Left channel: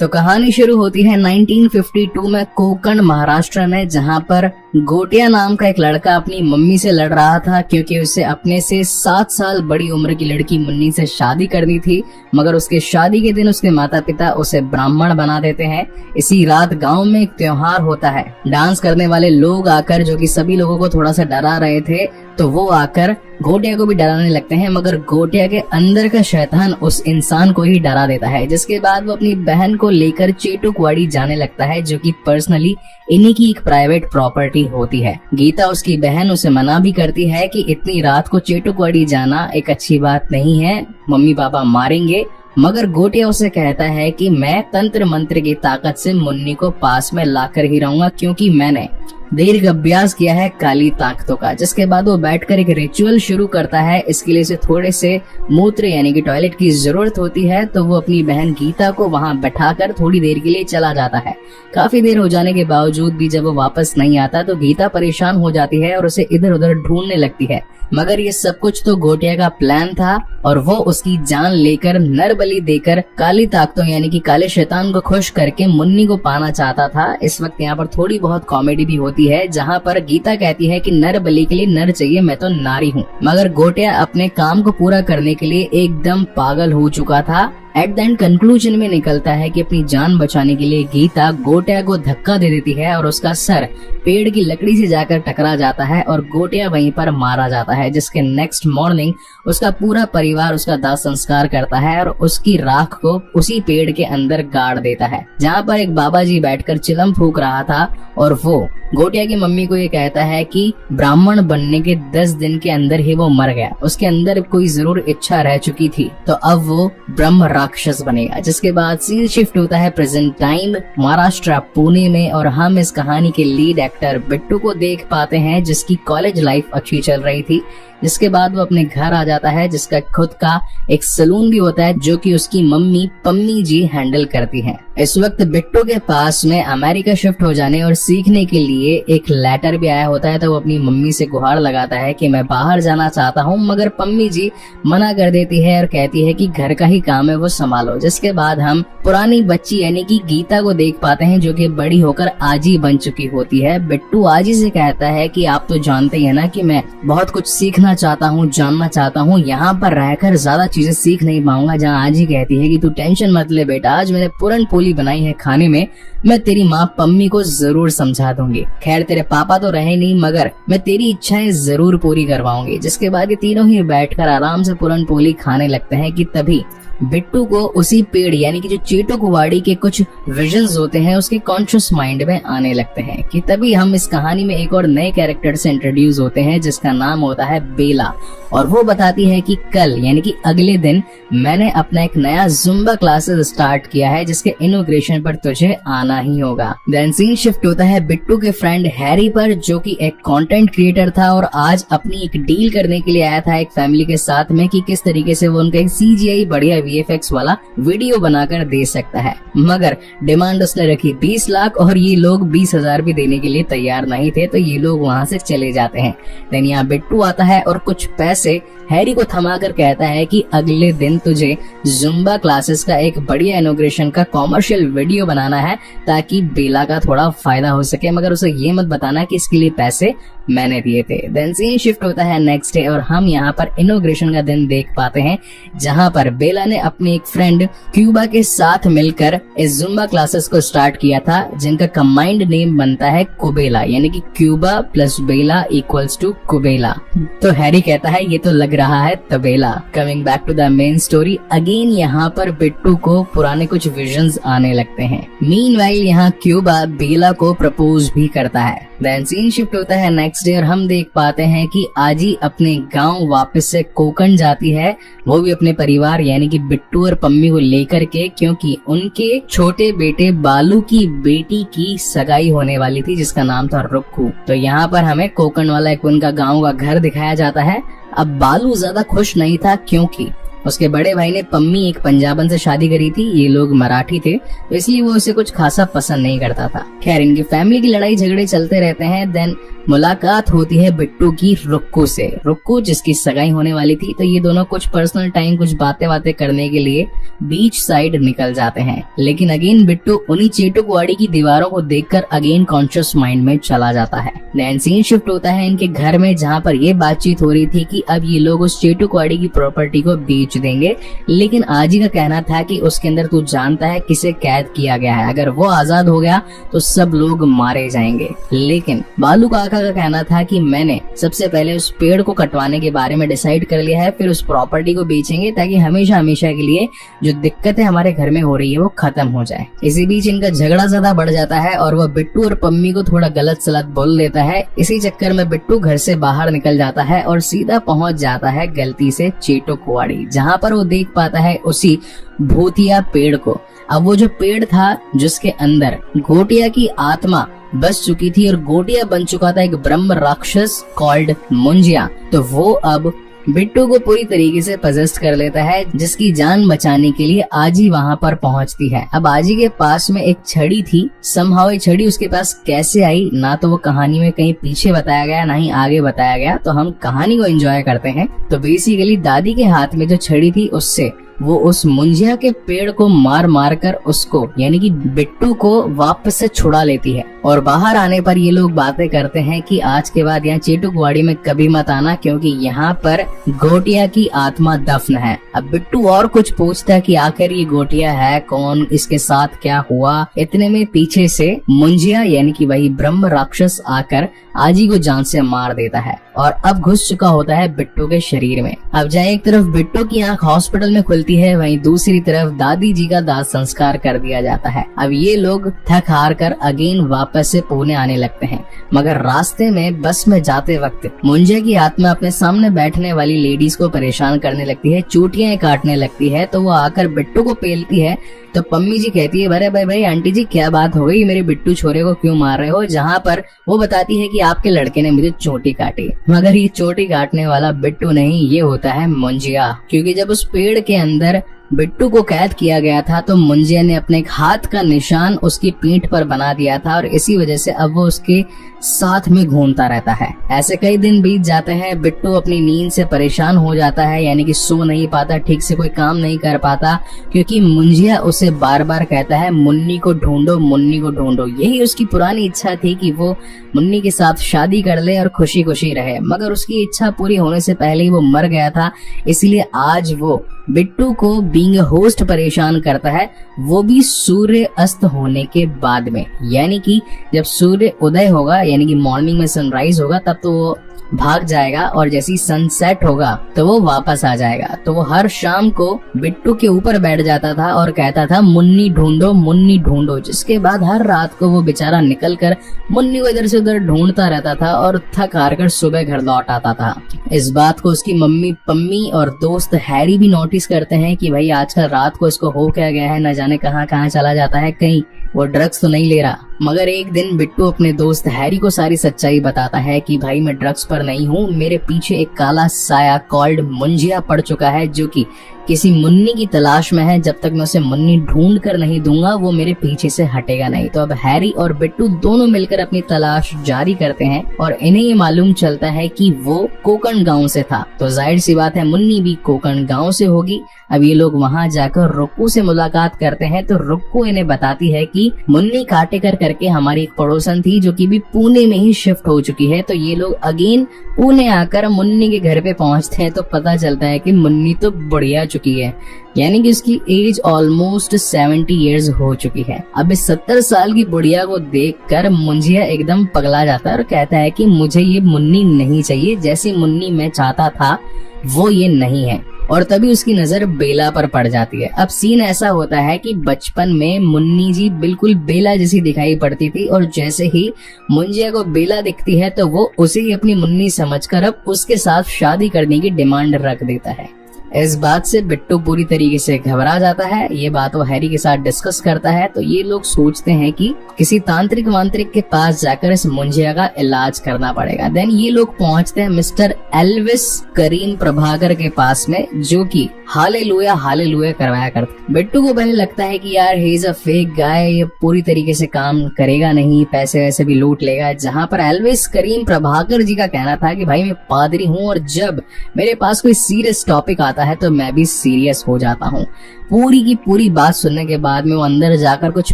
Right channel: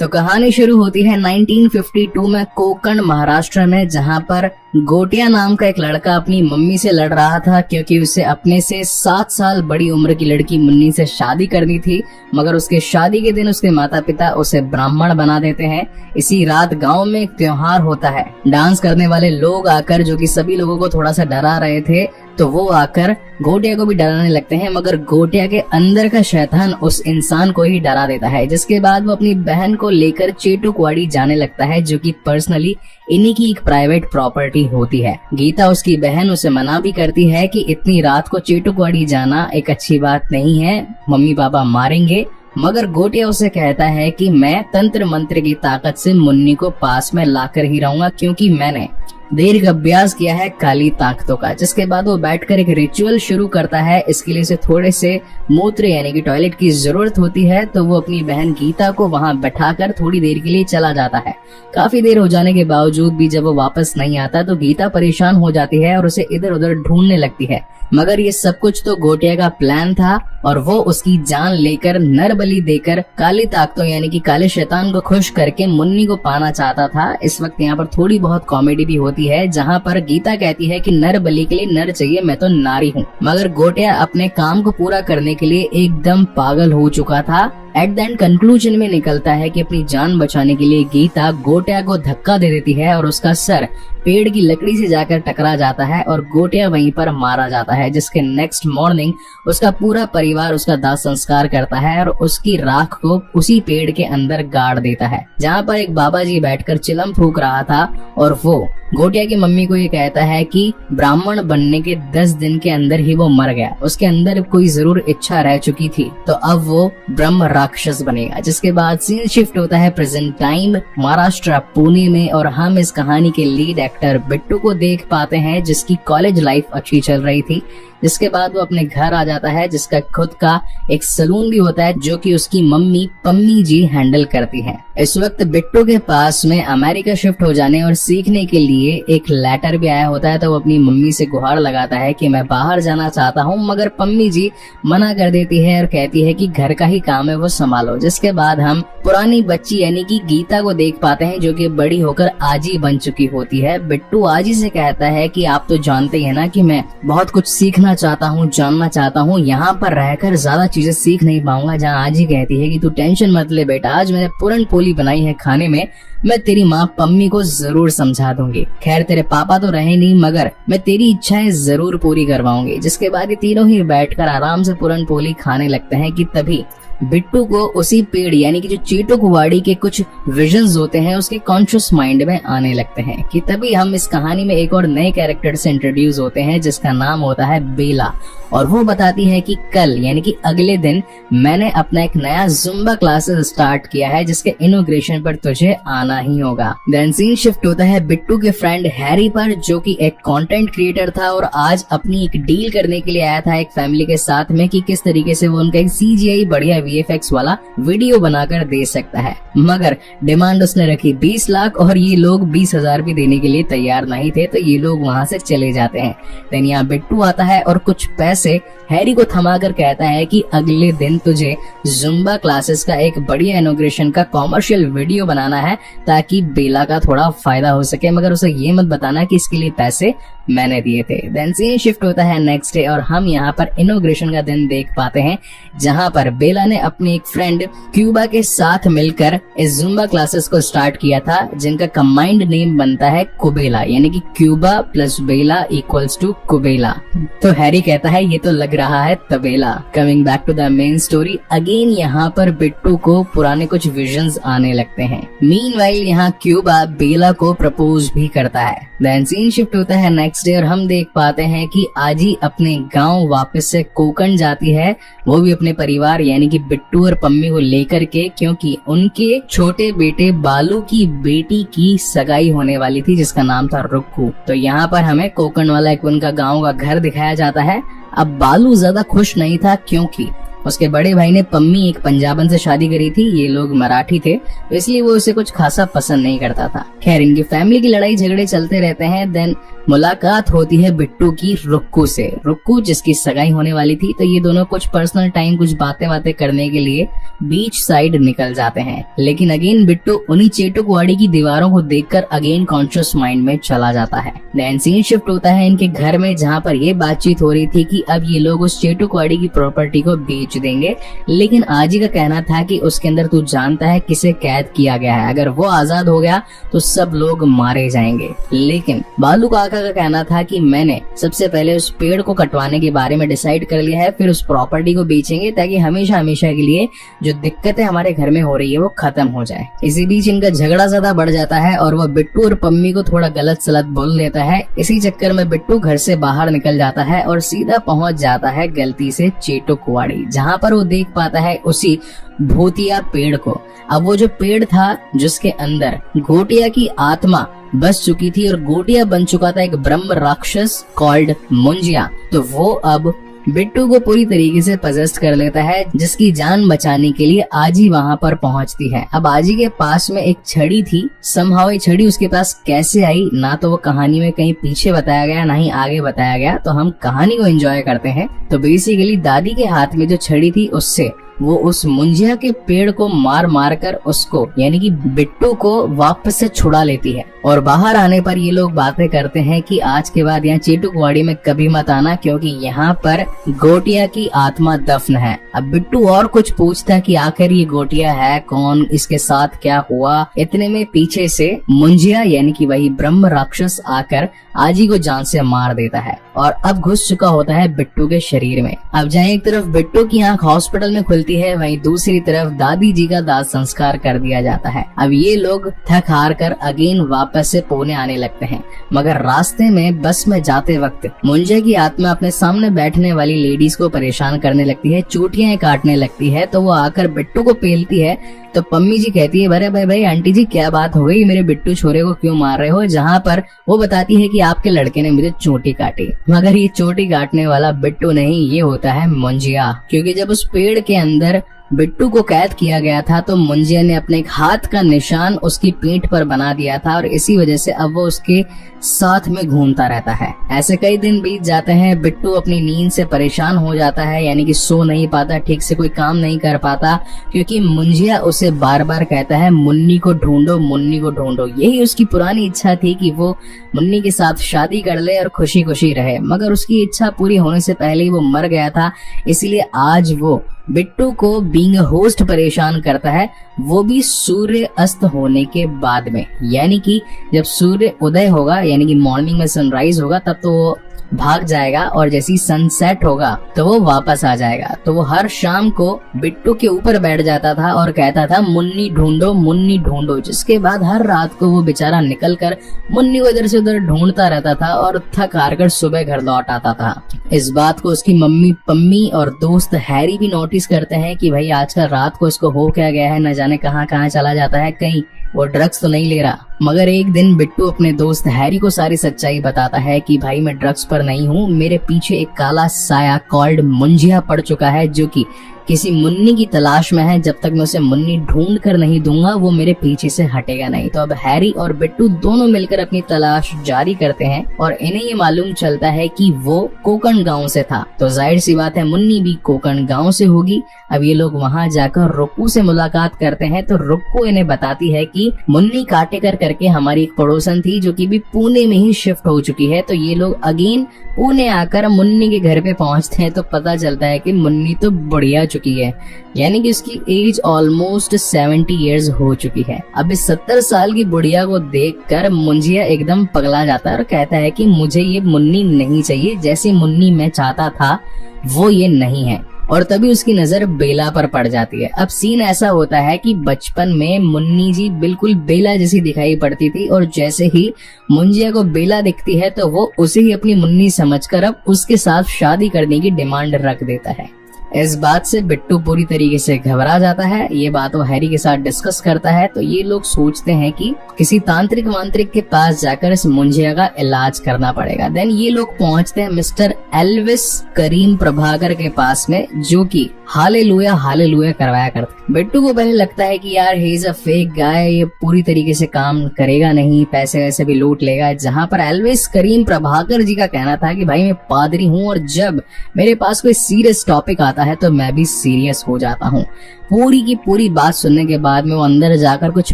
तो कहानी शुरू होती है 1952 में कोकण महाराष्ट्र में, जहां पर गोटिया नाम का एक लड़का अपनी मम्मी से लड़ रहा था क्योंकि उसे अपने से 7 साल बड़ी उम्र की लड़की मुन्नी से शादी करनी थी। मगर उसके शादी के दिन उसके माता पिता उसे ब्राह्मण बना देते हैं। इसी रात गांव में एक त्योहार होता है। डांस करने वाले लोग आकर, जो कि सभी लोगों को थोड़ा सा डरा रहे थे, तो वो आकर गोटिया को भी डराने लगते हैं। मगर गोटिया के अंदर का शैतान उस इंसान को ही डरा देता है, जिसके बाद वो अपनी बहन को लेकर चेटुकवाड़ी जाने लगता है, जो कि पर्सनली इन्हीं की एक प्राइवेट प्रॉपर्टी होती है। गीता, उसकी बहन, उसे मना भी करती है कि इतनी रात को चेटुकवाड़ी जाना एक अच्छी बात नहीं है, मम्मी पापा मारेंगे। मगर गोटिया उसे कहता है कि मैं तंत्र मंत्र की ताकत से मुन्नी को पास में लाकर ही रहूंगा, क्योंकि मैंने देर का अभ्यास किया है काली ताकतों का। जिसके बाद वो बैठकर एक रिचुअल शुरू करता है। इसके लिए उसे थोड़े से मूत्र यानी कि टॉयलेट की जरूरत होती है, तो वो अपनी बहन गीता को वहां बैठाकर थोड़ी देर के लिए चला जाता है। काफी देर हो जाने के बावजूद भी जब वो वापस नहीं आता तो गीता परेशान हो जाती है और उसे इधर उधर ढूंढने लगती है। मगर ये सब कुछ तो गोटिया का प्लान था और वो उसकी जान लेकर, नर बलि देकर, काली ताकतों यानी कि काले शैतान को खुश करके मुन्नी को पाना चाहता था। इस वक्त यहाँ पर थोड़ी बहुत कॉमेडी भी होती है, जहाँ पर गीता कहती है कि नर बलि के लिए नर चाहिए, मैं तो नारी हूँ। मगर गोटिया अपने काम को पूरा करने के लिए एकदम पागल हो चुका था। एट द एंड कंक्लूजन में निकलता है कि अपनी जान बचाने के लिए गीता गोटिया को धक्का दे देती है और उसका सर पेड़ की लकड़ी से जाकर टकरा जाता है और गोटिया वहीं पर मारा जाता है। जिसके नेक्स्ट मॉर्निंग उसका पूरा परिवार उसका दाह संस्कार करता है और उसकी राख को उसी पेड़ के अंदर गाड़ देता है, जहाँ पर एक बाबा जी बैठकर चिलम फूंक रहा था। और वो गोटिया की मम्मी को ये कहता है कि ब्राह्मण बनने के 10 दिन के अंदर ही वो मर गया, उसके अंदर कोई जरूर इच्छा रह चुकी थी, तो अब वो ब्रह्म राक्षस बनेगा। जिसके बाद सीन शिफ्ट होता है प्रेजेंट टाइम महाराष्ट्र पुणे में, और हम इस कहानी के लीड एक्टर बिट्टू को देख पाते हैं, जिसकी कॉलेज लाइफ अच्छी चल रही थी। जिसके बाद वो अपने घर आ जाता है, जिसका खुद का एक सलून भी होता है, जो कि उसकी मम्मी पम्मी जी हैंडल करती हैं। इस वक्त बिट्टू के पास में अमेरिका शिफ्ट हो जाने और सीखने के लिए एक लेटर भी आया होता है, तो वो अपनी मम्मी से गुहार लगाता है कि मैं बाहर जाना चाहता हूँ। मगर पम्मी जी मना कर देती है और कहती है कि घर का ही काम है, वो संभालो। जिसके बाद हम पुरानी बच्ची यानी कि गीता को देख पाते हैं, जो कि बड़ी होकर आजी बन चुकी होती है। बिट्टू आजी से कहता है कि आप तो जानते हैं ना कि मैं बहुत कुछ सीखना चाहता हूँ, जानना चाहता हूँ, यहाँ पर रहकर ज्यादा चीजें सीख नहीं पाऊंगा। जहाँ आजी कहती है कि तू टेंशन मत ले बेटा, आज मैंने पूरन पोली बनाई है खाने में, मैं तेरी माँ पम्मी को जरूर समझा दूंगी। खैर तेरे पापा तो रहे नहीं, मगर मैं तेरी इच्छाएं जरूर पूरी करवाऊंगी। जिसके बाद ये तीनों ही बैठकर आराम से पूरन पोली खाने लगते हैं कि तभी बिट्टू को उसी पेड़ यानी कि जो चेटुकवाड़ी के कुछ विजन्स होते हैं उसके कॉन्शियस माइंड में आने लगते हैं। कि तभी हम इस कहानी में एक और नए कैरेक्टर से इंट्रोड्यूस होते हैं, जिसका नाम होता है बेला। और वो बताती है कि कल यानी कि अगले दिन मैंने अपना एक नया जुम्बा क्लासेस स्टार्ट किया है, जिसके इनॉग्रेशन पर तुझे आना ही होगा। देन सीन शिफ्ट होता है बिट्टू के फ्रेंड हैरी पर, जो कि एक कंटेंट क्रिएटर था और आज अपनी एक डील करने के लिए आया था एक फैमिली के साथ में, कि किस तरीके से वो उनका एक CGI बढ़िया VFX वाला वीडियो बनाकर दे सकता है। मगर डिमांड उसने रखी 20 लाख और ये लोग 20,000 भी देने के लिए तैयार नहीं थे, तो ये लोग वहाँ से चले जाते हैं। देन यहाँ बिट्टू आता है और कुछ पैसे हैरी को थमाकर कहता है कि अगले दिन तुझे जुम्बा क्लासेस का एक बढ़िया इनॉग्रेशन का कॉमर्शियल वीडियो बनाना है, ताकि बेला का थोड़ा फायदा हो सके। मगर उसे ये मत बताना कि इसके लिए पैसे मैंने दिए थे। देन सीन शिफ्ट होता है नेक्स्ट डे और हम यहाँ पर इनॉग्रेशन का दिन देख पाते हैं, जहाँ पर बेला ने अपनी एक फ्रेंड क्यूबा के साथ मिलकर इस जुम्बा क्लासेस को स्टार्ट किया था, जिनका कंबाइंड नेम बनता है कुबेला, यानी कि क्यूबा प्लस बेला इक्वल्स टू कुबेला। तो हैरी कहता है ये तो लग रहा है तबेला। Coming back to the main story again, यहाँ पर बिट्टू को पुराने कुछ विजन्स आने लगते हैं। मीनवाइल यहाँ क्यूबा बेला को प्रपोज भी करता है। देन सीन शिफ्ट होता है नेक्स्ट डे और हम देख पाते हैं कि आजी अपने गांव वापस से कोकण जाती है, वो भी अपने परिवार यानी कि बिट्टू और पम्मी को लेकर के, क्योंकि उनके छोटे बेटे बालू की बेटी की सगाई होने वाली थी, जिसका नाम था रुक्कू। तो यहाँ पर हमें कोकण वाला एक उनका गाँव का घर दिखाया जाता है। अब बालू ज्यादा खुश नहीं था, क्योंकि उसके बड़े भाई ने पम्मी एक पंजाबन से शादी करी थी, ये लोग मराठी थे, इसलिए वो उसे कुछ खासा पसंद नहीं करता था। खैर इनकी फैमिली की लड़ाई झगड़े चलते रहते हैं। देन मुलाकात होती है बिट्टू की रुक्कू से। रुक्कू जिसकी सगाई होने वाली थी, तो ये दोनों कुछ पर्सनल टाइम, कुछ बातें करने के लिए बीच साइड निकल जाते हैं। लेकिन अगेन बिट्टू उन्हीं चेटुकवाड़ी की दीवारों को देखकर अगेन कॉन्शियस माइंड में चला जाता है। देन सीन शिफ्ट होता है इनके घर में, जहाँ पर ये बातचीत हो रही थी कि अब ये लोग उस चेटुकवाड़ी की प्रॉपर्टी को बेच देंगे। लेकिन आजी का कहना था कि उसके अंदर तू जानता है किसे कैद किया गया है, अगर वो आजाद हो गया तो सब लोग मारे जाएंगे। लेकिन बालू काका का कहना था कि मैंने सबसे पहले उस पेड़ को कटवाने के बारे में डिसाइड कर लिया है, फिर उस प्रॉपर्टी को बेचेंगे ताकि हमेशा हमेशा के लिए जो दिक्कतें हमारे घर में हो रही है वो खत्म हो जाए। इसी बीच इनका झगड़ा ज्यादा बढ़ जाता है और वह बिट्टू और पम्मी को थोड़ा गलत सलत बोल देता है। इसी चक्कर में बिट्टू घर से बाहर निकल जाता है और सीधा पहुंच जाता है गलती से चेटुकवाड़ी, जहाँ पर वो देख पाता है उसी भूतिया पेड़ को। अब वो जो पेड़ था जिसके अंदर गोटिया की आत्मा बस चुकी थी और गोटिया बन चुका था एक ब्रह्म राक्षस कॉल्ड मुंजिया, तो वो अब बिट्टू को पूरी तरीके से पजेस्ट कर लेता है, जिसकी जान बचाने के लिए आजी वहाँ पर पहुँचती है। अब आजी के पास में एक छड़ी थी, समहाउ ये छड़ी उसके पास कैसे आई ना तो वो कहानी में कहीं पीछे बताया गया ना ही आगे बताया गया, तो हम कहानी को एंजॉय करते हैं। तो बेसिकली दादी के हाथ में जो छड़ी थी उससे वो उस मुंजिया के पेड़ को मार मार कर उसको यानी कि बिट्टू को वापस से छुड़ा लेती है। और बाहर आने पर ये लोग बातें करते हैं कि आज के बाद यहाँ चेटुकवाड़ी में कभी मत आना, क्योंकि यहाँ पर गोटिया की आत्मा दफन है। अब बिट्टू और कुछ पूछता है कि आखिर ये गोटिया है कौन, इसके साथ क्या हुआ। इतने में पीछे से मुंजिया यानी कि वही ब्रह्म राक्षस आकर आजी को जान से मार देता है और अब घुस चुका होता है बिट्टू के शरीर में। अब जहाँ एक तरफ बिट्टू की आंख हॉस्पिटल में खुलती है, वहीं दूसरी तरफ दादी जी का दाह संस्कार कर दिया जाता है। अब ये लोग थक हार कर अगेन वापस से पुणे आने लगते हैं, मगर रास्ते में बस में जाते वक्त मुंजिया की आत्मा अपने सामने बैठने वाली लेडीज को परेशान करने लगती है, चोटियां काटने लगती है। तो वो आकर बिट्टू को पेलती है, तो पम्मी जी कहती है अरे भाई आंटी जी क्या बात हो गई, मेरे बिट्टू छोरे को क्यों मार रहे हो। जहाँ पर वो बताती है कि आपके लड़के ने मुझे चोटी काटी, मगर ये चोटी काटने वाला बिट्टू नहीं, ये होता है मुंजिया। क्योंकि जब उस पेड़ के अंदर बिट्टू को कैद किया गया था तो मुंजिया ने अपने हाथ का निशान उसकी पीठ पर बना दिया था और इसी वजह से अब वो उसके साथ में घूमता रहता है। ऐसे कई दिन बीत जाते हैं, बिट्टू अपनी नींद से परेशान हो जाता है, यानी कि सो नहीं पाता, ठीक से कोई काम नहीं कर पाता, क्योंकि मुंजिया उसे बार बार कहता है मुन्नी को ढूंढो, मुन्नी को ढूंढो। यही उसकी पुरानी इच्छा थी कि वो मुन्नी के साथ शादी कर ले और खुशी खुशी रहे, मगर उसकी इच्छा पूरी होने से पहले ही वो मर गया था। इसलिए आज वो बिट्टू को बीइंग अ होस्ट परेशान करता है, वो भी सूर्य अस्त होने के बाद में, यानी कि जब सूर्य उदय होगा यानी कि मॉर्निंग में सनराइज होगा तब तो वो भाग जाएगा और जैसे ही सनसेट होगा तो वो वापस आ जाएगा। तो वो हर शाम को बिट्टू के ऊपर बैठ जाता था और कहता था मुन्नी ढूंढो, मुन्नी ढूंढो, जिसके बाद हर रात को वो बेचारा निकल कर मुन्नी को इधर से उधर ढूंढता रहता था और थक हार कर सुबह घर लौट आता था। इस बात को उसकी मम्मी पम्मी और दोस्त हैरी भी नोटिस करते हैं कि भाई आजकल रात को इसको हो क्या गया है, न जाने कहाँ कहाँ चला जाता है, कहीं वो ड्रग्स तो नहीं ले रहा। मगर एक दिन बिट्टू अपने दोस्त हैरी को सारी सच्चाई बताता है कि भाई मैं ड्रग्स पर नहीं हूँ, मेरे पीछे एक काला साया कॉल्ड मुंजिया पड़ चुका है जो कि किसी मुन्नी की तलाश में है। जब तक मैं उसे मुन्नी ढूंढ कर नहीं दूंगा वो मेरे पीछे से हटेगा नहीं। तो अब हैरी और बिट्टू दोनों मिलकर अपनी तलाश जारी करते हैं और इन्हें ये मालूम चलता है कि वो कोकण गांव से था, तो जाहिर सी बात है मुन्नी भी कोकण गांव से होगी। अब ये लोग वहाँ जाकर रुक्कू से मुलाकात करते हैं, तो रुक्कू इन्हें बताती है कि मुन्नी काटेकर करके हमारी एक पड़ोसन थी जो कि भी पुणे में ही शिफ्ट हो चुकी है। तो ये लोग अगेन पुणे आकर मुन्नी के घर पे पहुंचते हैं, तो पता चलता है कि मुन्नी तो बढ़िया चुकी है, यानी कि उसकी एज ऑलमोस्ट 70 इयर्स हो चुकी है। अब इस 70 साल की बुढ़िया को देखकर मुंजिया एकदम पगला जाता है और कहता है कि मुझे ये मुन्नी नहीं चाहिए, जैसी मुन्नी मैं चाहता था वो ये नहीं है। और तभी उसकी नजर बेला पर पड़ जाती है। अब सीन ऐसा होता है कि बचपन में मुन्नी जी बिल्कुल बेला जैसी दिखाई पड़ती थी और जैसे ही मुंजिया को बेला दिखती है तो वो उसे ही अपनी मुन्नी समझकर अब उसके साथ शादी करने की डिमांड रख देता है। इस बात से बिट्टू पूरी तरीके से घबरा जाता है। ये बात वो हैरी के साथ डिस्कस करता है, तो ये लोग सोचते हैं कि किसी तांत्रिक वांत्रिक के पास जाकर इस मुंजिया का इलाज करना पड़ेगा। देन ये लोग पहुंचते हैं मिस्टर एल्विस करीम प्रभाकर के पास में, जो कि हालेलुया करवाया करते। बिट्टू को पहले लगता है कि यार he is a fake guy, ये पूरी तरीके से काम करेगा नहीं, पैसे वैसे भी लूट लेगा। जहां पर एल्विस करीम प्रभाकर जी का कहना था कि भाई मैं पादरी हूँ और जब मेरे पास कोई सीरियस टॉपिक आता है तो मैं भी सीरियस हो जाता हूँ। पूरी की पूरी बात सुनने के बाद में वो अंदर जाकर कुछ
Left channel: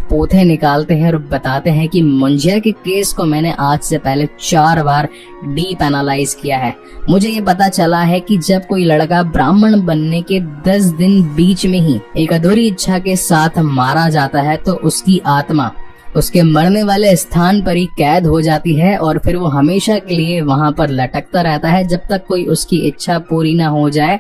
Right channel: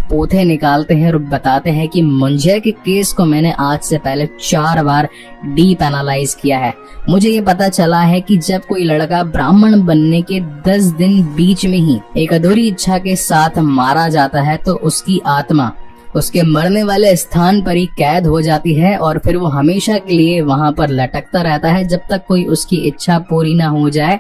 पोथे निकालते हैं और बताते हैं कि मुंजिया के केस को मैंने आज से पहले 4 बार डीप एनालाइज किया है। मुझे ये पता चला है कि जब कोई लड़का ब्राह्मण बनने के 10 दिन बीच में ही एक अधूरी इच्छा के साथ मारा जाता है तो उसकी आत्मा उसके मरने वाले स्थान पर ही कैद हो जाती है और फिर वो हमेशा के लिए वहां पर लटकता रहता है जब तक कोई उसकी इच्छा पूरी ना हो जाए।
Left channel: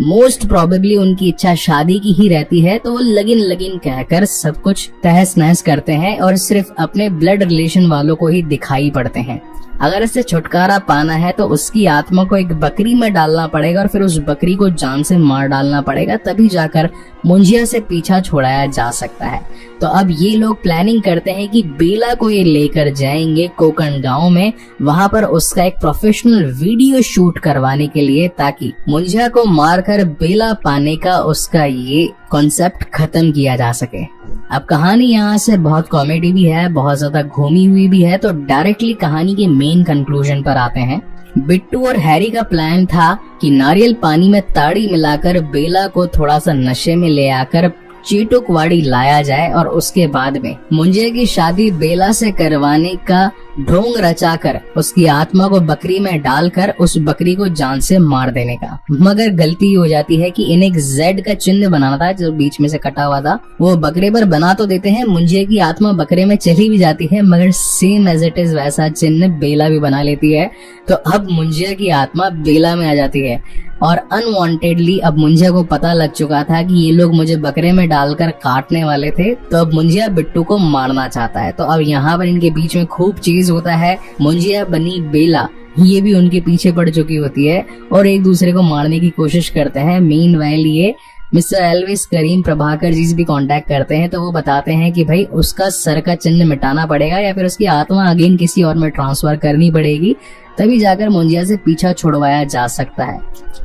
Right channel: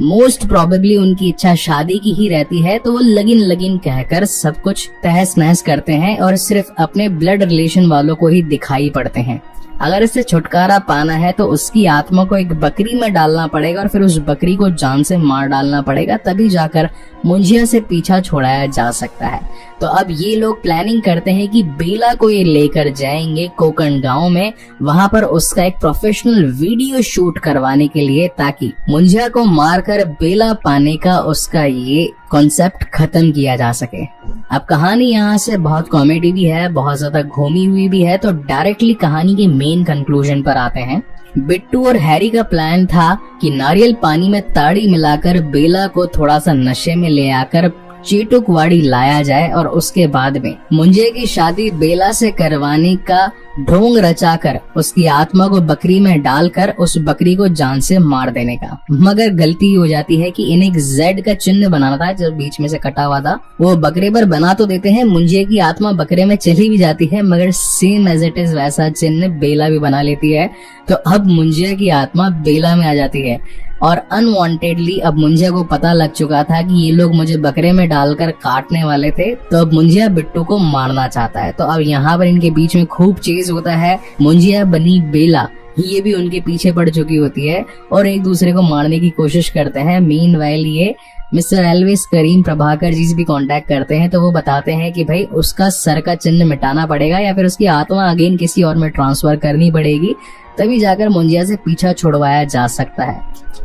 मोस्ट प्रोबेबली उनकी इच्छा शादी की ही रहती है, तो वो लगिन कहकर सब कुछ तहस नहस करते हैं और सिर्फ अपने ब्लड रिलेशन वालों को ही दिखाई पड़ते हैं। अगर इससे छुटकारा पाना है तो उसकी आत्मा को एक बकरी में डालना पड़ेगा और फिर उस बकरी को जान से मार डालना पड़ेगा, तभी जाकर मुंजिया से पीछा छुड़ाया जा सकता है। तो अब ये लोग प्लानिंग करते हैं कि बेला को ये लेकर जाएंगे कोकण गांव में, वहां पर उसका एक प्रोफेशनल वीडियो शूट करवाने के लिए, ताकि मुंजिया को मारकर बेला पाने का उसका ये कॉन्सेप्ट खत्म किया जा सके। अब कहानी यहाँ से बहुत कॉमेडी भी है, बहुत ज्यादा घूमी हुई भी है, तो डायरेक्टली कहानी के मेन कंक्लूजन पर आते हैं। बिट्टू और हैरी का प्लान था कि नारियल पानी में ताड़ी मिलाकर बेला को थोड़ा सा नशे में ले आकर चीटुकवाड़ी लाया जाए और उसके बाद में मुंजिया की शादी बेला से करवाने का ढोंग रचाकर उसकी आत्मा को बकरी में डालकर उस बकरी को जान से मार देने का। मगर गलती हो जाती है कि इन्हें एक जेड का चिन्ह बनाना था जो बीच में से कटा हुआ था, वो बकरी पर बना तो देते हैं, मुंजिया की आत्मा बकरे में चली भी जाती है, मगर सेम एज इट इज वैसा चिन्ह बेला भी बना लेती है। तो अब मुंजिया की आत्मा बेला में आ जाती है और अनवांटेडली अब मुंजिया को पता लग चुका था कि ये लोग मुझे बकरे में डालकर काटने वाले थे, तो अब मुंजिया बिट्टू को मारना चाहता है। तो अब यहाँ पर इनके बीच में खूब चेज होता है। मुंजिया बनी बेला ये भी उनके पीछे पड़ चुकी होती है और एक दूसरे को मारने की कोशिश करते हैं। मीनवाइल ये मिस्टर एल्विस करीम प्रभाकर जी से भी कांटेक्ट करते हैं, तो वो बताते हैं कि भाई उसका सर का चिन्ह मिटाना पड़ेगा या फिर उसकी आत्मा अगेन किसी और में ट्रांसफर करनी पड़ेगी, तभी जाकर मुंजिया से पीछा छुड़वाया जा सकता है।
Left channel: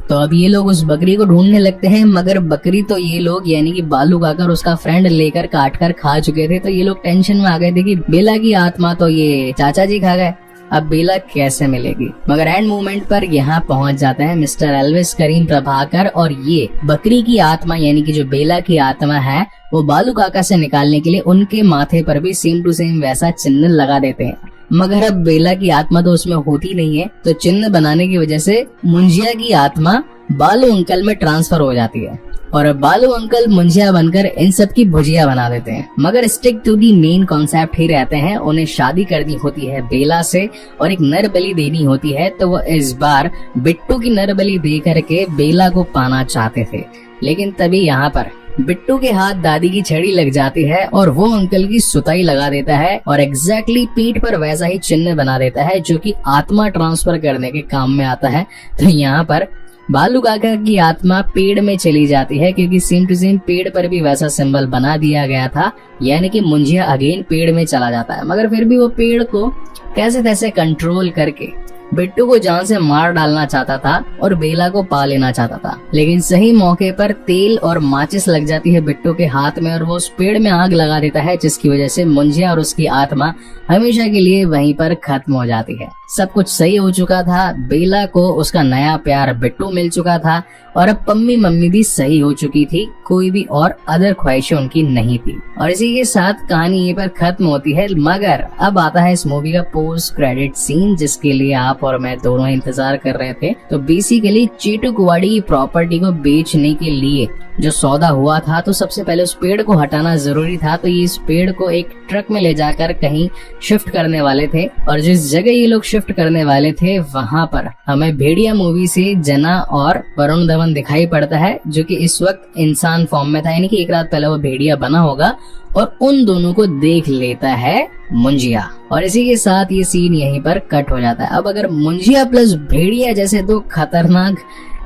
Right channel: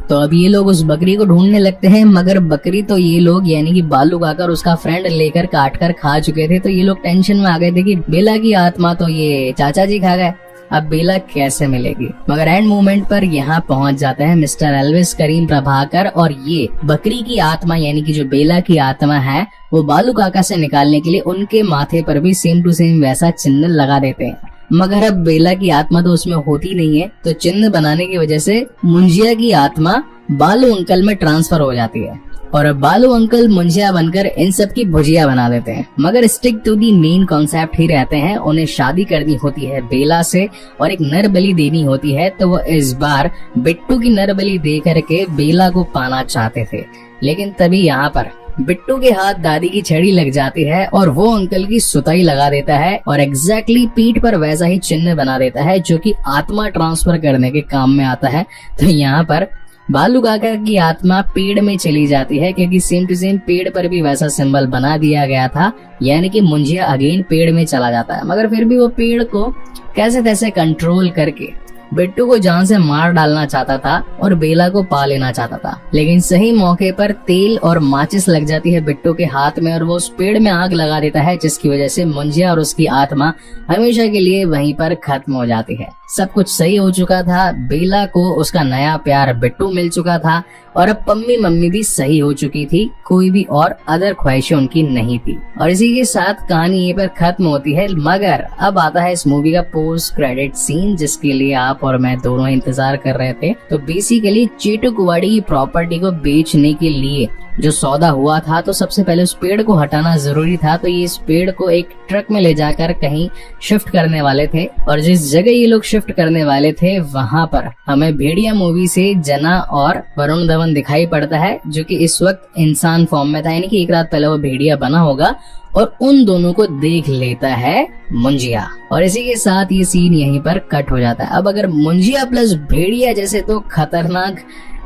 तो अब ये लोग उस बकरी को ढूंढने लगते हैं, मगर बकरी तो ये लोग यानी कि बालू काकर उसका फ्रेंड लेकर काट कर खा चुके थे। तो ये लोग टेंशन में आ गए थे कि बेला की आत्मा तो ये चाचा जी खा गए, अब बेला कैसे मिलेगी। मगर एंड मोमेंट पर यहाँ पहुंच जाते हैं मिस्टर एल्विस करीम प्रभाकर और ये बकरी की आत्मा यानी कि जो बेला की आत्मा है वो बालू काका से निकालने के लिए उनके माथे पर भी सेम टू सेम वैसा चिन्ह लगा देते हैं। मगर अब बेला की आत्मा तो उसमें होती नहीं है, तो चिन्ह बनाने की वजह से मुंजिया की आत्मा बालू अंकल में ट्रांसफर हो जाती है और अब बालू अंकल मुंजिया बनकर इन सब की भुजिया बना देते हैं। मगर stick to the main concept ही रहते हैं। उन्हें शादी करनी होती है बेला से और एक नर बलि देनी होती है, तो वो इस बार बिट्टू की नर बलि दे करके बेला को पाना चाहते थे। लेकिन तभी यहाँ पर बिट्टू के हाथ दादी की छड़ी लग जाती है और वो अंकल की सुताई लगा देता है और एग्जैक्टली पीठ पर वैसा ही चिन्ह बना देता है जो कि आत्मा ट्रांसफर करने के काम में आता है। तो यहाँ पर बालू काका की आत्मा पेड़ में चली जाती है क्योंकि सेम टू सेम पेड़ पर भी वैसा सिंबल बना दिया गया था, यानी कि मुंजिया अगेन पेड़ में चला जाता है। मगर फिर भी वो पेड़ को कैसे तैसे कंट्रोल करके बिट्टू को जान से मार डालना चाहता था और बेला को पा लेना चाहता था। लेकिन सही मौके पर तेल और माचिस लग जाती है बिट्टू के हाथ में और वो उस पेड़ में आग लगा देता है, जिसकी वजह से मुंजिया और उसकी आत्मा हमेशा के लिए वहीं पर खत्म हो जाती है। सब कुछ सही हो चुका था, बेला को उसका नया प्यार बिट्टू मिल चुका था और अब पम्मी मम्मी भी सही हो चुकी थी, कोई भी और अदर ख्वाहिशें उनकी नहीं थी। और इसी के साथ कहानी ये पर खत्म होती है। मगर अब आता है इस मूवी का पोस्ट क्रेडिट सीन, जिसके लिए आप और मैं दोनों इंतजार कर रहे थे। तो बेसिकली चीटुकवाड़ी की प्रॉपर्टी को बेचने के लिए जो सौदा हुआ था, तो सबसे पहले उस पेड़ को हटाना जरूरी था। तो ये इस पेड़ को एक ट्रक में ले जाकर कहीं शिफ्ट करने वाले थे और जिस जगह ये लोग शिफ्ट करने वाले थे वहां पर हमें भेड़िया मूवी से जना और वरुण धवन दिखाई पड़ता है, जो कि इस वक्त इंसान फॉर्म में था, यानी कि एक रात पहले वो भेड़िया बना होगा और उन दोनों को देख लेता है मुंजिया। और इसी के साथ ये सीन यहीं पर कट हो जाता है। अब अगर मुंजिया प्लस भेड़िया जैसे तो खतरनाक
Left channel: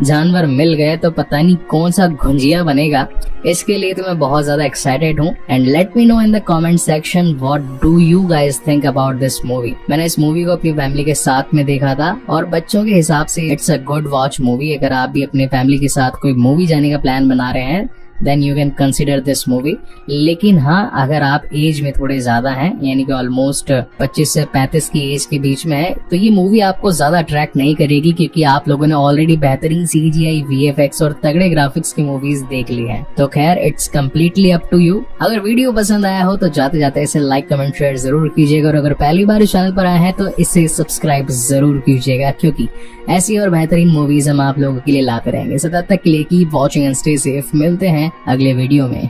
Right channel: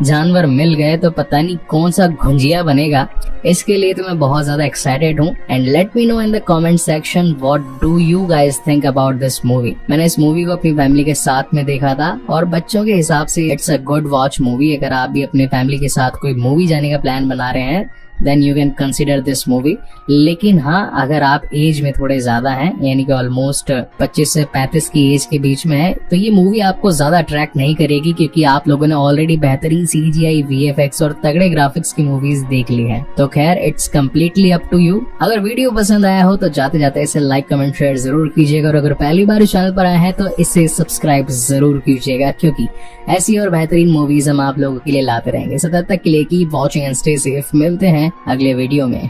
जानवर मिल गए तो पता नहीं कौन सा घुंजिया बनेगा। इसके लिए तो मैं बहुत ज्यादा एक्साइटेड हूँ। And let me know in the comment section what do you guys think about this movie. मैंने इस मूवी को अपनी फैमिली के साथ में देखा था और बच्चों के हिसाब से it's a good watch movie. अगर आप भी अपने फैमिली के साथ कोई मूवी जाने का प्लान बना रहे हैं then you can consider this movie. लेकिन हाँ, अगर आप एज में थोड़े ज्यादा हैं, यानी कि ऑलमोस्ट 25 से 35 की एज के बीच में है, तो ये मूवी आपको ज्यादा अट्रैक्ट नहीं करेगी, क्योंकि आप लोगों ने ऑलरेडी बेहतरीन CGI, VFX और तगड़े ग्राफिक्स की मूवीज देख ली हैं। तो खैर, it's completely up to you. अगर वीडियो पसंद आया हो तो जाते जाते इसे लाइक, कमेंट, शेयर जरूर कीजिएगा और अगर पहली बार इस चैनल पर आए हैं तो इसे सब्सक्राइब जरूर कीजिएगा, क्योंकि ऐसी और बेहतरीन मूवीज हम आप लोगों के लिए लाते रहेंगे। सो तब तक के लिए keep watching and stay safe. मिलते हैं अगले वीडियो में।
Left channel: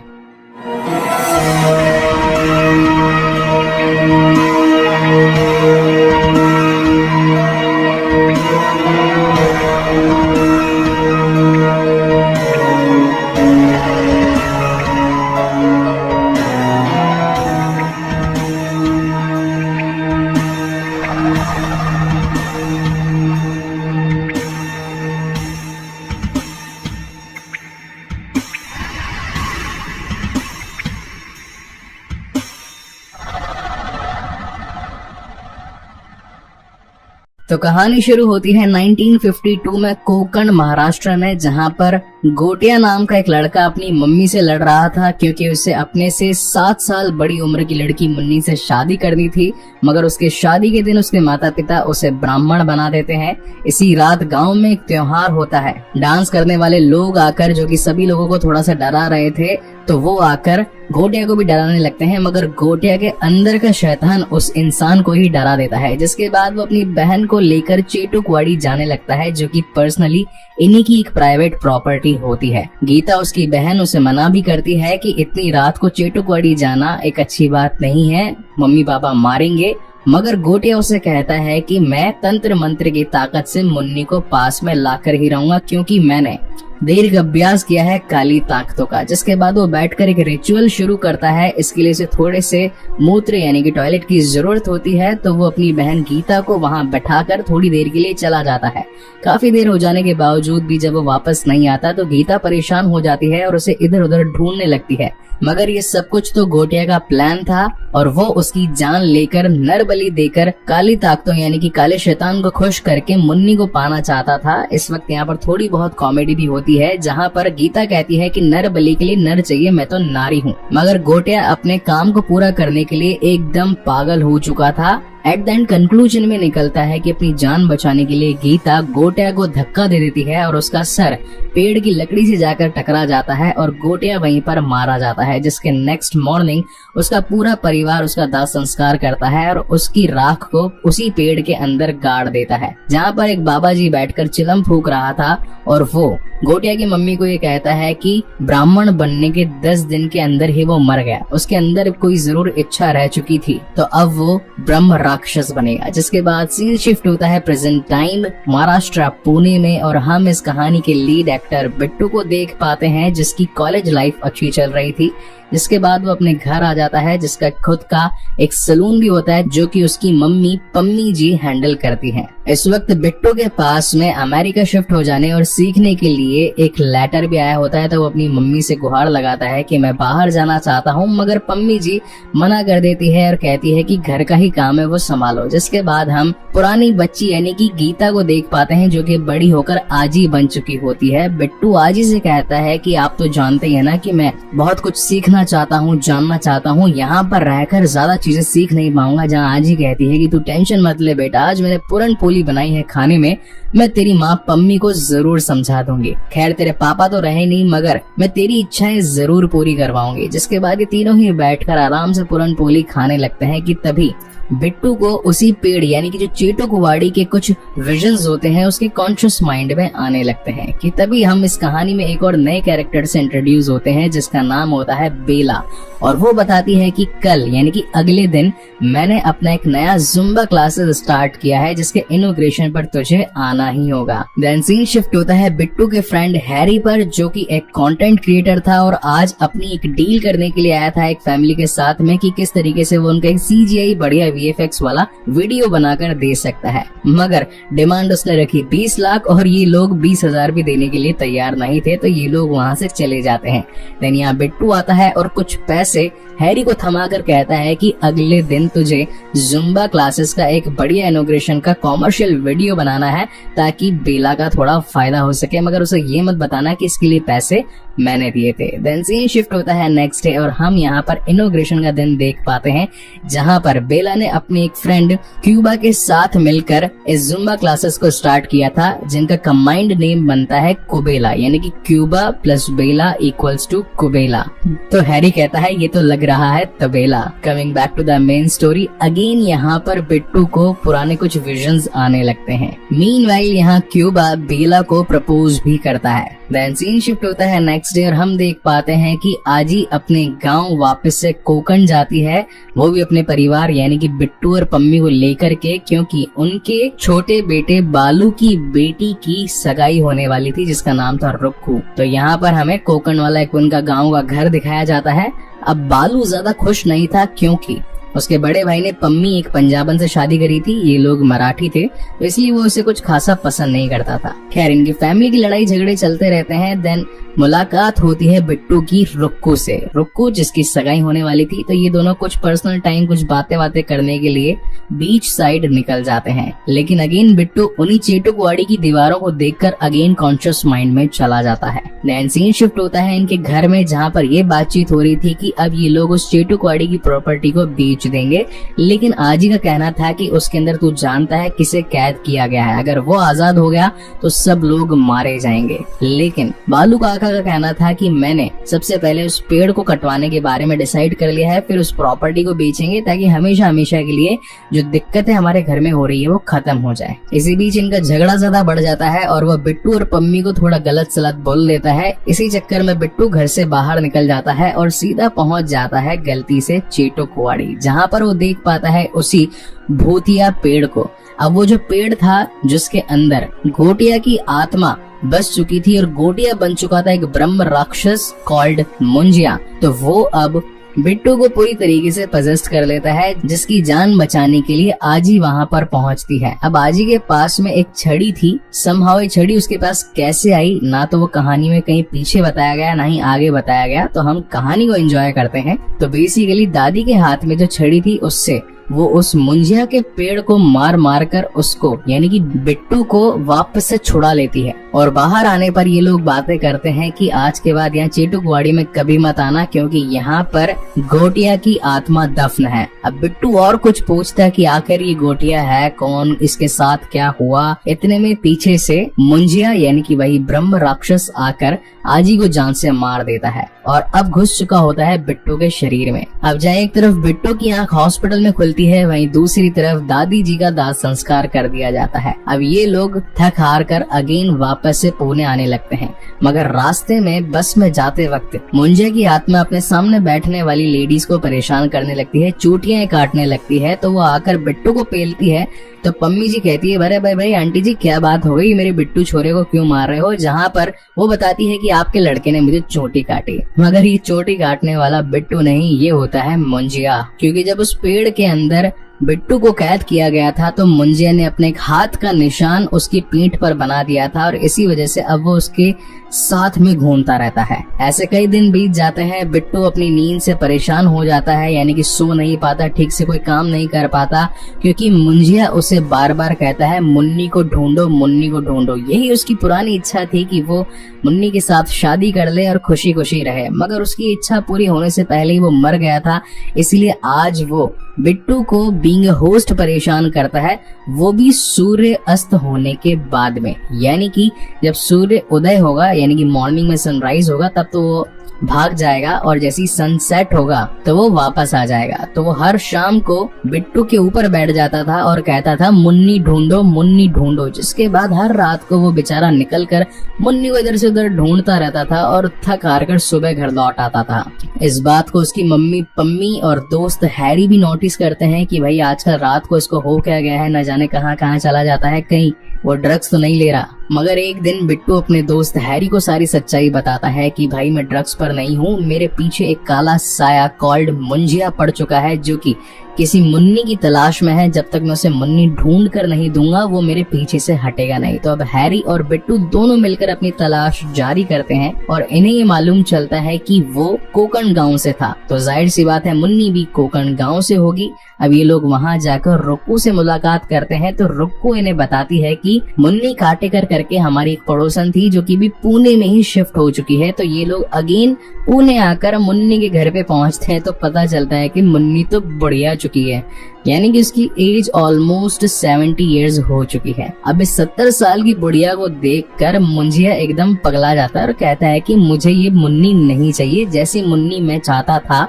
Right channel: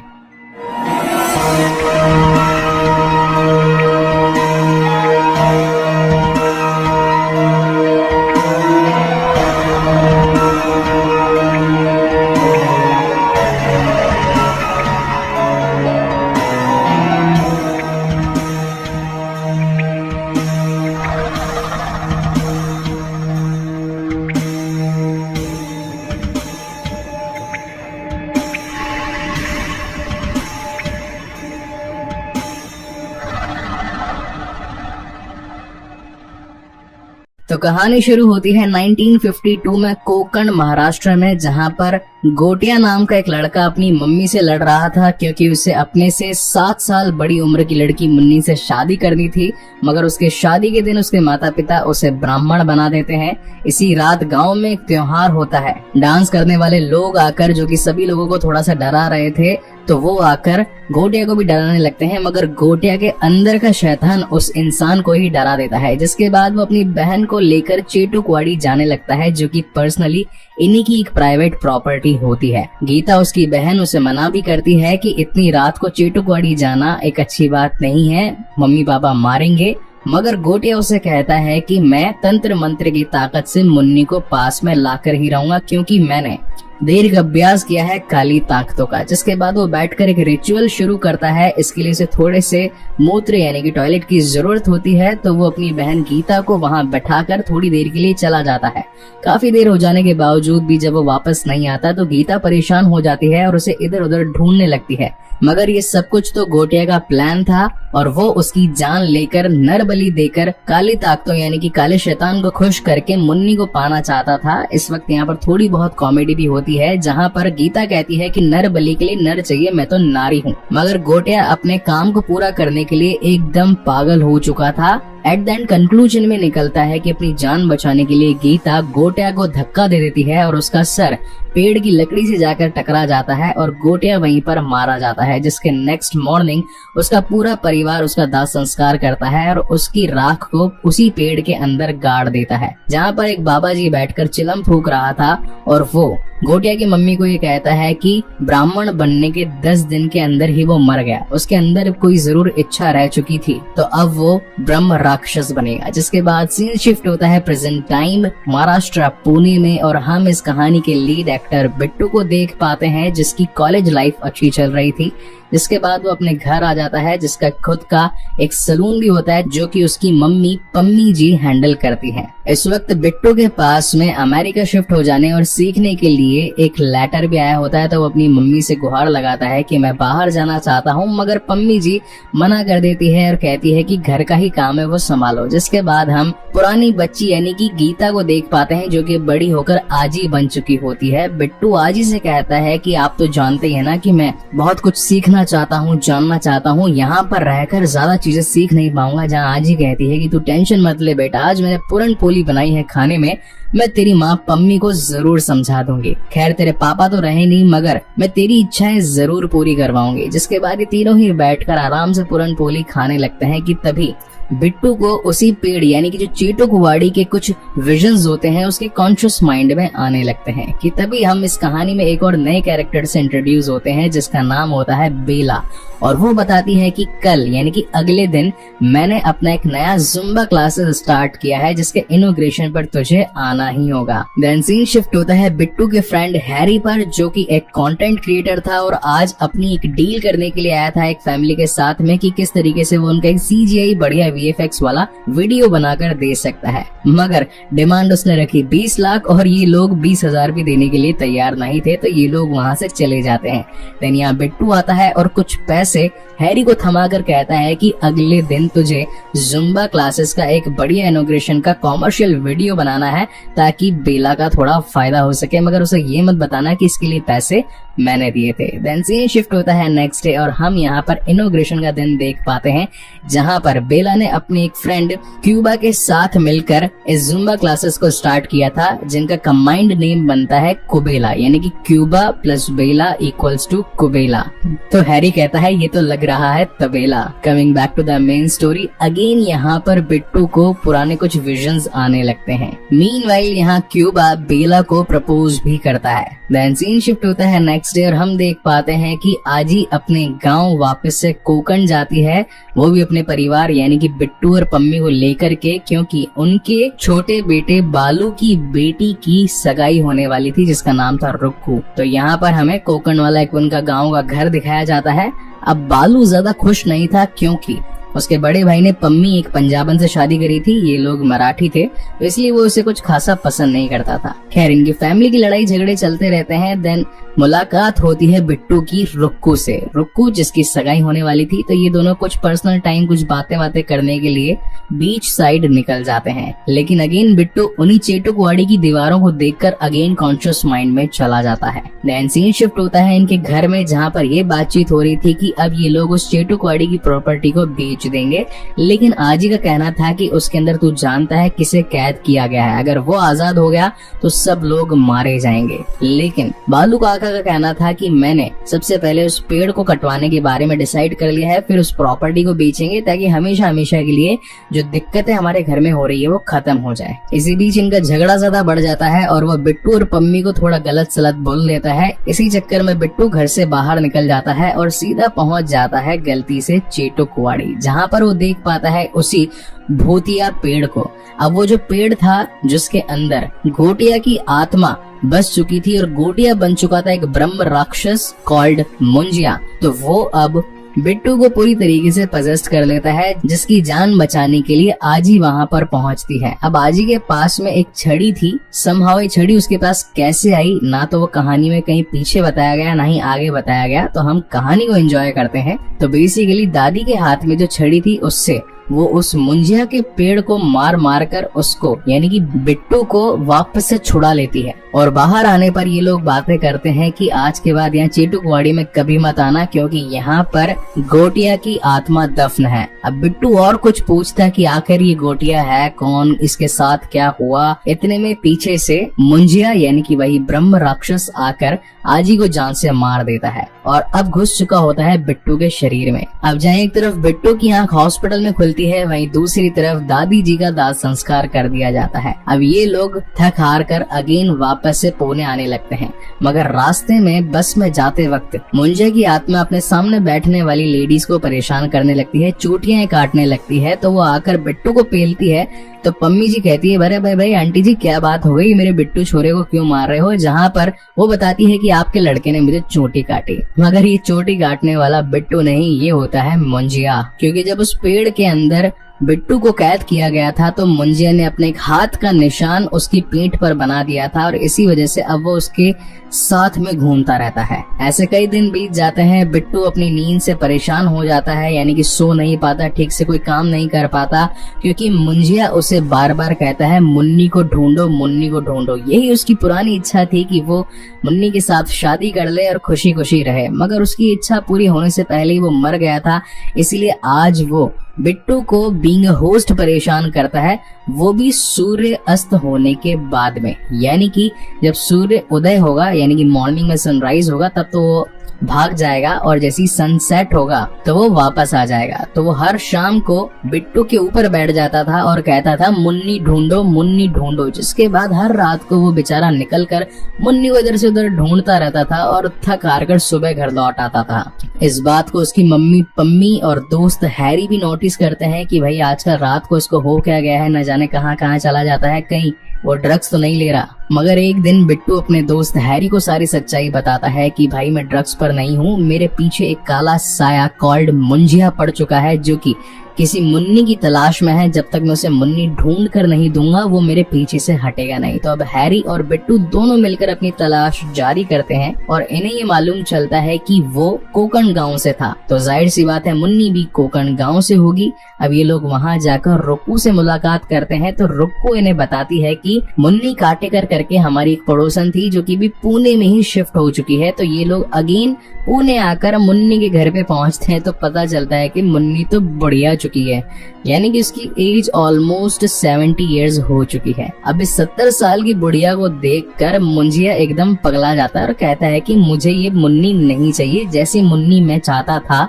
तो कहानी शुरू होती है 1952 में कोकण, महाराष्ट्र में, जहां पर गोटिया नाम का एक लड़का अपनी मम्मी से लड़ रहा था, क्योंकि उसे अपने से 7 साल बड़ी उम्र की लड़की मुन्नी से शादी करनी थी। मगर उसके शादी के दिन उसके माता पिता उसे ब्राह्मण बना देते हैं। इसी रात गांव में एक त्योहार होता है। डांस करने वाले लोग आकर, जो कि सभी लोगों को थोड़ा सा डरा रहे थे, तो वो आकर गोटिया को भी डराने लगते हैं। मगर गोटिया के अंदर का शैतान उस इंसान को ही डरा देता है, जिसके बाद वो अपनी बहन को लेकर चेटुकवाड़ी जाने लगता है, जो कि पर्सनली इन्हीं की एक प्राइवेट प्रॉपर्टी होती है। गीता, उसकी बहन, उसे मना भी करती है कि इतनी रात को चेटुकवाड़ी जाना एक अच्छी बात नहीं है, मम्मी पापा मारेंगे। मगर गोटिया उसे कहता है कि मैं तंत्र मंत्र की ताकत से मुन्नी को पास में लाकर ही रहूंगा, क्योंकि मैंने देर का अभ्यास किया है काली ताकतों का। जिसके बाद वो बैठकर एक रिचुअल शुरू करता है। इसके लिए उसे थोड़े से मूत्र यानी कि टॉयलेट की जरूरत होती है, तो वो अपनी बहन गीता को वहां बैठाकर थोड़ी देर के लिए चला जाता है। काफी देर हो जाने के बावजूद भी जब वो वापस नहीं आता तो गीता परेशान हो जाती है और उसे इधर उधर ढूंढने लगती है। मगर ये सब कुछ तो गोटिया का प्लान था और वो उसकी जान लेकर, नर बलि देकर, काली ताकतों यानी कि काले शैतान को खुश करके मुन्नी को पाना चाहता था। इस वक्त यहाँ पर थोड़ी बहुत कॉमेडी भी होती है, जहाँ पर गीता कहती है कि नर बलि के लिए नर चाहिए, मैं तो नारी हूँ। मगर गोटिया अपने काम को पूरा करने के लिए एकदम पागल हो चुका था। एट द एंड कंक्लूजन में निकलता है कि अपनी जान बचाने के लिए गीता गोटिया को धक्का दे देती है और उसका सर पेड़ की लकड़ी से जाकर टकरा जाता है और गोटिया वहीं पर मारा जाता है। जिसके नेक्स्ट मॉर्निंग उसका पूरा परिवार उसका दाह संस्कार करता है और उसकी राख को उसी पेड़ के अंदर गाड़ देता है, जहाँ पर एक बाबा जी बैठकर चिलम फूंक रहा था। और वो गोटिया की मम्मी को ये कहता है कि ब्राह्मण बनने के 10 दिन के अंदर ही वो मर गया, उसके अंदर कोई जरूर इच्छा रह चुकी थी, तो अब वो ब्रह्म राक्षस बनेगा। जिसके बाद सीन शिफ्ट होता है प्रेजेंट टाइम महाराष्ट्र, पुणे में, और हम इस कहानी के लीड एक्टर बिट्टू को देख पाते हैं, जिसकी कॉलेज लाइफ अच्छी चल रही थी। जिसके बाद वो अपने घर आ जाता है, जिसका खुद का एक सलून भी होता है, जो कि उसकी मम्मी पम्मी जी हैंडल करती हैं। इस वक्त बिट्टू के पास में अमेरिका शिफ्ट हो जाने और सीखने के लिए एक लेटर भी आया होता है, तो वो अपनी मम्मी से गुहार लगाता है कि मैं बाहर जाना चाहता हूँ। मगर पम्मी जी मना कर देती है और कहती है कि घर का ही काम है, वो संभालो। जिसके बाद हम पुरानी बच्ची यानी कि गीता को देख पाते हैं, जो कि बड़ी होकर आजी बन चुकी होती है। बिट्टू आजी से कहता है कि आप तो जानते ही है ना कि मैं बहुत कुछ सीखना चाहता हूँ, जानना चाहता हूँ, यहाँ पर रहकर ज्यादा चीजें सीख नहीं पाऊंगा। जहाँ आजी कहती है कि तू टेंशन मत ले बेटा, आज मैंने पूरन पोली बनाई है खाने में, मैं तेरी माँ पम्मी को जरूर समझा दूंगी। खैर तेरे पापा तो रहे नहीं, मगर मैं तेरी इच्छाएं जरूर पूरी करवाऊंगी। जिसके बाद ये तीनों ही बैठकर आराम से पूरन पोली खाने लगते हैं कि तभी बिट्टू को उसी पेड़ यानी कि जो चेटुकवाड़ी के कुछ विजन्स होते हैं उसके कॉन्शियस माइंड में आने लगते हैं। कि तभी हम इस कहानी में एक और नए कैरेक्टर से इंट्रोड्यूस होते हैं, जिसका नाम होता है बेला। और वो बताती है कि कल यानी कि अगले दिन मैंने अपना एक नया जुम्बा क्लासेस स्टार्ट किया है, जिसके इनॉग्रेशन पर तुझे आना ही होगा। देन सीन शिफ्ट होता है बिट्टू के फ्रेंड हैरी पर, जो कि एक कंटेंट क्रिएटर था और आज अपनी एक डील करने के लिए आया था एक फैमिली के साथ में, कि किस तरीके से वो उनका एक CGI बढ़िया VFX वाला वीडियो बनाकर दे सकता है, मगर डिमांड उसने रखी 20 लाख और ये लोग 20,000 भी देने के लिए तैयार नहीं थे, तो ये लोग वहाँ से चले जाते हैं। देन यहाँ बिट्टू आता है और कुछ पैसे हैरी को थमा कर कहता है कि अगले दिन तुझे जुम्बा क्लासेस का एक बढ़िया इनॉग्रेशन का कॉमर्शियल वीडियो बनाना है ताकि बेला का थोड़ा फायदा हो सके, मगर उसे ये मत बताना कि इसके लिए पैसे मैंने दिए थे। देन सीन शिफ्ट होता है नेक्स्ट डे और हम यहाँ पर इनॉग्रेशन का दिन देख पाते हैं, जहाँ पर बेला ने अपनी एक फ्रेंड क्यूबा के साथ मिलकर इस जुम्बा क्लासेस को स्टार्ट किया था, जिनका कंबाइंड नेम बनता है कुबेला, यानी कि क्यूबा प्लस बेला इक्वल्स टू कुबेला। तो हैरी कहता है ये तो लग रहा है तबेला। Coming back to the main story, again यहाँ पर बिट्टू को पुराने कुछ विजन्स आने लगते हैं। मीनवाइल यहाँ क्यूबा बेला को प्रपोज भी करता है। देन सीन शिफ्ट होता है नेक्स्ट डे और हम देख पाते हैं कि आजी अपने गांव वापस से कोकण जाती है, वो भी अपने परिवार यानी कि बिट्टू और पम्मी को लेकर के, क्योंकि उनके छोटे बेटे बालू की बेटी की सगाई होने वाली थी जिसका नाम था रुक्कू। तो यहाँ पर हमें कोकण वाला एक उनका गांव का घर दिखाया जाता है। अब बालू ज्यादा खुश नहीं था क्योंकि उसके बड़े भाई ने पम्मी एक पंजाबन से शादी करी थी, ये लोग मराठी थे, इसलिए वो उसे कुछ खासा पसंद नहीं करता था। खैर इनकी फैमिली की लड़ाई झगड़े चलते रहते हैं। देन मुलाकात होती है बिट्टू की रुक्कू से, रुक्कू जिसकी सगाई होने वाली थी। तो ये दोनों कुछ पर्सनल टाइम, कुछ बातें करने के लिए बीच साइड निकल जाते हैं, लेकिन अगेन बिट्टू उन्हीं चेटुकवाड़ी की दीवारों को देखकर अगेन कॉन्शियस माइंड में चला जाता है। देन सीन शिफ्ट होता है इनके घर में, जहाँ पर ये बातचीत हो रही थी कि अब ये लोग उस चेटुकवाड़ी की प्रॉपर्टी को बेच देंगे, लेकिन आजी का कहना था कि उसके अंदर तू जानता है किसे कैद किया गया है, अगर वो आजाद हो गया तो सब लोग मारे जाएंगे। लेकिन बालू काका का कहना था कि मैंने सबसे पहले उस पेड़ को कटवाने के बारे में डिसाइड कर लिया है, फिर उस प्रॉपर्टी को बेचेंगे ताकि हमेशा हमेशा के लिए जो दिक्कतें हमारे घर में हो रही है वो खत्म हो जाए। इसी बीच इनका झगड़ा ज्यादा बढ़ जाता है और वह बिट्टू और पम्मी को थोड़ा गलत सलत बोल देता है। इसी चक्कर में बिट्टू घर से बाहर निकल जाता है और सीधा पहुंच जाता है गलती से चेटुकवाड़ी, जहाँ पर वो देख पाता है उसी भूतिया पेड़ को। अब वो जो पेड़ था जिसके अंदर गोटिया की आत्मा बस चुकी थी और गोटिया बन चुका था एक ब्रह्म राक्षस कॉल्ड मुंजिया, तो वो अब बिट्टू को पूरी तरीके से पजेस्ट कर लेता है, जिसकी जान बचाने के लिए आजी वहाँ पर पहुँचती है। अब आजी के पास में एक छड़ी थी, समहाउ ये छड़ी उसके पास कैसे आई ना तो वो कहानी में कहीं पीछे बताया गया ना ही आगे बताया गया, तो हम कहानी को एंजॉय करते हैं। तो बेसिकली दादी के हाथ में जो छड़ी थी उससे वो उस मुंजिया के पेड़ को मार मार कर उसको यानी कि बिट्टू को वापस से छुड़ा लेती है। और बाहर आने पर ये लोग बातें करते हैं कि आज के बाद यहाँ चेटुकवाड़ी में कभी मत आना, क्योंकि यहाँ पर गोटिया की आत्मा दफन है। अब बिट्टू और कुछ पूछता है कि आखिर ये गोटिया है कौन, इसके साथ क्या हुआ। इतने में पीछे से मुंजिया यानी कि वही ब्रह्म राक्षस आकर आजी को जान से मार देता है और अब घुस चुका होता है बिट्टू के शरीर में। अब जहाँ एक तरफ बिट्टू की आंख हॉस्पिटल में खुलती है, वहीं दूसरी तरफ दादी जी का दाह संस्कार कर दिया जाता है। अब ये लोग थक हार कर अगेन वापस से पुणे आने लगते हैं, मगर रास्ते में बस में जाते वक्त मुंजिया की आत्मा अपने सामने बैठने वाली लेडीज को परेशान करने लगती है, चोटियां काटने लगती है। तो वो आकर बिट्टू को पेलती है। तो पम्मी जी कहती है अरे भाई आंटी जी क्या बात हो गई, मेरे बिट्टू छोरे को क्यों मार रहे हो, जहाँ पर वो बताती है कि आपके लड़के ने मुझे चोटी काटी। मगर ये चोटी काटने वाला बिट्टू नहीं, ये होता है मुंजिया, क्योंकि जब उस पेड़ के अंदर बिट्टू को कैद किया गया था तो मुंजिया ने अपने एक हाथ का निशान उसकी पीठ पर बना दिया था और इसी वजह से अब वो उसके साथ में घूमता रहता है। ऐसे कई दिन बीत जाते हैं, बिट्टू अपनी नींद से परेशान हो जाता है, यानी कि सो नहीं पाता, ठीक से कोई काम नहीं कर पाता, क्योंकि मुंजिया उसे बार बार कहता है मुन्नी को ढूंढो, मुन्नी को ढूंढो। यही उसकी पुरानी इच्छा थी कि वो मुन्नी के साथ शादी कर ले और खुशी खुशी रहे, मगर उसकी इच्छा पूरी होने से पहले ही वो मर गया था। इसलिए आज वो बिट्टू को बीइंग होस्ट परेशान करता है, वो भी सूर्य अस्त होने के बाद में, यानी कि जब सूर्य उदय होगा यानी कि मॉर्निंग में सनराइज होगा तब तो वो भाग जाएगा और जैसी सनसेट होगा तो वो वापस आ जाएगा। तो वो हर शाम को बिट्टू के ऊपर बैठ जाता था और कहता था मुन्नी ढूंढो, मुन्नी ढूंढो, जिसके बाद हर रात को वो बेचारा निकल कर मुन्नी को इधर से उधर ढूंढता रहता था और थक हार कर सुबह घर लौट आता था। इस बात को उसकी मम्मी पम्मी और दोस्त हैरी भी नोटिस करते हैं कि भाई आजकल रात को इसको हो क्या गया है, न जाने कहाँ कहाँ चला जाता है, कहीं वो ड्रग्स तो नहीं ले रहा। मगर एक दिन बिट्टू अपने दोस्त हैरी को सारी सच्चाई बताता है कि भाई मैं ड्रग्स पर नहीं हूँ, मेरे पीछे एक काला साया कॉल्ड मुंजिया पड़ चुका है जो कि किसी मुन्नी की तलाश में है, जब तक मैं उसे मुन्नी ढूंढ कर नहीं दूंगा वो मेरे पीछे से हटेगा नहीं। तो अब हैरी और बिट्टू दोनों मिलकर अपनी तलाश जारी करते हैं और इन्हें ये मालूम चलता है कि वो कोकण गांव से था, तो जाहिर सी बात है मुन्नी भी कोकण गांव से होगी। अब ये लोग वहां जाकर रुक्कू से मुलाकात करते हैं, तो रुक्कू इन्हें बताती है कि मुन्नी काटेकर करके हमारी एक पड़ोसन थी जो कि भी पुणे में ही शिफ्ट हो चुकी है। तो ये लोग अगेन पुणे आकर मुन्नी के घर पे पहुंचते हैं, तो पता चलता है कि मुन्नी तो बढ़िया चुकी है, यानी कि उसकी एज ऑलमोस्ट 70 इयर्स हो चुकी है। अब इस 70 साल की बुढ़िया को देखकर मुंजिया एकदम पगला जाता है और कहता है कि मुझे ये मुन्नी नहीं चाहिए, जैसी मुन्नी मैं चाहता था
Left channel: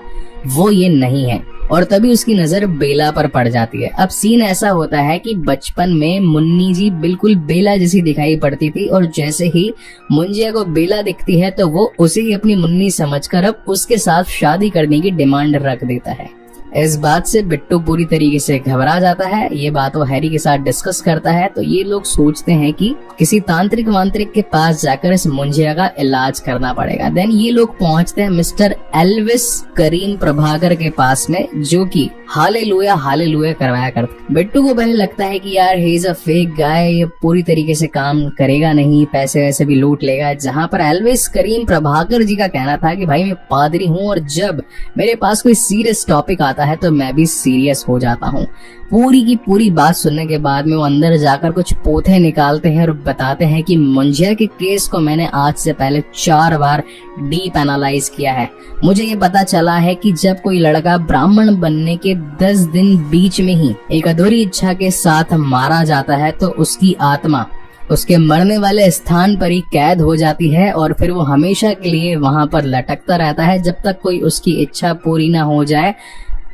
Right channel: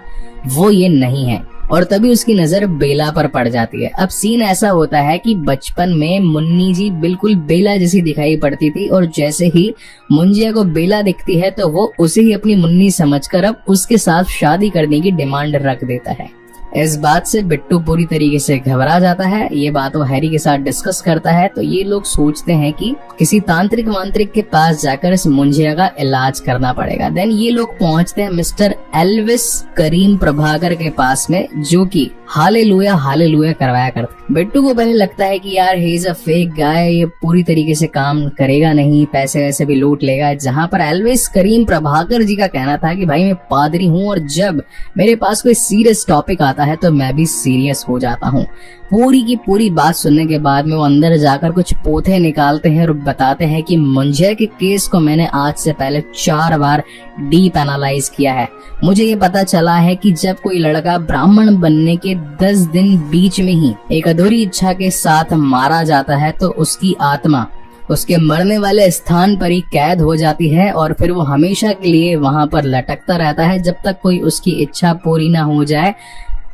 वो ये नहीं है। और तभी उसकी नजर बेला पर पड़ जाती है। अब सीन ऐसा होता है कि बचपन में मुन्नी जी बिल्कुल बेला जैसी दिखाई पड़ती थी, और जैसे ही मुंजिया को बेला दिखती है तो वो उसे ही अपनी मुन्नी समझकर अब उसके साथ शादी करने की डिमांड रख देता है। इस बात से बिट्टू पूरी तरीके से घबरा जाता है। ये बात वो हैरी के साथ डिस्कस करता है, तो ये लोग सोचते हैं कि किसी तांत्रिक वांत्रिक के पास जाकर इस मुंजिया का इलाज करना पड़ेगा। देन ये लोग पहुंचते हैं मिस्टर एल्विस करीम प्रभाकर के पास में, जो कि हालेलुया करवाया करते। बिट्टू को पहले लगता है कि यार he is a fake guy, ये पूरी तरीके से काम करेगा नहीं, पैसे वैसे भी लूट लेगा। जहां पर एल्विस करीम प्रभाकर जी का कहना था कि भाई मैं पादरी हूँ और जब मेरे पास कोई सीरियस टॉपिक आता है तो मैं भी सीरियस हो जाता हूँ। पूरी की पूरी बात सुनने के बाद में वो अंदर जाकर कुछ पोथे निकालते हैं और बताते हैं कि मुंजिया के केस को मैंने आज से पहले 4 बार डीप एनालाइज किया है। मुझे ये पता चला है कि जब कोई लड़का ब्राह्मण बनने के 10 दिन बीच में ही एक अधूरी इच्छा के साथ मारा जाता है तो उसकी आत्मा उसके मरने वाले स्थान पर ही कैद हो जाती है और फिर वो हमेशा के लिए वहां पर लटकता रहता है जब तक कोई उसकी इच्छा पूरी ना हो जाए।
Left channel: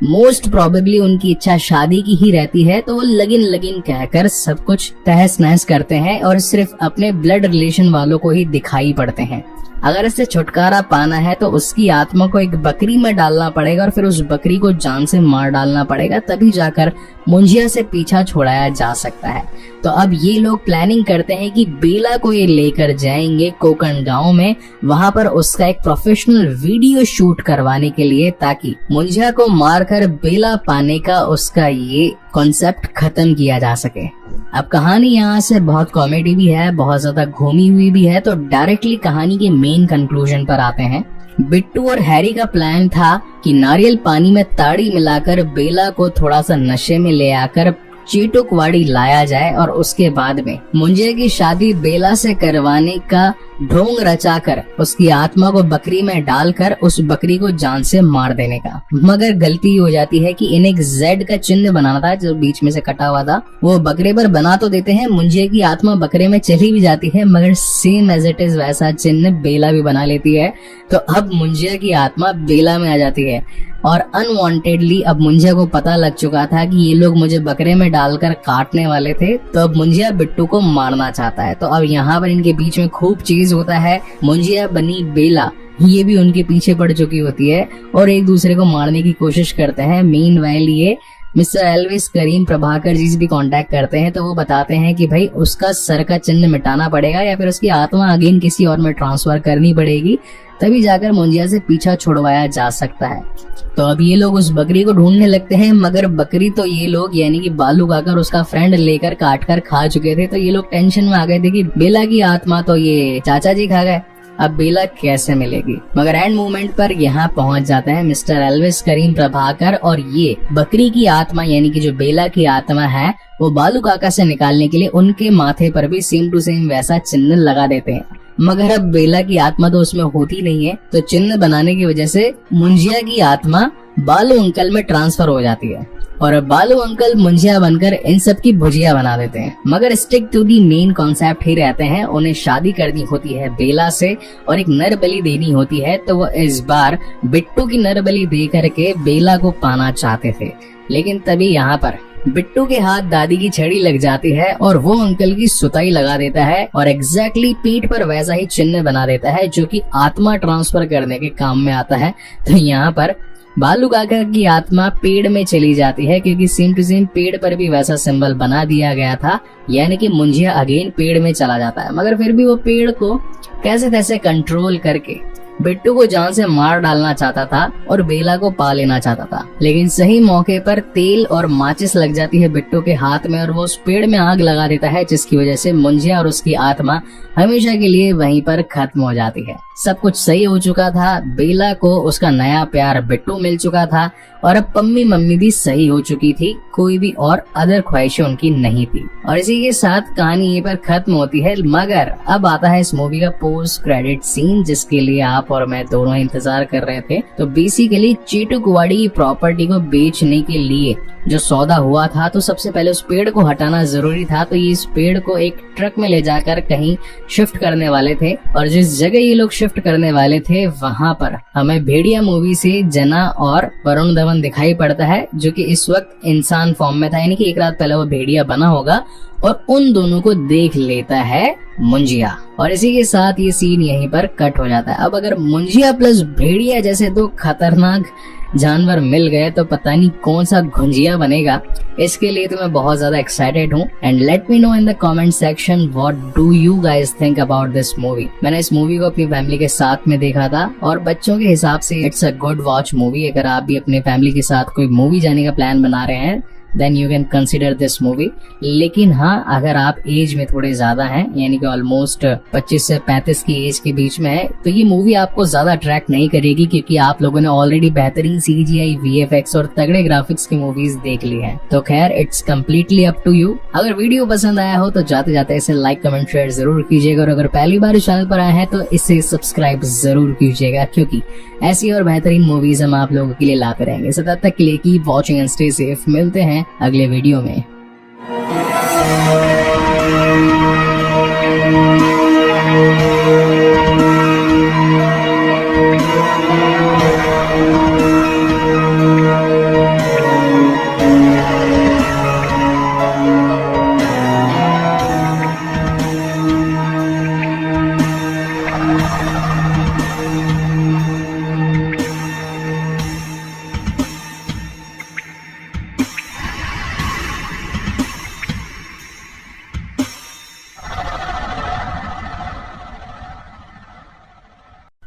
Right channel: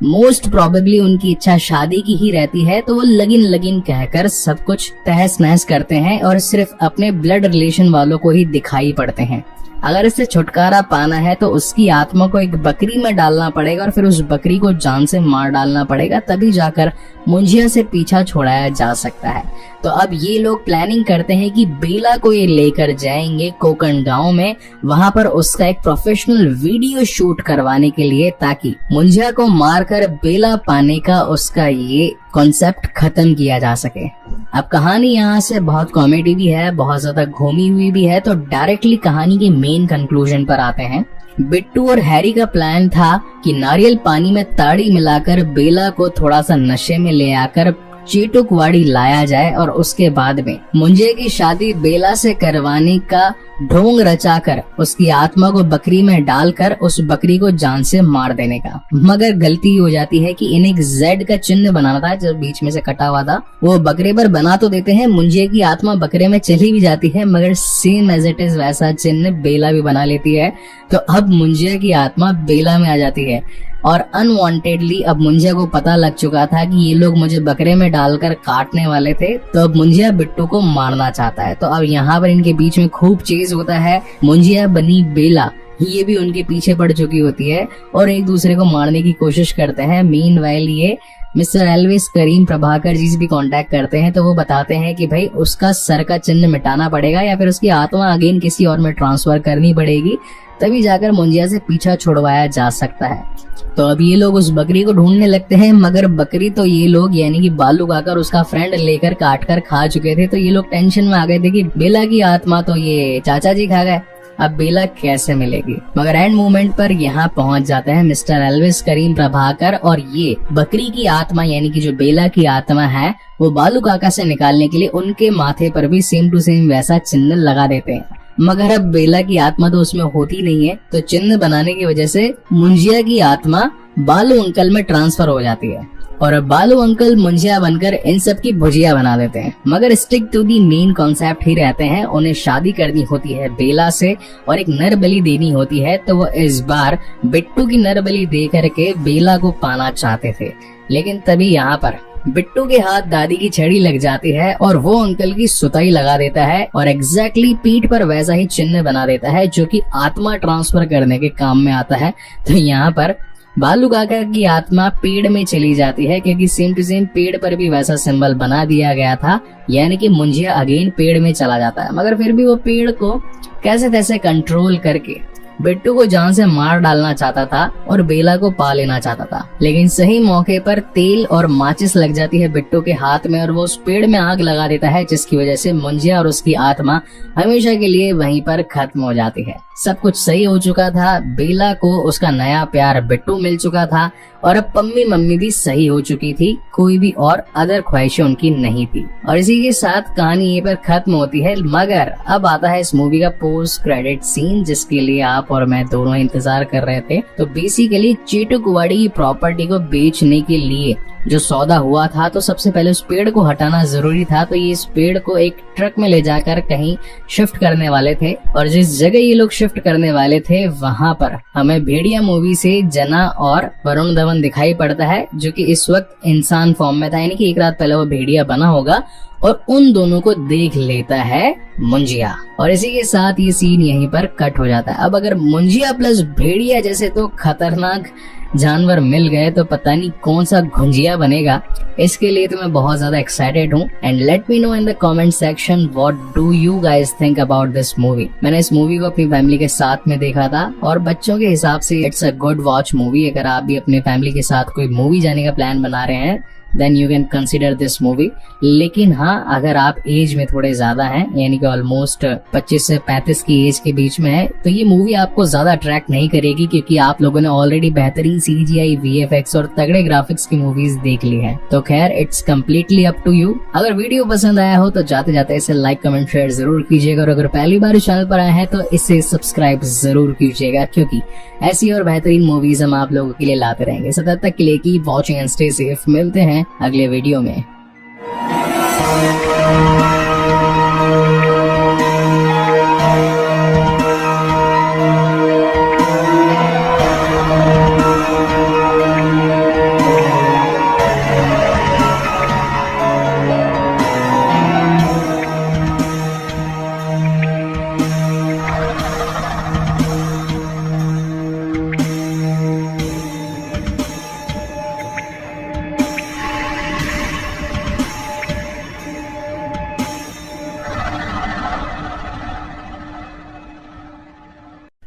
मोस्ट प्रोबेबली उनकी इच्छा शादी की ही रहती है, तो वो लगिन कहकर सब कुछ तहस नहस करते हैं और सिर्फ अपने ब्लड रिलेशन वालों को ही दिखाई पड़ते हैं। अगर इससे छुटकारा पाना है तो उसकी आत्मा को एक बकरी में डालना पड़ेगा और फिर उस बकरी को जान से मार डालना पड़ेगा, तभी जाकर मुंजिया से पीछा छुड़ाया जा सकता है। तो अब ये लोग प्लानिंग करते हैं कि बेला को ये लेकर जाएंगे कोकण गांव में, वहां पर उसका एक प्रोफेशनल वीडियो शूट करवाने के लिए, ताकि मुंजिया को मारकर बेला पाने का उसका ये कॉन्सेप्ट खत्म किया जा सके। अब कहानी यहाँ से बहुत कॉमेडी भी है, बहुत ज्यादा घूमी हुई भी है, तो डायरेक्टली कहानी के मेन कंक्लूजन पर आते हैं। बिट्टू और हैरी का प्लान था कि नारियल पानी में ताड़ी मिलाकर बेला को थोड़ा सा नशे में ले आकर चीटुकवाड़ी लाया जाए और उसके बाद में मुंजिया की शादी बेला से करवाने का ढोंग रचाकर उसकी आत्मा को बकरी में डालकर उस बकरी को जान से मार देने का। मगर गलती हो जाती है कि इन्हें एक जेड का चिन्ह बनाना था जो बीच में से कटा हुआ था, वो बकरी पर बना तो देते हैं, मुंजिया की आत्मा बकरे में चली भी जाती है, मगर सेम एज इट इज वैसा चिन्ह बेला भी बना लेती है। तो अब मुंजिया की आत्मा बेला में आ जाती है और अनवांटेडली अब मुंजिया को पता लग चुका था कि ये लोग मुझे बकरे में डालकर काटने वाले थे, तो अब मुंजिया बिट्टू को मारना चाहता है। तो अब यहाँ पर इनके बीच में खूब चेज होता है। मुंजिया बनी बेला ये भी उनके पीछे पड़ चुकी होती है और एक दूसरे को मारने की कोशिश करते हैं। मीनवाइल ये मिस्टर एल्विस करीम प्रभाकर जी से भी कांटेक्ट करते हैं, तो वो बताते हैं कि भाई उसका सर का चिन्ह मिटाना पड़ेगा या फिर उसकी आत्मा अगेन किसी और में ट्रांसफर करनी पड़ेगी, तभी जाकर मुंजिया से पीछा छुड़वाया जा सकता है। तो अब ये लोग उस बकरी को ढूंढने लगते हैं, मगर बकरी तो ये लोग यानी कि बालू काकर उसका फ्रेंड लेकर काट कर खा चुके थे। तो ये लोग टेंशन में आ गए थे कि बेला की आत्मा तो ये चाचा जी खा गए, अब बेला कैसे मिलेगी। मगर एंड मोमेंट पर यहाँ पहुंच जाते हैं मिस्टर एल्विस करीम प्रभाकर और ये बकरी की आत्मा यानी कि जो बेला की आत्मा है वो बालू काका से निकालने के लिए उनके माथे पर भी सेम टू सेम वैसा चिन्ह लगा देते हैं। मगर अब बेला की आत्मा तो उसमें होती नहीं है, तो चिन्ह बनाने की वजह से मुंजिया की आत्मा बालू अंकल में ट्रांसफर हो जाती है और अब बालू अंकल मुंजिया बनकर इन सब की भुजिया बना देते हैं। मगर stick to the main concept ही रहते हैं। उन्हें शादी करनी होती है बेला से और एक नर बलि देनी होती है, तो वो इस बार बिट्टू की नर बलि दे करके बेला को पाना चाहते थे। लेकिन तभी यहाँ पर बिट्टू के हाथ दादी की छड़ी लग जाती है और वो अंकल की सुताई लगा देता है और एग्जैक्टली पीठ पर वैसा ही चिन्ह बना देता है जो कि आत्मा ट्रांसफर करने के काम में आता है। तो यहाँ पर बालू काका की आत्मा पेड़ में चली जाती है क्योंकि सेम टू सेम पेड़ पर भी वैसा सिंबल बना दिया गया था, यानी कि मुंजिया अगेन पेड़ में चला जाता है। मगर फिर भी वो पेड़ को कैसे तैसे कंट्रोल करके बिट्टू को जान से मार डालना चाहता था और बेला को पा लेना चाहता था, लेकिन सही मौके पर तेल और माचिस लग जाती है बिट्टू के हाथ में और वो उस पेड़ में आग लगा देता है, जिसकी वजह से मुंजिया और उसकी आत्मा हमेशा के लिए वहीं पर खत्म हो जाती है। सब कुछ सही हो चुका था, बेला को उसका नया प्यार बिट्टू मिल चुका था और अब पम्मी मम्मी भी सही हो चुकी थी, कोई भी और अदर ख्वाहिशें उनकी नहीं थी। और इसी के साथ कहानी ये पर खत्म होती है। मगर अब आता है इस मूवी का पोस्ट क्रेडिट सीन, जिसके लिए आप और मैं दोनों इंतजार कर रहे थे। तो बेसिकली चेटू कुवाड़ी की प्रॉपर्टी को बेचने के लिए जो सौदा हुआ था, तो सबसे पहले उस पेड़ को हटाना जरूरी था। तो ये इस पेड़ को एक ट्रक में ले जाकर कहीं शिफ्ट करने वाले थे और जिस जगह ये लोग शिफ्ट करने वाले थे वहां पर हमें भेड़िया मूवी से जना और वरुण धवन दिखाई पड़ता है, जो कि इस वक्त इंसान फॉर्म में था, यानी कि एक रात पहले वो भेड़िया बना होगा और उन दोनों को देख लेता है मुंजिया। और इसी के साथ ये सीन यहीं पर कट हो जाता है। अब अगर मुंजिया प्लस भेड़िया जैसे दो खतरनाक जानवर मिल गए तो पता नहीं कौन सा घुंजिया बनेगा। इसके लिए तो मैं बहुत ज्यादा एक्साइटेड हूँ। And let me know in the comment section what do you guys think about this movie. मैंने इस मूवी को अपनी फैमिली के साथ में देखा था और बच्चों के हिसाब से it's a good watch movie. अगर आप भी अपने फैमिली के साथ कोई मूवी जाने का प्लान बना रहे हैं then you can consider this movie. लेकिन हाँ, अगर आप एज में थोड़े ज्यादा हैं, यानी कि ऑलमोस्ट 25 से 35 की एज के बीच में है, तो ये मूवी आपको ज्यादा अट्रैक्ट नहीं करेगी, क्योंकि आप लोगों ने ऑलरेडी बेहतरीन CGI, VFX और तगड़े ग्राफिक्स की मूवीज देख ली है। तो खैर it's completely up to you. अगर वीडियो पसंद आया हो तो जाते जाते इसे लाइक कमेंट शेयर जरूर कीजिएगा और अगर पहली बार इस चैनल पर आए हैं तो इसे सब्सक्राइब जरूर कीजिएगा, क्योंकि ऐसी और बेहतरीन मूवीज हम आप लोगों के लिए लाते रहेंगे। सो तब तक के लिए keep watching and stay safe. मिलते हैं अगले वीडियो में।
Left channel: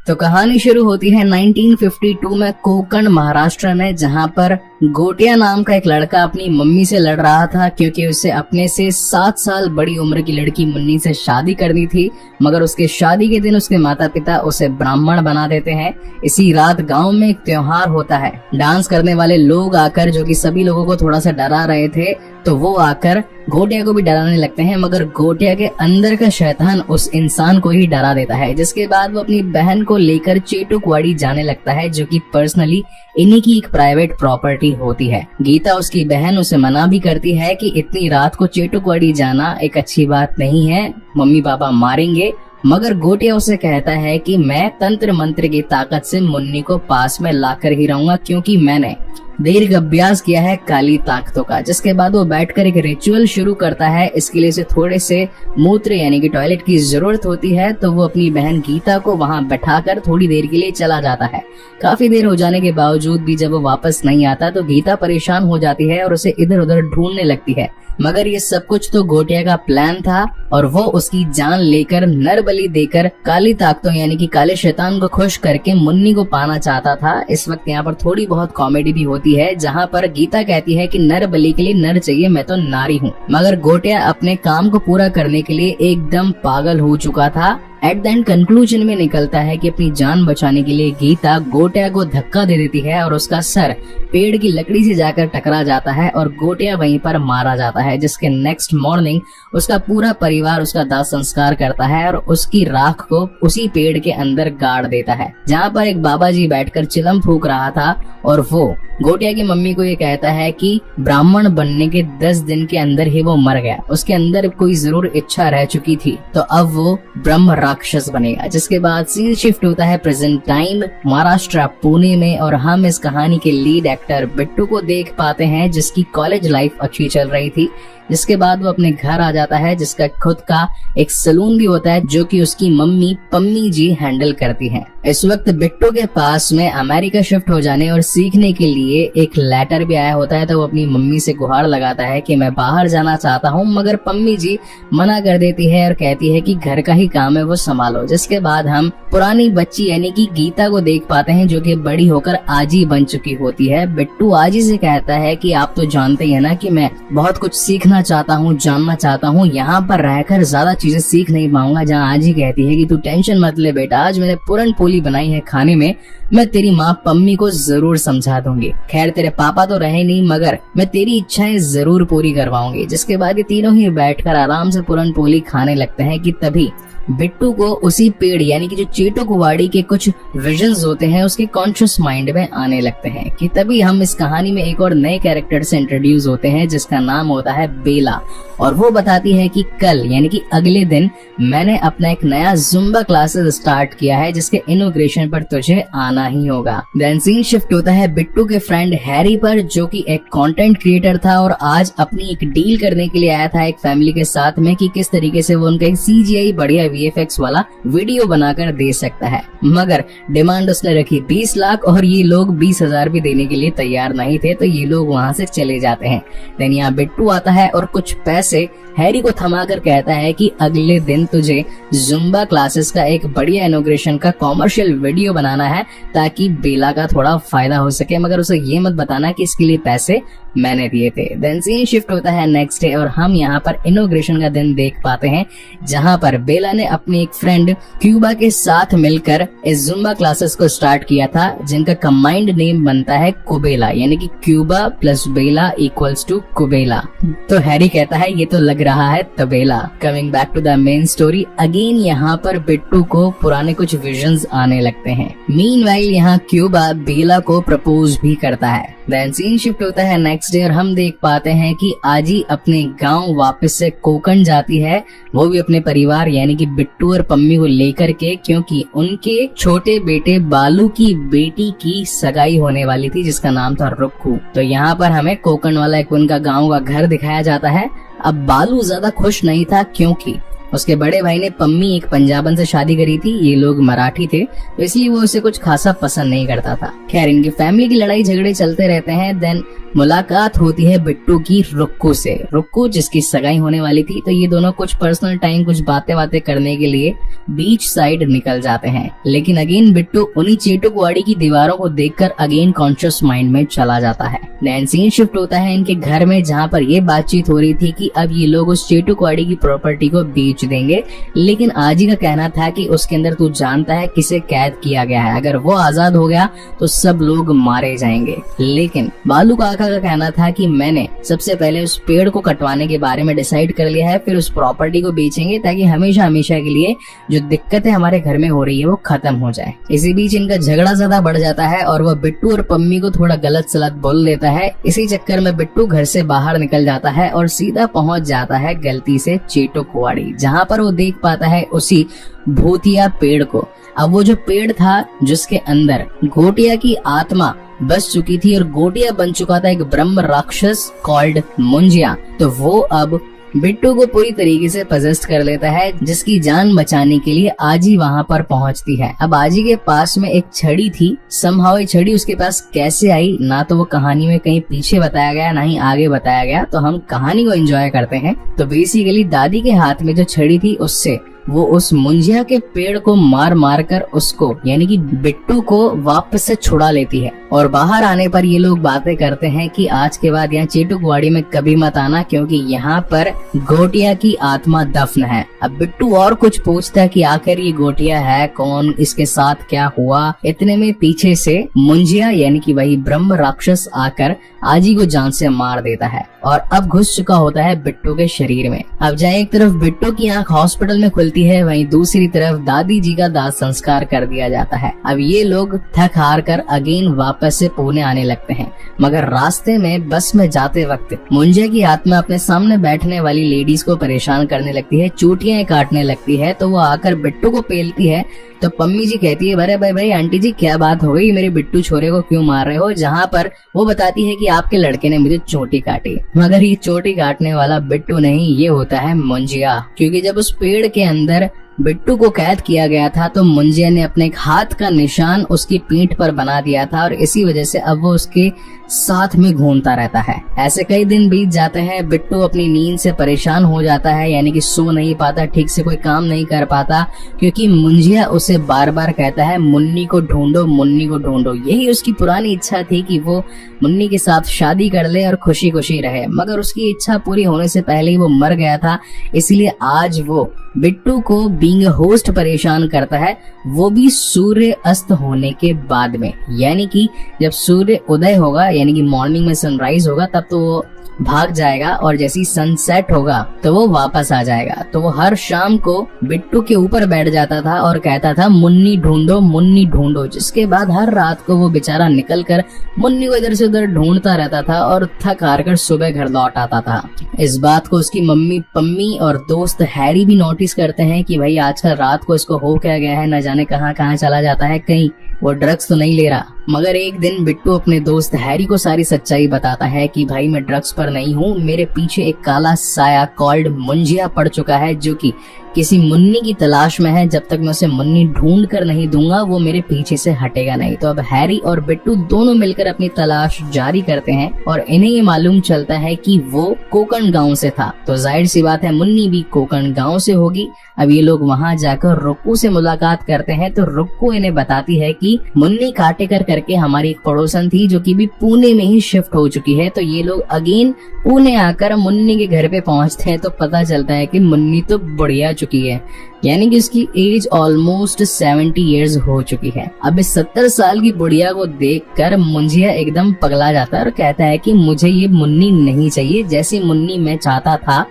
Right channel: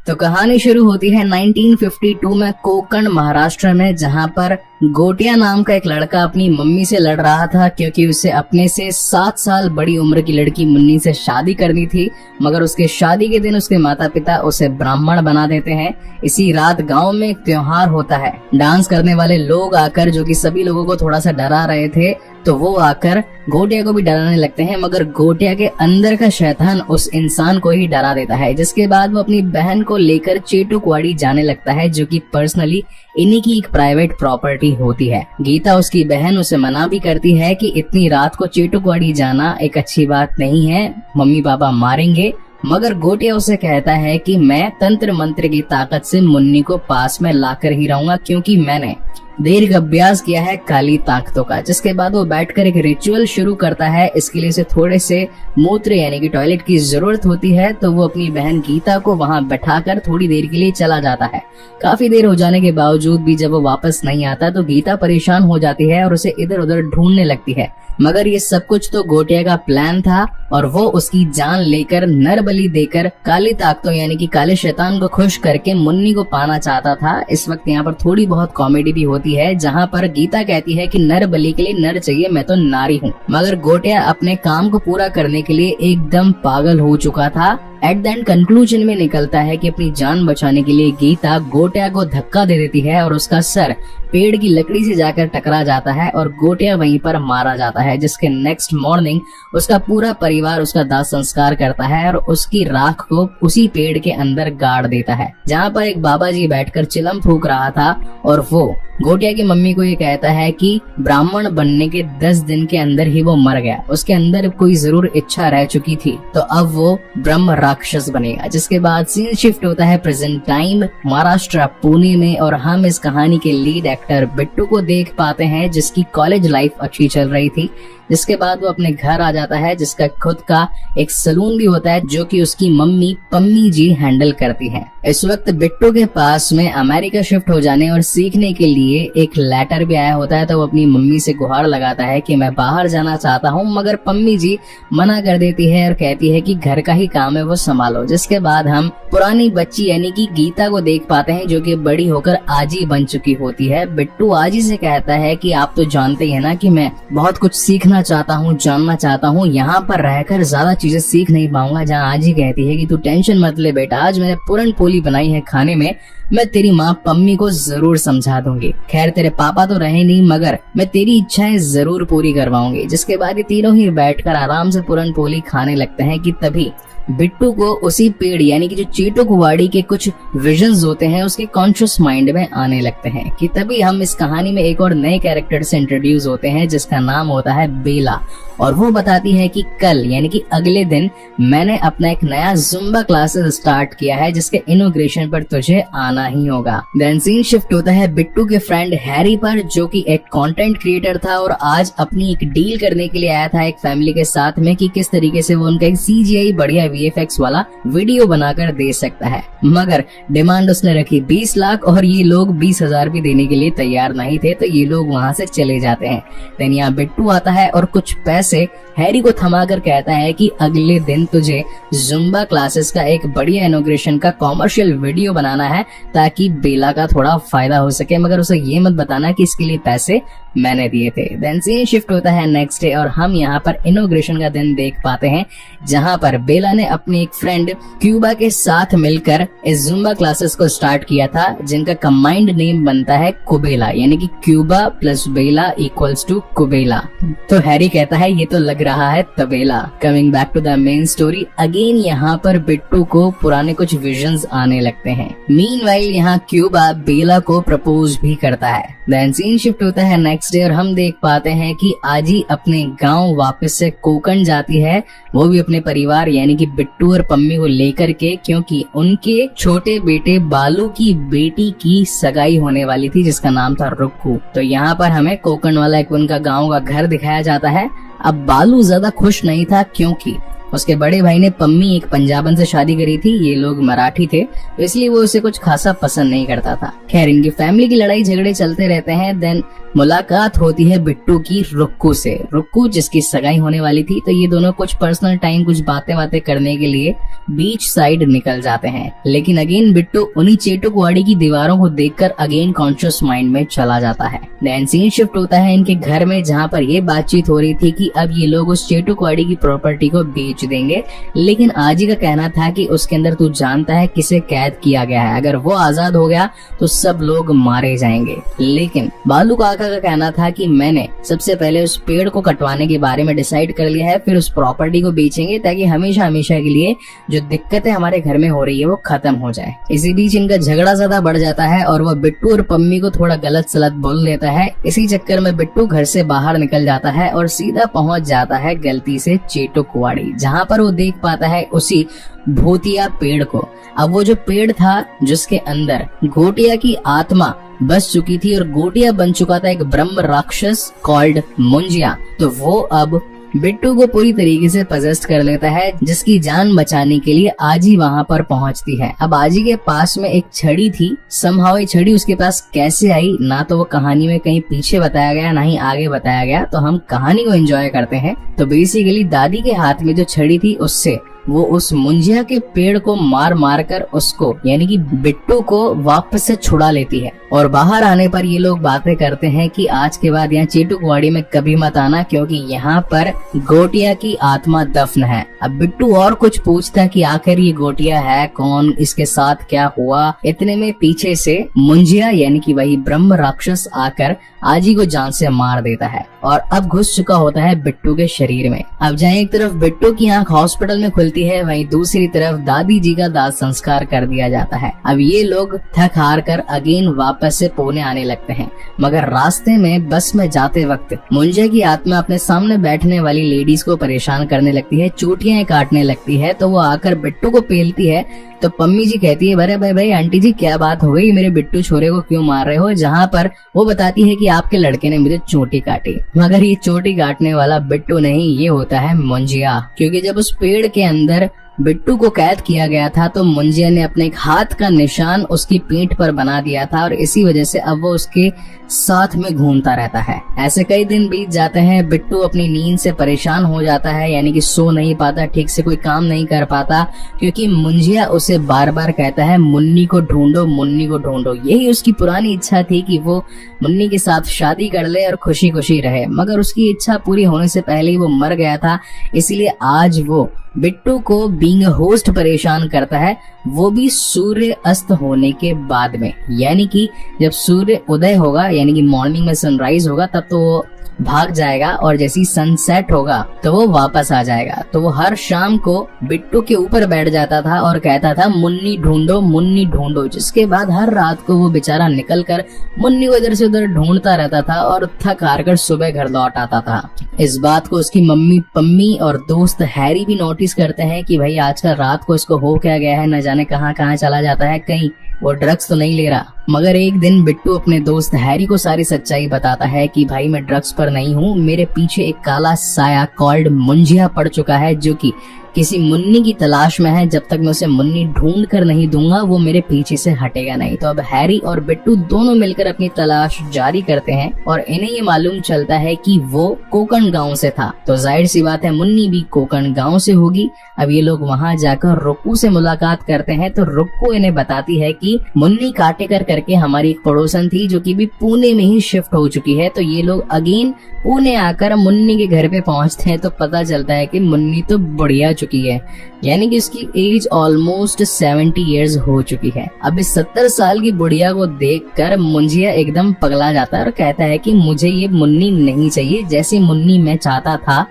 तो कहानी शुरू होती है 1952 में कोकण महाराष्ट्र में, जहां पर गोटिया नाम का एक लड़का अपनी मम्मी से लड़ रहा था, क्योंकि उसे अपने से 7 साल बड़ी उम्र की लड़की मुन्नी से शादी करनी थी। मगर उसके शादी के दिन उसके माता पिता उसे ब्राह्मण बना देते हैं। इसी रात गांव में एक त्योहार होता है। डांस करने वाले लोग आकर, जो कि सभी लोगों को थोड़ा सा डरा रहे थे, तो वो आकर गोटिया को भी डराने लगते हैं। मगर गोटिया के अंदर का शैतान उस इंसान को ही डरा देता है, जिसके बाद वो अपनी बहन को लेकर चेटू कुवाड़ी जाने लगता है, जो कि पर्सनली इन्हीं की एक प्राइवेट प्रॉपर्टी होती है। गीता उसकी बहन उसे मना भी करती है कि इतनी रात को चेटू कुवाड़ी जाना एक अच्छी बात नहीं है, मम्मी पापा मारेंगे। मगर गोटिया उसे कहता है कि मैं तंत्र मंत्र की ताकत से मुन्नी को पास में लाकर ही रहूंगा, क्योंकि मैंने देर का अभ्यास किया है काली ताकतों का। जिसके बाद वो बैठकर एक रिचुअल शुरू करता है। इसके लिए उसे थोड़े से मूत्र यानी कि टॉयलेट की जरूरत होती है, तो वो अपनी बहन गीता को वहां बैठाकर थोड़ी देर के लिए चला जाता है। काफी देर हो जाने के बावजूद भी जब वो वापस नहीं आता तो गीता परेशान हो जाती है और उसे इधर उधर ढूंढने लगती है। मगर ये सब कुछ तो गोटिया का प्लान था और वो उसकी जान लेकर नर बलि देकर काली ताकतों यानी कि काले शैतान को खुश करके मुन्नी को पाना चाहता था। इस वक्त यहाँ पर थोड़ी बहुत कॉमेडी भी होती है, जहाँ पर गीता कहती है कि नर बलि के लिए नर चाहिए, मैं तो नारी हूँ। मगर गोटिया अपने काम को पूरा करने के लिए एकदम पागल हो चुका था। एट द एंड कंक्लूजन में निकलता है कि अपनी जान बचाने के लिए गीता गोटिया को धक्का दे देती है और उसका सर पेड़ की लकड़ी से जाकर टकरा जाता है और गोटिया वहीं पर मारा जाता है। जिसके नेक्स्ट मॉर्निंग उसका पूरा परिवार उसका दाह संस्कार करता है और उसकी राख को उसी पेड़ के अंदर गाड़ देता है, जहाँ पर एक बाबा जी बैठकर चिलम फूंक रहा था और वो गोटिया की मम्मी को ये कहता है कि ब्राह्मण बनने के 10 दिन के अंदर ही वो मर गया, उसके अंदर कोई जरूर इच्छा रह चुकी थी, तो अब वो ब्रह्म राक्षस बनेगा। जिसके बाद सीन शिफ्ट होता है प्रेजेंट टाइम महाराष्ट्र पुणे में और हम इस कहानी के लीड एक्टर बिट्टू को देख पाते हैं, जिसकी कॉलेज लाइफ अच्छी चल रही थी। जिसके बाद वो अपने घर आ जाता है, जिसका खुद का एक सलून भी होता है जो कि उसकी मम्मी पम्मी जी हैंडल करती है। इस वक्त बिट्टू के पास में अमेरिका शिफ्ट हो जाने और सीखने के लिए एक लेटर भी आया होता है, तो वो अपनी मम्मी से गुहार लगाता है कि मैं बाहर जाना चाहता हूँ, मगर पम्मी जी मना कर देती है और कहती है कि घर का ही काम है वो संभालो। जिसके बाद हम पुरानी बच्ची यानी कि गीता को देख पाते हैं जो कि बड़ी होकर आजी बन चुकी होती है। बिट्टू आजी से कहता है कि आप तो जानते हैं ना कि मैं बहुत कुछ सीखना चाहता हूँ, जानना चाहता हूँ, यहाँ पर रहकर ज्यादा चीजें सीख नहीं पाऊंगा। जहाँ आजी कहती है कि तू टेंशन मत ले बेटा, आज मैंने पूरन पोली बनाई है खाने में, मैं तेरी माँ पम्मी को जरूर समझा दूंगी। खैर तेरे पापा तो रहे नहीं, मगर मैं तेरी इच्छाएं जरूर पूरी करवाऊंगी। जिसके बाद ये तीनों ही बैठकर आराम से पूरन पोली खाने लगते हैं कि तभी बिट्टू को उसी पेड़ यानी कि जो चेटो कुवाड़ी के कुछ विजन्स होते हैं उसके कॉन्शियस माइंड में आने लगते हैं कि तभी हम इस कहानी में एक और नए कैरेक्टर से इंट्रोड्यूस होते हैं जिसका नाम होता है बेला। और वो बताती है कि कल यानी कि अगले दिन मैंने अपना एक नया जुम्बा क्लासेस स्टार्ट किया है जिसके इनॉग्रेशन पर तुझे आना ही होगा। देन सीन शिफ्ट होता है बिट्टू के फ्रेंड हैरी पर जो कि एक कंटेंट क्रिएटर था और आज अपनी एक डील करने के लिए आया था एक फैमिली के साथ में कि किस तरीके से वो उनका एक CGI बढ़िया VFX वाला वीडियो बनाकर दे सकता है। मगर डिमांड उसने रखी 20 लाख और ये लोग 20,000 भी देने के लिए तैयार नहीं थे, तो ये लोग वहाँ से चले जाते हैं। देन यहाँ बिट्टू आता है और कुछ पैसे हैरी को थमाकर कहता है कि अगले दिन तुझे जुम्बा क्लासेस का एक बढ़िया इनॉग्रेशन का कॉमर्शियल वीडियो बनाना है ताकि बेला का थोड़ा फायदा हो सके, मगर उसे ये मत बताना कि इसके लिए पैसे मैंने दिए थे। देन सीन शिफ्ट होता है नेक्स्ट डे और हम यहाँ पर इनॉग्रेशन का दिन देख पाते हैं जहाँ पर बेला ने अपनी एक फ्रेंड क्यूबा के साथ मिलकर इस जुम्बा क्लासेस को स्टार्ट किया था जिनका कंबाइंड नेम बनता है कुबेला यानी कि क्यूबा प्लस बेला इक्वल्स टू कुबेला। तो हैरी कहता है ये तो लग रहा है तबेला। Coming back to the main story again यहाँ पर बिट्टू को पुराने कुछ विजन्स आने लगते हैं। मीनवाइल यहाँ क्यूबा बेला को प्रपोज भी करता है। देन सीन शिफ्ट होता है नेक्स्ट डे और हम देख पाते हैं कि आजी अपने गांव वापस से कोकण जाती है, वो भी अपने परिवार यानी कि बिट्टू और पम्मी को लेकर के, क्योंकि उनके छोटे बेटे बालू की बेटी की सगाई होने वाली थी जिसका नाम था रुक्कू। तो यहाँ पर हमें कोकण वाला एक उनका गाँव का घर दिखाया जाता है। अब बालू ज्यादा खुश नहीं था क्योंकि उसके बड़े भाई ने पम्मी एक पंजाबन से शादी करी थी, ये लोग मराठी थे, तो इसलिए वो उसे कुछ खासा पसंद नहीं करता था। खैर इनकी फैमिली की लड़ाई झगड़े चलते रहते हैं। देन मुलाकात होती है बिट्टू की रुक्कू से, रुक्कू जिसकी सगाई होने वाली थी, तो ये दोनों कुछ पर्सनल टाइम कुछ बातें करने के लिए बीच साइड निकल जाते हैं। लेकिन अगेन बिट्टू उन्हीं चेटो कुवाड़ी की दीवारों को देखकर अगेन कॉन्शियस माइंड में चला जाता है। देन सीन शिफ्ट होता है इनके घर में जहाँ पर ये बातचीत हो रही थी कि अब ये लोग उस चेटो कुवाड़ी की प्रॉपर्टी को बेच देंगे, लेकिन आजी का कहना था कि उसके अंदर तू जानता है किसे कैद किया गया है, अगर वो आजाद हो गया तो सब लोग मारे जाएंगे। लेकिन बालू काका का कहना था कि मैंने सबसे पहले उस पेड़ को कटवाने के बारे में डिसाइड कर लिया है, फिर उस प्रॉपर्टी को बेचेंगे ताकि हमेशा हमेशा के लिए जो दिक्कतें हमारे घर में हो रही है वो खत्म हो जाए। इसी बीच इनका झगड़ा ज्यादा बढ़ जाता है और वह बिट्टू और पम्मी को थोड़ा गलत सलत बोल देता है। इसी चक्कर में बिट्टू घर से बाहर निकल जाता है और सीधा पहुंच जाता है गलती से चेटो कुवाड़ी, जहाँ पर वो देख पाता है उसी भूतिया पेड़ को। अब वो जो पेड़ था जिसके अंदर गोटिया की आत्मा बस चुकी थी और गोटिया बन चुका था एक ब्रह्म राक्षस कॉल्ड मुंजिया, तो वो अब बिट्टू को पूरी तरीके से पजेस्ट कर लेता है, जिसकी जान बचाने के लिए आजी वहाँ पर पहुँचती है। अब आजी के पास में एक छड़ी थी, समहाउ ये छड़ी उसके पास कैसे आई ना तो वो कहानी में कहीं पीछे बताया गया ना ही आगे बताया गया, तो हम कहानी को एंजॉय करते हैं। तो बेसिकली दादी के हाथ में जो छड़ी थी उससे वो उस मुंजिया के पेड़ को मार मार कर उसको यानी कि बिट्टू को वापस से छुड़ा लेती है। और बाहर आने पर ये लोग बातें करते हैं कि आज के बाद यहाँ चेटो कुवाड़ी में कभी मत आना क्योंकि यहाँ पर गोटिया की आत्मा दफन है। अब बिट्टू और कुछ पूछता है कि आखिर ये गोटिया है कौन, इसके साथ क्या हुआ। इतने में पीछे से मुंजिया यानी कि वही ब्रह्म राक्षस आकर आजी को जान से मार देता है और अब घुस चुका होता है बिट्टू के शरीर में। अब जहाँ एक तरफ बिट्टू की आंख हॉस्पिटल में खुलती मिलती है, वहीं दूसरी तरफ दादी जी का दाह संस्कार कर दिया जाता है। अब ये लोग थक हार कर अगेन वापस से पुणे आने लगते हैं, मगर रास्ते में बस में जाते वक्त मुंजिया की आत्मा अपने सामने बैठने वाली लेडीज को परेशान करने लगती है, चोटियां काटने लगती है। तो वो आकर बिट्टू को पेलती है। तो पम्मी जी कहती है, अरे भाई भाई आंटी जी क्या बात हो गई, मेरे बिट्टू छोरे को क्यों मार रहे हो? जहाँ पर वो बताती है कि आपके लड़के ने मुझे चोटी काटी, मगर ये चोटी काटने वाला बिट्टू नहीं, ये होता है मुंजिया। क्योंकि जब उस पेड़ के अंदर बिट्टू को कैद किया गया था तो मुंजिया ने अपने हाथ का निशान उसकी पीठ पर बना दिया था, और इसी वजह से अब वो उसके साथ में घूमता रहता है। ऐसे कई दिन बीत जाते हैं, बिट्टू अपनी नींद से परेशान हो जाता है, यानी कि सो नहीं पाता, ठीक से कोई काम नहीं कर पाता, क्योंकि मुंजिया उसे बार बार कहता है मुन्नी को ढूंढो, मुन्नी को ढूंढो। यही उसकी पुरानी इच्छा थी कि वो मुन्नी के साथ शादी कर ले और खुशी खुशी रहे, मगर उसकी इच्छा पूरी होने से पहले ही वो मर गया था। इसलिए आज वो बिट्टू को बीइंग होस्ट परेशान करता है, वो भी सूर्य अस्त होने के बाद में, यानी कि जब सूर्य उदय होगा, यानी कि मॉर्निंग में सनराइज होगा, तब तो वो भाग जाएगा, और जैसे ही सनसेट होगा तो वो वापस आ जाएगा। तो वो हर शाम को बिट्टू के ऊपर बैठ जाता था और कहता था मुन्नी ढूंढो, मुन्नी ढूंढो, जिसके बाद हर रात को वो बेचारा निकल कर मुन्नी को इधर से उधर ढूंढता रहता था और थक हार कर सुबह घर लौट आता था। इस बात को उसकी मम्मी पम्मी और दोस्त हैरी भी नोटिस करते हैं कि भाई आजकल रात को इसको हो क्या गया है, न जाने कहाँ कहाँ चला जाता है, कहीं वो ड्रग्स तो नहीं ले रहा। मगर एक दिन बिट्टू अपने दोस्त हैरी को सारी सच्चाई बताता है कि भाई मैं ड्रग्स पर नहीं हूँ, मेरे पीछे एक काला साया कॉल्ड मुंजिया पड़ चुका है, जो कि किसी मुन्नी की तलाश में है। जब तक मैं उसे मुन्नी ढूंढ कर नहीं दूंगा वो मेरे पीछे से हटेगा नहीं। तो अब हैरी और बिट्टू दोनों मिलकर अपनी तलाश जारी करते हैं, और इन्हें ये मालूम चलता है कि वो कोकण गांव से था, तो जाहिर सी बात है मुन्नी भी कोकण गांव से होगी। अब ये लोग वहाँ जाकर रुक्कू से मुलाकात करते हैं, तो रुक्कू इन्हें बताती है कि मुन्नी काटेकर करके हमारी एक पड़ोसन थी, जो कि भी पुणे में ही शिफ्ट हो चुकी है। तो ये लोग अगेन पुणे आकर मुन्नी के घर पे पहुंचते हैं, तो पता चलता है कि मुन्नी तो बढ़िया चुकी है, यानी कि इसकी एज ऑलमोस्ट 70 इयर्स हो चुकी है। अब इस 70 साल की बुढ़िया को देखकर मुंजिया एकदम पगला जाता है और कहता है कि मुझे ये मुन्नी नहीं चाहिए, जैसी मुन्नी मैं चाहता था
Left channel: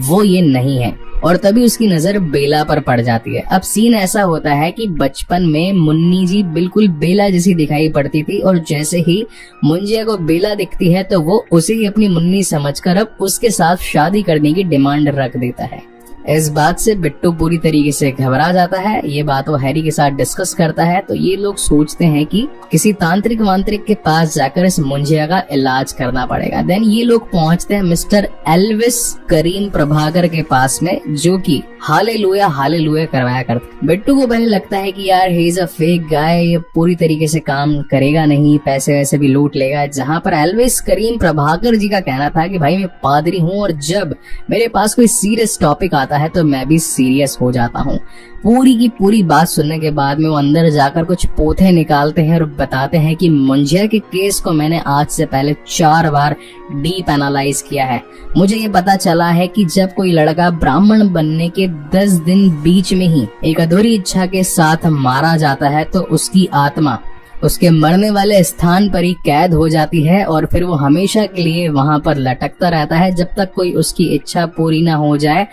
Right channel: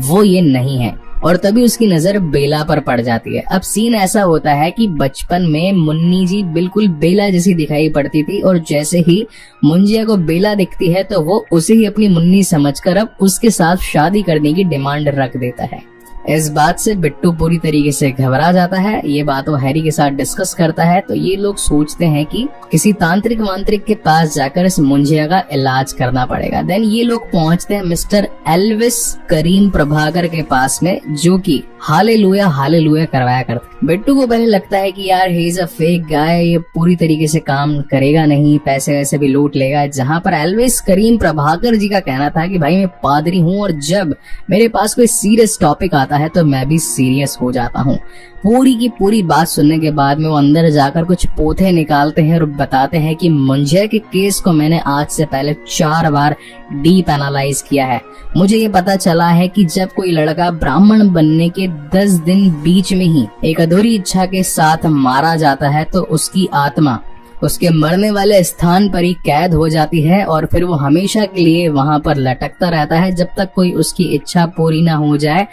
वो ये नहीं है। और तभी उसकी नजर बेला पर पड़ जाती है। अब सीन ऐसा होता है कि बचपन में मुन्नी जी बिल्कुल बेला जैसी दिखाई पड़ती थी, और जैसे ही मुंजिया को बेला दिखती है तो वो उसे ही अपनी मुन्नी समझकर अब उसके साथ शादी करने की डिमांड रख देता है। इस बात से बिट्टू पूरी तरीके से घबरा जाता है। ये बात वो हैरी के साथ डिस्कस करता है, तो ये लोग सोचते हैं कि किसी तांत्रिक वांत्रिक के पास जाकर इस मुंजिया का इलाज करना पड़ेगा। देन ये लोग पहुंचते हैं मिस्टर एल्विस करीम प्रभाकर के पास में, जो कि हालेलुया हालेलुया करवाया करते। बिट्टू को पहले लगता है कि यार he is a fake guy, ये पूरी तरीके से काम करेगा नहीं, पैसे वैसे भी लूट लेगा। जहाँ पर एल्विस करीम प्रभाकर जी का कहना था कि भाई मैं पादरी हूँ, और जब मेरे पास कोई सीरियस टॉपिक आता है तो मैं भी सीरियस हो जाता हूँ। पूरी की पूरी बात सुनने के बाद में वो अंदर जाकर कुछ पोथे निकालते हैं और बताते हैं कि मुंजिया के केस को मैंने आज से पहले 4 बार डीप एनालाइज किया है। मुझे ये पता चला है कि जब कोई लड़का ब्राह्मण बनने के 10 दिन बीच में ही एक अधूरी इच्छा के साथ मारा जाता है, तो उसकी आत्मा उसके मरने वाले स्थान पर ही कैद हो जाती है, और फिर वो हमेशा के लिए वहां पर लटकता रहता है जब तक कोई उसकी इच्छा पूरी ना हो जाए।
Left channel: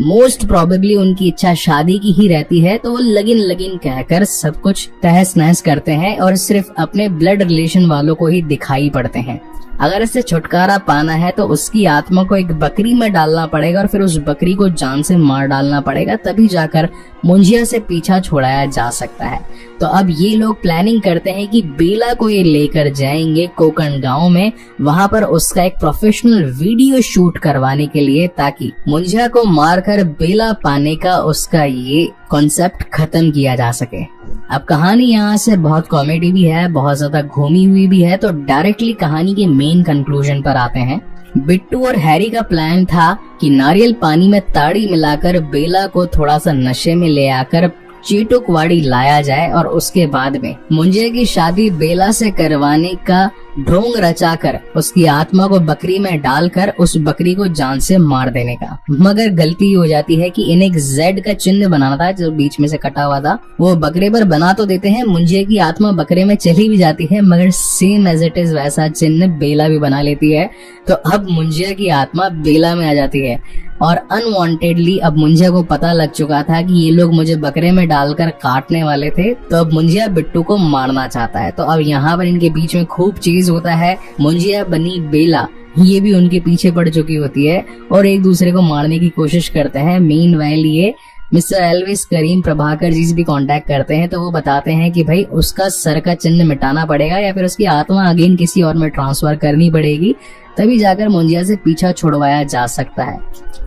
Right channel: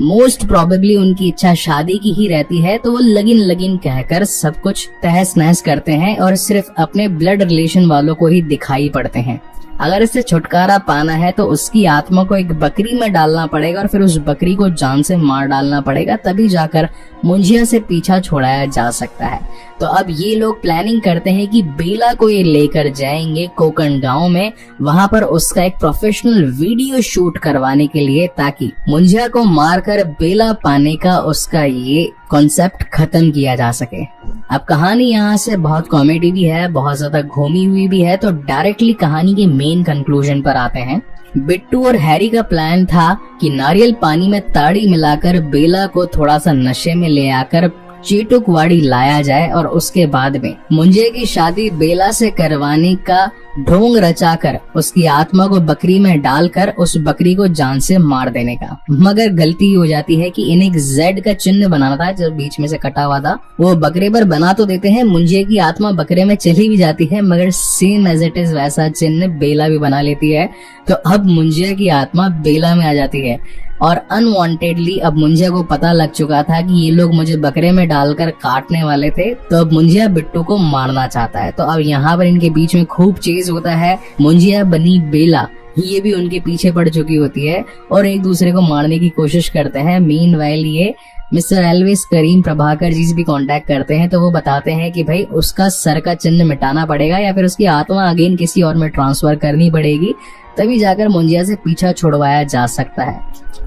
मोस्ट प्रोबेबली उनकी इच्छा शादी की ही रहती है, तो वो लगिन लगिन कहकर सब कुछ तहस नहस करते हैं और सिर्फ अपने ब्लड रिलेशन वालों को ही दिखाई पड़ते हैं। अगर इससे छुटकारा पाना है तो उसकी आत्मा को एक बकरी में डालना पड़ेगा, और फिर उस बकरी को जान से मार डालना पड़ेगा, तभी जाकर मुंजिया से पीछा छुड़ाया जा सकता है। तो अब ये लोग प्लानिंग करते हैं कि बेला को ये लेकर जाएंगे कोकण गांव में, वहां पर उसका एक प्रोफेशनल वीडियो शूट करवाने के लिए, ताकि मुंजिया को मारकर बेला पाने का उसका ये कॉन्सेप्ट खत्म किया जा सके। अब कहानी यहाँ से बहुत कॉमेडी भी है, बहुत ज्यादा घूमी हुई भी है, तो डायरेक्टली कहानी के मेन कंक्लूजन पर आते हैं। बिट्टू और हैरी का प्लान था कि नारियल पानी में ताड़ी मिलाकर बेला को थोड़ा सा नशे में ले आकर चीटुकवाड़ी लाया जाए, और उसके बाद में मुंजिया की शादी बेला से करवाने का ढोंग रचाकर उसकी आत्मा को बकरी में डालकर उस बकरी को जान से मार देने का। मगर गलती हो जाती है कि इन्हें एक जेड का चिन्ह बनाना था जो बीच में से कटा हुआ था, वो बकरे पर बना तो देते हैं, मुंजिया की आत्मा बकरे में चली भी जाती है, मगर सेम एज इट इज वैसा चिन्ह बेला भी बना लेती है। तो अब मुंजिया की आत्मा बेला में आ जाती है। और अनवांटेडली अब मुंजिया को पता लग चुका था कि ये लोग मुझे बकरे में डालकर काटने वाले थे, तो अब मुंजिया बिट्टू को मारना चाहता है। तो अब यहाँ पर इनके बीच में खूब चेज होता है। मुंजिया बनी बेला, ये भी उनके पीछे पड़ चुकी होती है और एक दूसरे को मारने की कोशिश करते हैं। मीनवाइल ये मिस्टर एल्विस करीम प्रभाकर जी से भी कांटेक्ट करते हैं, तो वो बताते हैं कि भाई उसका सर का चिन्ह मिटाना पड़ेगा या फिर उसकी आत्मा अगेन किसी और में ट्रांसफर करनी पड़ेगी, तभी जाकर मुंजिया से पीछा छुड़वाया जा सकता है।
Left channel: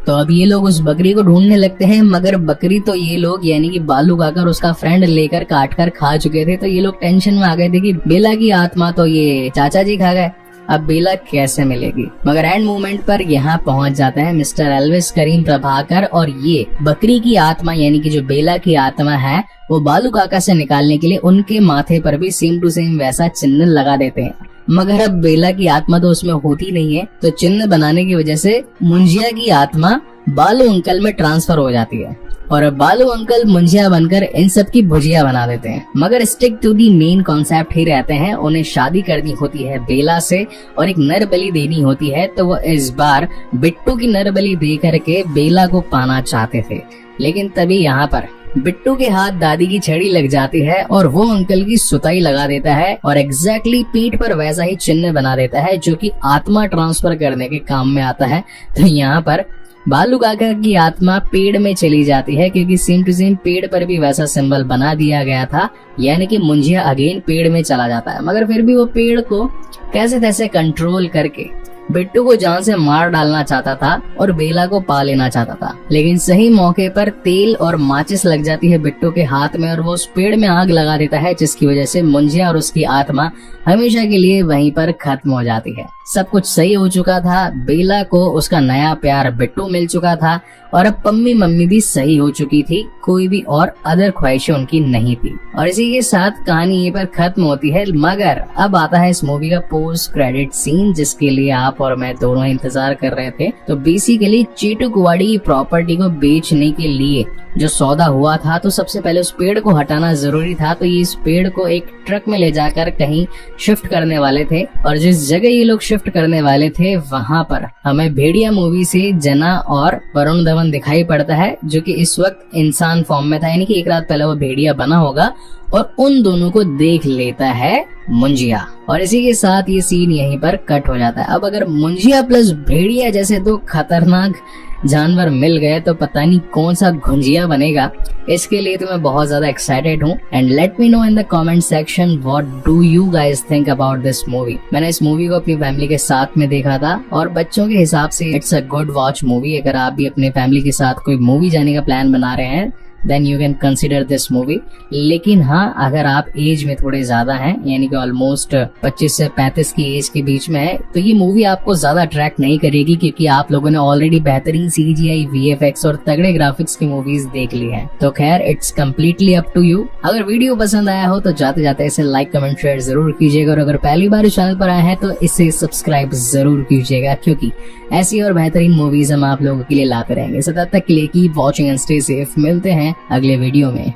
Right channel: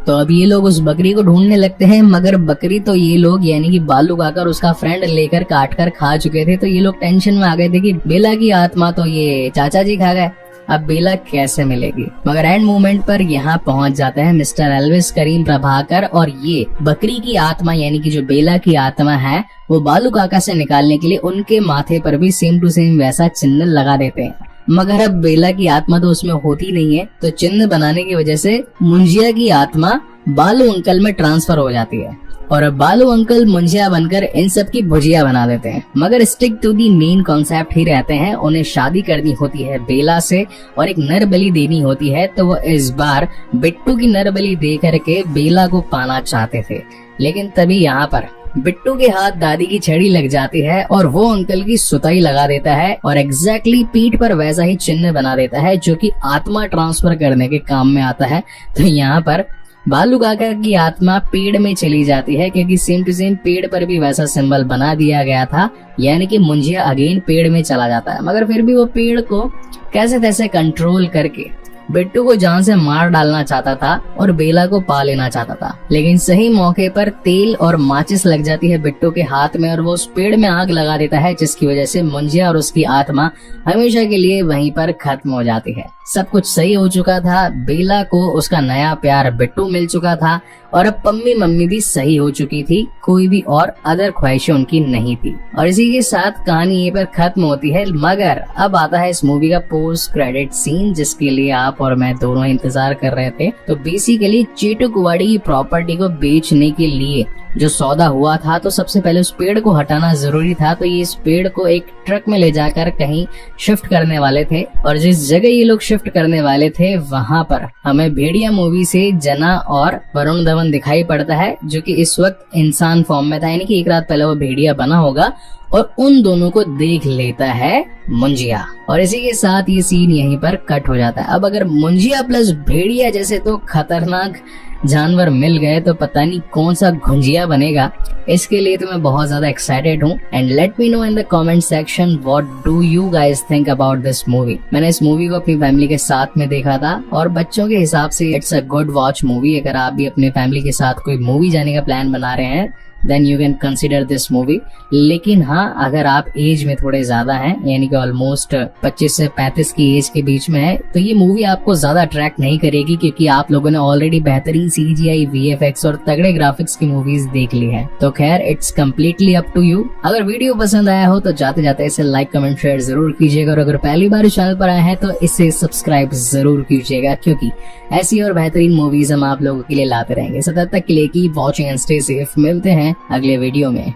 तो अब ये लोग उस बकरी को ढूंढने लगते हैं, मगर बकरी तो ये लोग यानी कि बालू काका उसका फ्रेंड लेकर काट कर खा चुके थे। तो ये लोग टेंशन में आ गए थे कि बेला की आत्मा तो ये चाचा जी खा गए, अब बेला कैसे मिलेगी। मगर एंड मोमेंट पर यहाँ पहुंच जाते हैं मिस्टर एल्विस करीम प्रभाकर और ये बकरी की आत्मा यानी कि जो बेला की आत्मा है वो बालू काका से निकालने के लिए उनके माथे पर भी सेम टू सेम वैसा चिन्ह लगा देते हैं। मगर अब बेला की आत्मा तो उसमें होती नहीं है, तो चिन्ह बनाने की वजह से मुंजिया की आत्मा बालू अंकल में ट्रांसफर हो जाती है और अब बालू अंकल मुंजिया बनकर इन सब की भुजिया बना देते हैं। मगर stick to the main concept ही रहते हैं। उन्हें शादी करनी होती है बेला से और एक नर बलि देनी होती है, तो वो इस बार बिट्टू की नर बलि दे करके बेला को पाना चाहते थे। लेकिन तभी यहाँ पर बिट्टू के हाथ दादी की छड़ी लग जाती है और वो अंकल की सुताई लगा देता है और एग्जैक्टली पीठ पर वैसा ही चिन्ह बना देता है जो कि आत्मा ट्रांसफर करने के काम में आता है। तो यहाँ पर बालू काका की आत्मा पेड़ में चली जाती है क्योंकि सेम टू सेम पेड़ पर भी वैसा सिंबल बना दिया गया था, यानी कि मुंजिया अगेन पेड़ में चला जाता है। मगर फिर भी वो पेड़ को कैसे तैसे कंट्रोल करके बिट्टू को जान से मार डालना चाहता था और बेला को पा लेना चाहता था। लेकिन सही मौके पर तेल और माचिस लग जाती है बिट्टू के हाथ में और वो उस पेड़ में आग लगा देता है, जिसकी वजह से मुंजिया और उसकी आत्मा हमेशा के लिए वहीं पर खत्म हो जाती है। सब कुछ सही हो चुका था, बेला को उसका नया प्यार बिट्टू मिल चुका था और अब पम्मी मम्मी भी सही हो चुकी थी, कोई भी और अदर ख्वाहिशें उनकी नहीं थी। और इसी के साथ कहानी ये पर खत्म होती है। मगर अब आता है इस मूवी का पोस्ट क्रेडिट सीन, जिसके लिए आप और मैं दोनों इंतजार कर रहे थे। तो बेसिकली चीटू कुवाड़ी की प्रॉपर्टी को बेचने के लिए जो सौदा हुआ था, तो सबसे पहले उस पेड़ को हटाना जरूरी था। तो ये इस पेड़ को एक ट्रक में ले जाकर कहीं शिफ्ट करने वाले थे और जिस जगह ये लोग शिफ्ट करने वाले थे वहां पर हमें भेड़िया मूवी से जना और वरुण धवन दिखाई पड़ता है, जो कि इस वक्त इंसान फॉर्म में था, यानी कि एक रात पहले वो भेड़िया बना होगा और उन दोनों को देख लेता है मुंजिया। और इसी के साथ ये सीन यहीं पर कट हो जाता है। अब अगर मुंजिया प्लस भेड़िया जैसे दो खतरनाक जानवर मिल गए तो पता नहीं कौन सा घुंजिया बनेगा। इसके लिए तो मैं बहुत ज्यादा एक्साइटेड हूँ। And let me know in the comment section what do you guys think about this movie. मैंने इस मूवी को अपनी फैमिली के साथ में देखा था और बच्चों के हिसाब से it's a good watch movie. अगर आप भी अपने फैमिली के साथ कोई मूवी जाने का प्लान बना रहे हैं then you can consider this movie. लेकिन हाँ, अगर आप एज में थोड़े ज्यादा हैं, यानी कि ऑलमोस्ट 25 से 35 की एज के बीच में है, तो ये मूवी आपको ज्यादा अट्रैक्ट नहीं करेगी क्योंकि आप लोगों ने ऑलरेडी बेहतरीन CGI, VFX और तगड़े ग्राफिक्स की मूवीज देख ली हैं। तो खैर it's completely up to you. अगर वीडियो पसंद आया हो तो जाते जाते इसे लाइक कमेंट शेयर जरूर कीजिएगा और अगर पहली बार इस चैनल पर आए हैं तो इसे सब्सक्राइब जरूर कीजिएगा, क्योंकि ऐसी और बेहतरीन मूवीज हम आप लोगों के लिए लाते रहेंगे। सो तब तक के लिए keep watching and stay safe. मिलते हैं अगले वीडियो में।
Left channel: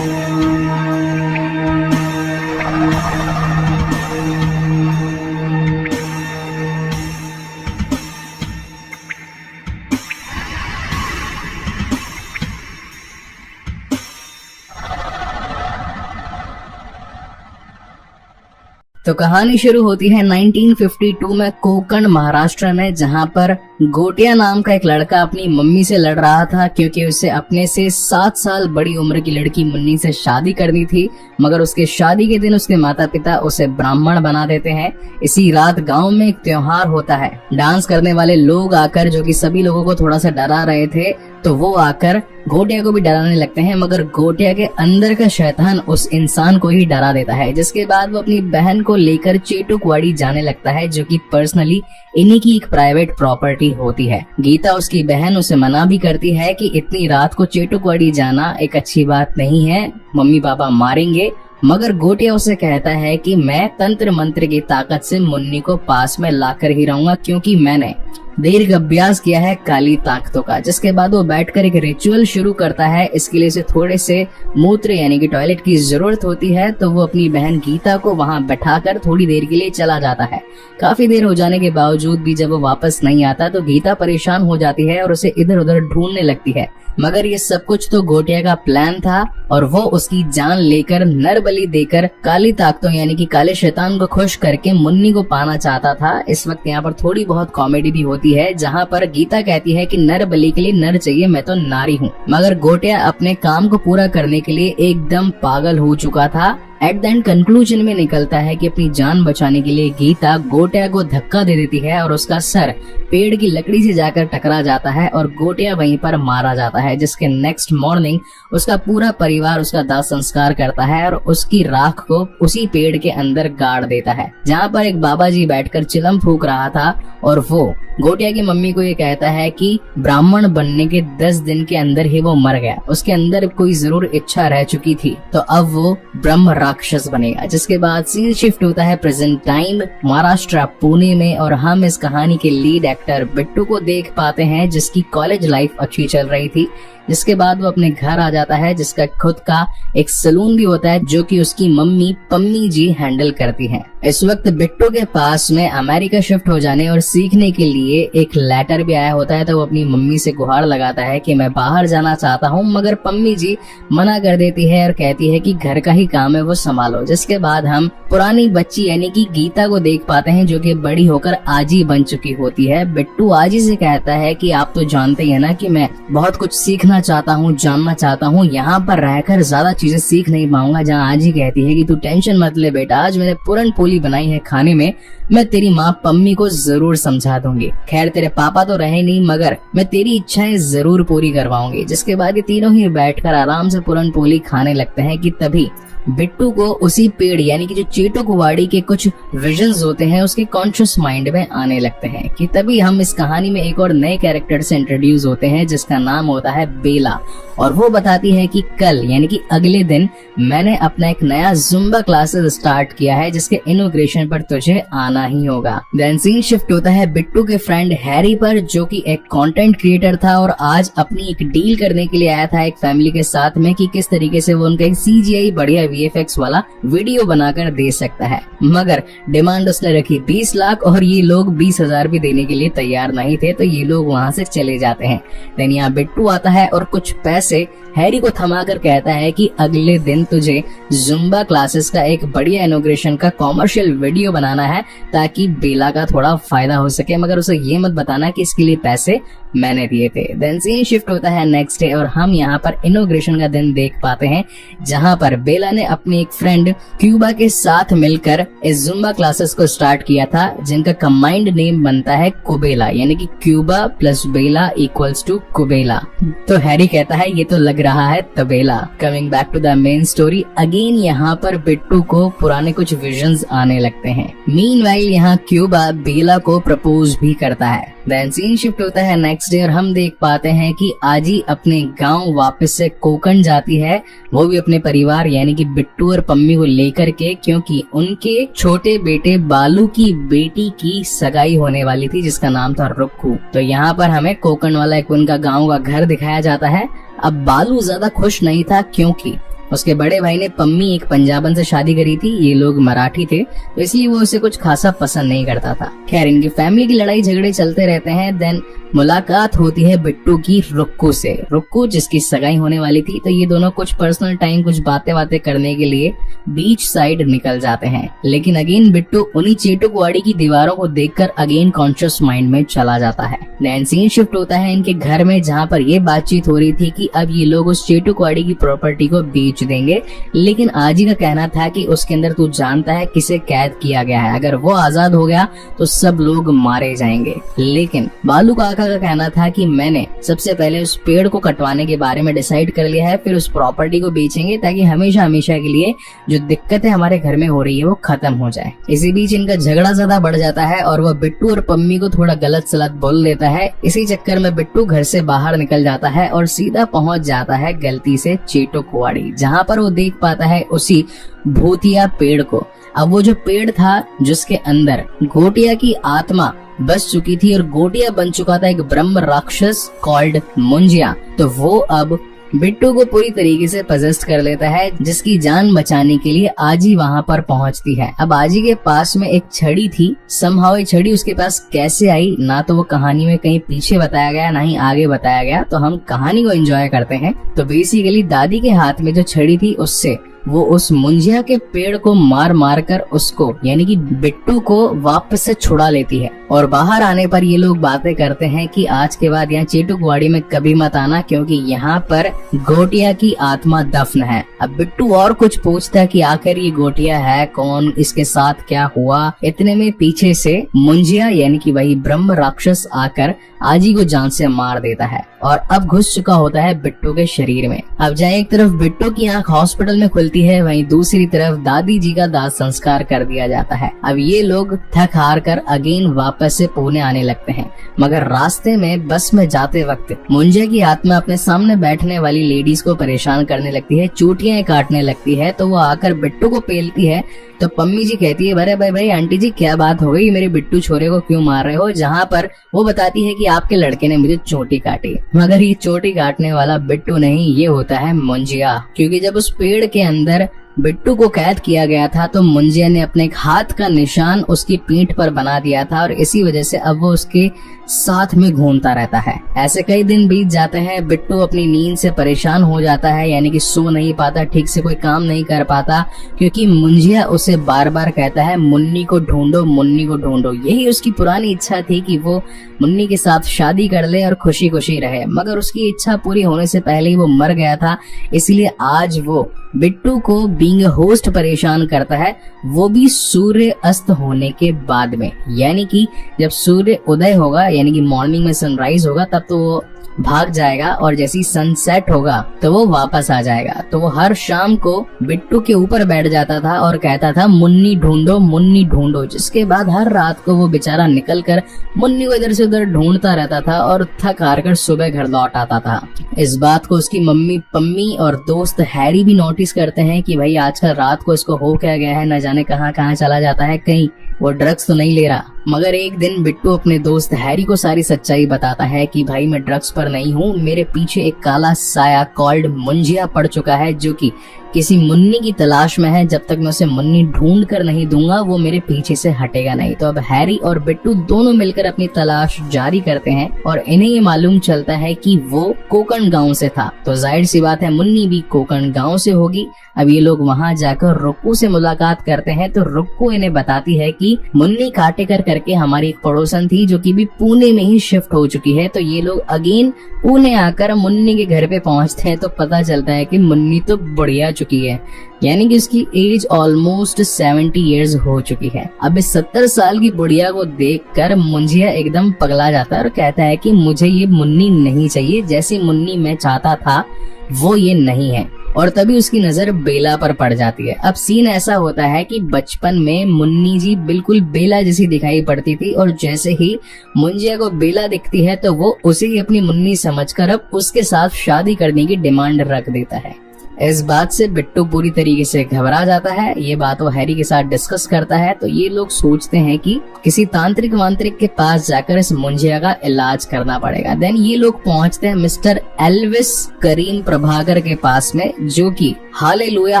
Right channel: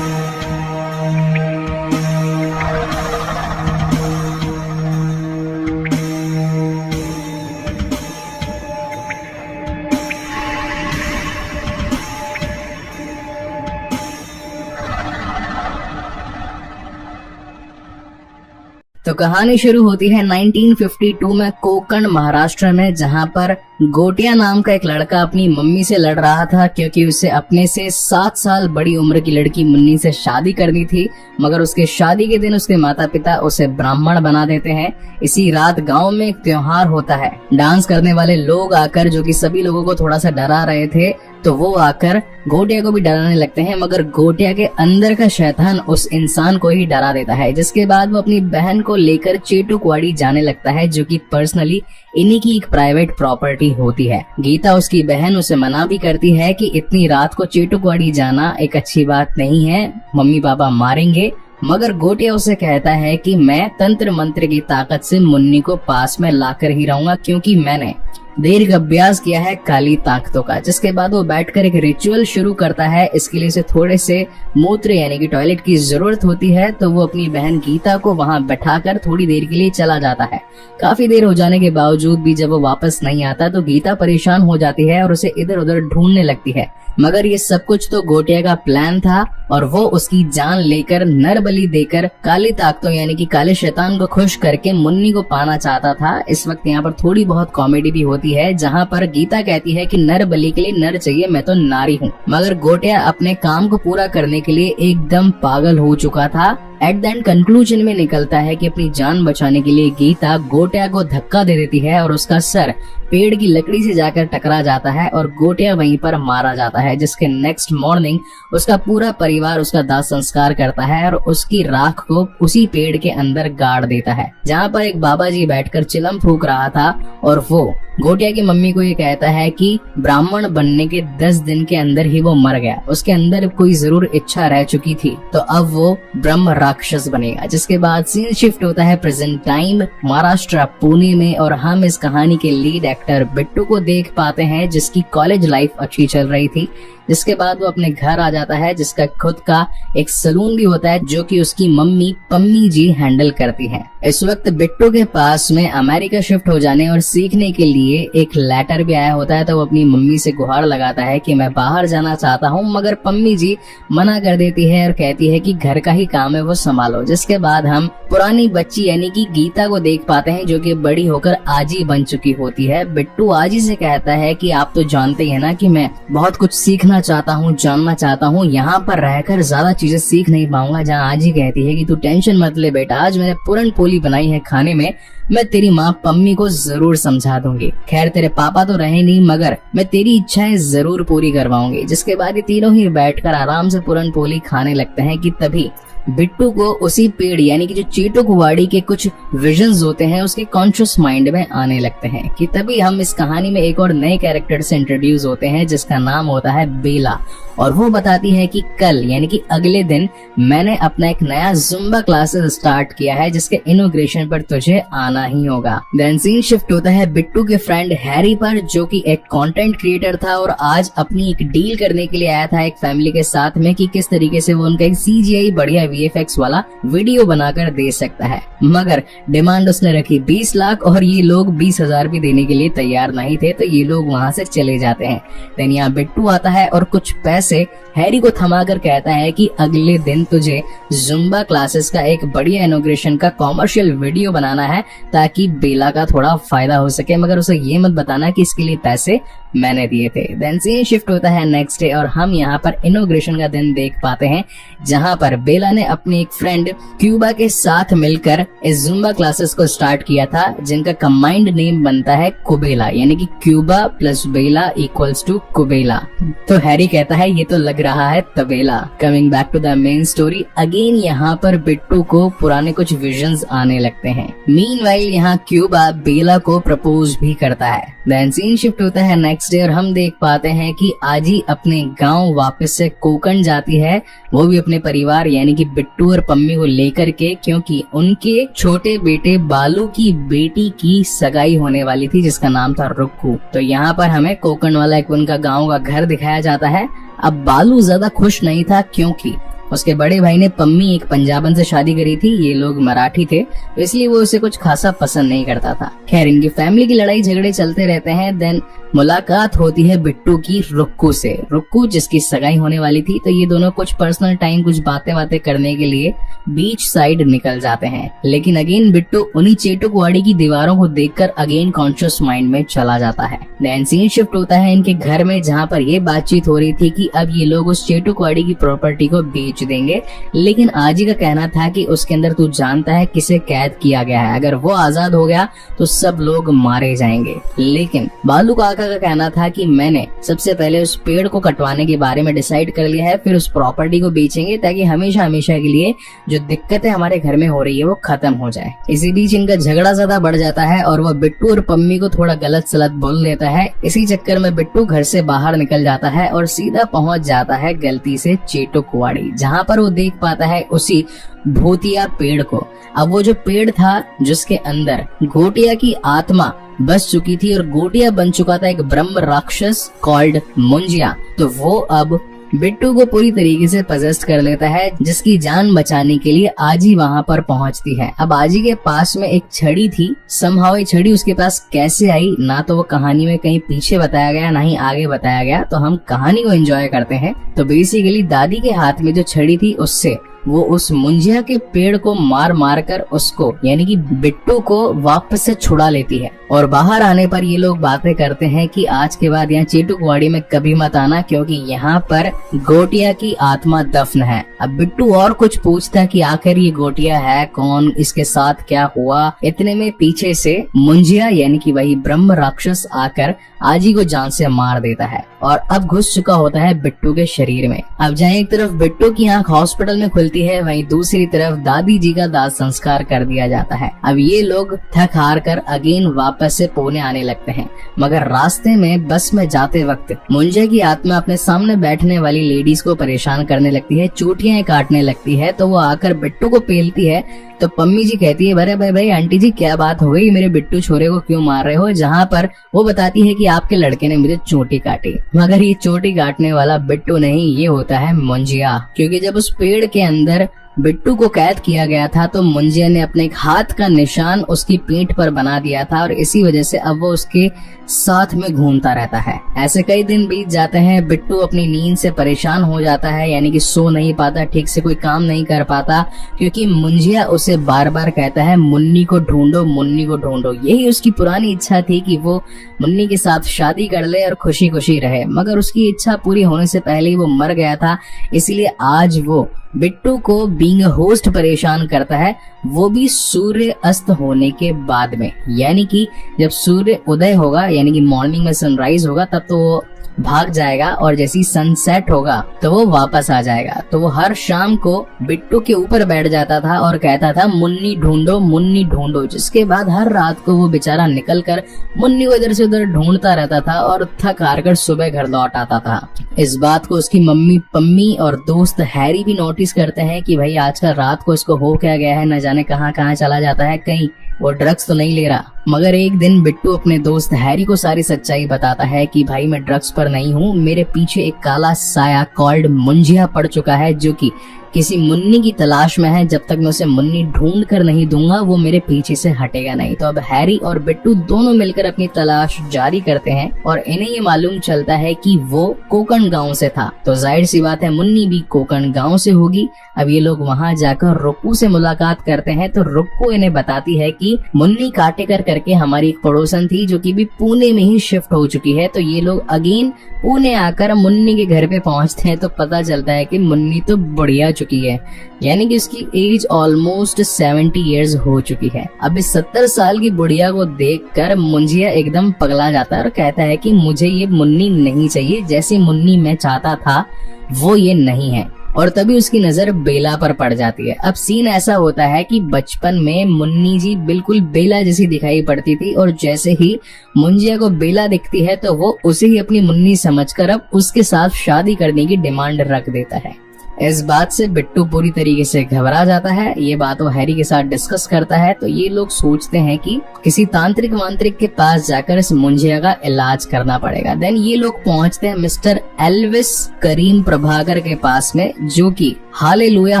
तो कहानी शुरू होती है 1952 में कोकण महाराष्ट्र में, जहां पर गोटिया नाम का एक लड़का अपनी मम्मी से लड़ रहा था क्योंकि उसे अपने से 7 साल बड़ी उम्र की लड़की मुन्नी से शादी करनी थी। मगर उसके शादी के दिन उसके माता पिता उसे ब्राह्मण बना देते हैं। इसी रात गांव में एक त्योहार होता है। डांस करने वाले लोग आकर, जो कि सभी लोगों को थोड़ा सा डरा रहे थे, तो वो आकर गोटिया को भी डराने लगते हैं। मगर गोटिया के अंदर का शैतान उस इंसान को ही डरा देता है, जिसके बाद वो अपनी बहन को लेकर चेटू कुवाड़ी जाने लगता है, जो कि पर्सनली इन्हीं की एक प्राइवेट प्रॉपर्टी होती है। गीता उसकी बहन उसे मना भी करती है कि इतनी रात को चेटू कुवाड़ी जाना एक अच्छी बात नहीं है, मम्मी पापा मारेंगे मगर गोटिया उसे कहता है कि मैं तंत्र मंत्र की ताकत से मुन्नी को पास में लाकर ही रहूंगा, क्योंकि मैंने देर का अभ्यास किया है काली ताकतों का। जिसके बाद वो बैठकर एक रिचुअल शुरू करता है। इसके लिए उसे थोड़े से मूत्र यानी कि टॉयलेट की जरूरत होती है, तो वो अपनी बहन गीता को वहां बैठाकर थोड़ी देर के लिए चला जाता है। काफी देर हो जाने के बावजूद भी जब वो वापस नहीं आता तो गीता परेशान हो जाती है और उसे इधर उधर ढूंढने लगती है। मगर ये सब कुछ तो गोटिया का प्लान था और वो उसकी जान लेकर नर बलि देकर काली ताकतों यानी कि काले शैतान को खुश करके मुन्नी को पाना चाहता था। इस वक्त यहाँ पर थोड़ी बहुत कॉमेडी भी होती है, जहाँ पर गीता कहती है कि नर बलि के लिए नर चाहिए, मैं तो नारी हूँ। मगर गोटिया अपने काम को पूरा करने के लिए एकदम पागल हो चुका था। एट द एंड कंक्लूजन में निकलता है कि अपनी जान बचाने के लिए गीता गोटिया को धक्का दे देती है और उसका सर पेड़ की लकड़ी से जाकर टकरा जाता है और गोटिया वहीं पर मारा जाता है। जिसके नेक्स्ट मॉर्निंग उसका पूरा परिवार उसका दाह संस्कार करता है और उसकी राख को उसी पेड़ के अंदर गाड़ देता है, जहाँ पर एक बाबा जी बैठकर चिलम फूंक रहा था। और वो गोटिया की मम्मी को ये कहता है कि ब्राह्मण बनने के 10 दिन के अंदर ही वो मर गया, उसके अंदर कोई जरूर इच्छा रह चुकी थी, तो अब वो ब्रह्म राक्षस बनेगा। जिसके बाद सीन शिफ्ट होता है प्रेजेंट टाइम महाराष्ट्र पुणे में और हम इस कहानी के लीड एक्टर बिट्टू को देख पाते हैं, जिसकी कॉलेज लाइफ अच्छी चल रही थी। जिसके बाद वो अपने घर आ जाता है, जिसका खुद का एक सलून भी होता है जो कि उसकी मम्मी पम्मी जी हैंडल करती हैं। इस वक्त बिट्टू के पास में अमेरिका शिफ्ट हो जाने और सीखने के लिए एक लेटर भी आया होता है, तो वो अपनी मम्मी से गुहार लगाता है कि मैं बाहर जाना चाहता हूँ, मगर पम्मी जी मना कर देती है और कहती है कि घर का ही काम है वो संभालो। जिसके बाद हम पुरानी बच्ची यानी कि गीता को देख पाते हैं, जो कि बड़ी होकर आजी बन चुकी होती है। बिट्टू आजी से कहता है कि आप तो जानते हैं ना कि मैं बहुत कुछ सीखना चाहता हूँ, जानना चाहता हूँ, यहाँ पर रहकर ज्यादा चीजें सीख नहीं पाऊंगा। जहाँ आजी कहती है कि तू टेंशन मत ले बेटा, आज मैंने पूरन पोली बनाई है खाने में, मैं तेरी माँ पम्मी को जरूर समझा दूंगी। खैर तेरे पापा तो रहे नहीं, मगर मैं तेरी इच्छाएं जरूर पूरी करवाऊंगी। जिसके बाद ये तीनों ही बैठकर आराम से पूरन पोली खाने लगते हैं कि तभी बिट्टू को उसी पेड़ यानी कि जो चीटो कुवाड़ी के कुछ विजन्स होते हैं उसके कॉन्शियस माइंड में आने लगते हैं। कि तभी हम इस कहानी में एक और नए कैरेक्टर से इंट्रोड्यूस होते हैं, जिसका नाम होता है बेला। और वो बताती है कि कल यानी कि अगले दिन मैंने अपना एक नया जुम्बा क्लासेस स्टार्ट किया है, जिसके इनॉग्रेशन पर तुझे आना ही होगा। देन सीन शिफ्ट होता है बिट्टू के फ्रेंड हैरी पर, जो कि एक कंटेंट क्रिएटर था और आज अपनी एक डील करने के लिए आया था एक फैमिली के साथ में कि किस तरीके से वो उनका एक CGI बढ़िया VFX वाला वीडियो बनाकर दे सकता है। मगर डिमांड उसने रखी 20 लाख और ये लोग 20,000 भी देने के लिए तैयार नहीं थे, तो ये लोग वहाँ से चले जाते हैं। देन यहाँ बिट्टू आता है और कुछ पैसे हैरी को थमाकर कहता है कि अगले दिन तुझे जुम्बा क्लासेस का एक बढ़िया इनॉग्रेशन का कॉमर्शियल वीडियो बनाना है, ताकि बेला का थोड़ा फायदा हो सके, मगर उसे ये मत बताना कि इसके लिए पैसे मैंने दिए थे। देन सीन शिफ्ट होता है नेक्स्ट डे और हम यहाँ पर इनॉग्रेशन का दिन देख पाते हैं, जहाँ पर बेला ने अपनी एक फ्रेंड क्यूबा के साथ मिलकर इस जुम्बा क्लासेस को स्टार्ट किया था, जिनका कंबाइंड नेम बनता है कुबेला, यानी कि क्यूबा प्लस बेला इक्वल्स टू कुबेला। तो हैरी कहता है ये तो लग रहा है तबेला। Coming back to the main story again, यहाँ पर बिट्टू को पुराने कुछ विजन्स आने लगते हैं। मीनवाइल यहाँ क्यूबा बेला को प्रपोज भी करता है। देन सीन शिफ्ट होता है नेक्स्ट डे और हम देख पाते हैं कि आजी अपने गांव वापस से कोकण जाती है, वो भी अपने परिवार यानी कि बिट्टू और पम्मी को लेकर के, क्योंकि उनके छोटे बेटे बालू की बेटी की सगाई होने वाली थी, जिसका नाम था रुक्कू। तो यहाँ पर हमें कोकण वाला एक उनका गाँव का घर दिखाया जाता है। अब बालू ज्यादा खुश नहीं था, क्योंकि उसके बड़े भाई ने पम्मी एक पंजाबन से शादी करी थी, ये लोग मराठी थे, इसलिए वो उसे कुछ खासा पसंद नहीं करता था। खैर इनकी फैमिली की लड़ाई झगड़े चलते रहते हैं। देन मुलाकात होती है बिट्टू की रुक्कू से, रुक्कू जिसकी सगाई होने वाली थी, तो ये दोनों कुछ पर्सनल टाइम कुछ बातें करने के लिए बीच साइड निकल जाते हैं। लेकिन अगेन बिट्टू उन्हीं चेटो कुवाड़ी की दीवारों को देखकर अगेन कॉन्शियस माइंड में चला जाता है। देन सीन शिफ्ट होता है इनके घर में, जहाँ पर ये बातचीत हो रही थी कि अब ये लोग उस चेटो कुवाड़ी की प्रॉपर्टी को बेच देंगे, लेकिन आजी का कहना था कि उसके अंदर तू जानता है किसे कैद किया गया है, अगर वो आजाद हो गया तो सब लोग मारे जाएंगे। लेकिन बालू काका का कहना था कि मैंने सबसे पहले उस पेड़ को कटवाने के बारे में डिसाइड कर लिया है, फिर उस प्रॉपर्टी को बेचेंगे ताकि हमेशा हमेशा के लिए जो दिक्कतें हमारे घर में हो रही है वो खत्म हो जाए। इसी बीच इनका झगड़ा ज्यादा बढ़ जाता है और वह बिट्टू और पम्मी को थोड़ा गलत सलत बोल देता है। इसी चक्कर में बिट्टू घर से बाहर निकल जाता है और सीधा पहुंच जाता है गलती से चेटो कुवाड़ी, जहाँ पर वो देख पाता है उसी भूतिया पेड़ को। अब वो जो पेड़ था जिसके अंदर गोटिया की आत्मा बस चुकी थी और गोटिया बन चुका था एक ब्रह्म राक्षस कॉल्ड मुंजिया, तो वो अब बिट्टू को पूरी तरीके से पजेस्ट कर लेता है, जिसकी जान बचाने के लिए आजी वहाँ पर पहुँचती है। अब आजी के पास में एक छड़ी थी, समहाउ ये छड़ी उसके पास कैसे आई ना तो वो कहानी में कहीं पीछे बताया गया ना ही आगे बताया गया, तो हम कहानी को एंजॉय करते हैं। तो बेसिकली दादी के हाथ में जो छड़ी थी उससे वो उस मुंजिया के पेड़ को मार मार कर उसको यानी कि बिट्टू को वापस से छुड़ा लेती है। और बाहर आने पर ये लोग बातें करते हैं कि आज के बाद यहाँ चीटुकवाड़ी में कभी मत आना, क्योंकि यहाँ पर गोटिया की आत्मा दफन है। अब बिट्टू और कुछ पूछता है कि आखिर ये गोटिया है कौन, इसके साथ क्या हुआ। इतने में पीछे से मुंजिया यानी कि वही ब्रह्म राक्षस आकर आजी को जान से मार देता है और अब घुस चुका होता है बिट्टू के शरीर में। अब जहाँ एक तरफ बिट्टू की आंख हॉस्पिटल में खुलती है, वहीं दूसरी तरफ दादी जी का दाह संस्कार कर दिया जाता है। अब ये लोग थक हार कर अगेन वापस से पुणे आने लगते हैं, मगर रास्ते में बस में जाते वक्त मुंजिया की आत्मा अपने सामने बैठने वाली लेडीज को परेशान करने लगती है, चोटियां काटने लगती है। तो वो आकर बिट्टू को पेलती है तो पम्मी जी कहती है अरे भाई भाई आंटी जी क्या बात हो गई, मेरे बिट्टू छोरे को क्यों मार रहे हो। जहाँ पर वो बताती है कि आपके लड़के ने मुझे चोटी काटी, मगर ये चोटी काटने वाला बिट्टू नहीं, ये होता है मुंजिया। क्योंकि जब उस पेड़ के अंदर बिट्टू को कैद किया गया था तो मुंजिया ने अपने हाथ का निशान उसकी पीठ पर बना दिया था और इसी वजह से अब वो उसके साथ में घूमता रहता है। ऐसे कई दिन बीत जाते हैं, बिट्टू अपनी नींद से परेशान हो जाता है, यानी कि सो नहीं पाता, ठीक से कोई काम नहीं कर पाता, क्योंकि मुंजिया उसे बार बार कहता है मुन्नी को ढूंढो, मुन्नी को ढूंढो। यही उसकी पुरानी इच्छा थी कि वो मुन्नी के साथ शादी कर ले और खुशी खुशी रहे, मगर उसकी इच्छा पूरी होने से पहले ही वो मर गया था। इसलिए आज वो बिट्टू को बीइंग अ होस्ट परेशान करता है, वो भी सूर्य अस्त होने के बाद में, यानी कि जब सूर्य उदय होगा यानी कि मॉर्निंग में सनराइज होगा तब तो वो भाग जाएगा और जैसे ही सनसेट होगा तो वो वापस आ जाएगा। तो वो हर शाम को बिट्टू के ऊपर बैठ जाता था और कहता था मुन्नी ढूंढो, मुन्नी ढूंढो, जिसके बाद हर रात को वो बेचारा निकल कर मुन्नी को इधर से उधर ढूंढता रहता था और थक हार कर सुबह घर लौट आता था। इस बात को उसकी मम्मी पम्मी और दोस्त हैरी भी नोटिस करते हैं कि भाई आजकल रात को इसको हो क्या गया है, न जाने कहाँ कहाँ चला जाता है, कहीं वो ड्रग्स तो नहीं ले रहा। मगर एक दिन बिट्टू अपने दोस्त हैरी को सारी सच्चाई बताता है कि भाई मैं ड्रग्स पर नहीं हूँ, मेरे पीछे एक काला साया कॉल्ड मुंजिया पड़ चुका है जो कि किसी मुन्नी की तलाश में है। जब तक मैं उसे मुन्नी ढूंढ कर नहीं दूंगा वो मेरे पीछे से हटेगा नहीं। तो अब हैरी और बिट्टू दोनों मिलकर अपनी तलाश जारी करते हैं और इन्हें ये मालूम चलता है कि वो कोकण गांव से था, तो जाहिर सी बात है मुन्नी भी कोकण गांव से होगी। अब ये लोग वहां जाकर रुक्कू से मुलाकात करते हैं तो रुक्कू इन्हें बताती है कि मुन्नी काटेकर करके हमारी एक पड़ोसन थी जो कि भी पुणे में ही शिफ्ट हो चुकी है। तो ये लोग अगेन पुणे आकर मुन्नी के घर पे पहुंचते हैं तो पता चलता है कि मुन्नी तो बढ़िया चुकी है, यानी कि उसकी एज ऑलमोस्ट 70 इयर्स हो चुकी है। अब इस 70 साल की बुढ़िया को देखकर मुंजिया एकदम पगला जाता है और कहता है कि मुझे ये मुन्नी नहीं चाहिए, जैसी मुन्नी मैं चाहता था वो ये नहीं है। और तभी उसकी नजर बेला पर पड़ जाती है। अब सीन ऐसा होता है कि बचपन में मुन्नी जी बिल्कुल बेला जैसी दिखाई पड़ती थी और जैसे ही मुंजिया को बेला दिखती है तो वो उसे ही अपनी मुन्नी समझकर अब उसके साथ शादी करने की डिमांड रख देता है। इस बात से बिट्टू पूरी तरीके से घबरा जाता है। ये बात वो हैरी के साथ डिस्कस करता है तो ये लोग सोचते हैं कि किसी तांत्रिक वांत्रिक के पास जाकर इस मुंजिया का इलाज करना पड़ेगा। देन ये लोग पहुंचते हैं मिस्टर एल्विस करीम प्रभाकर के पास में, जो कि हालेलुया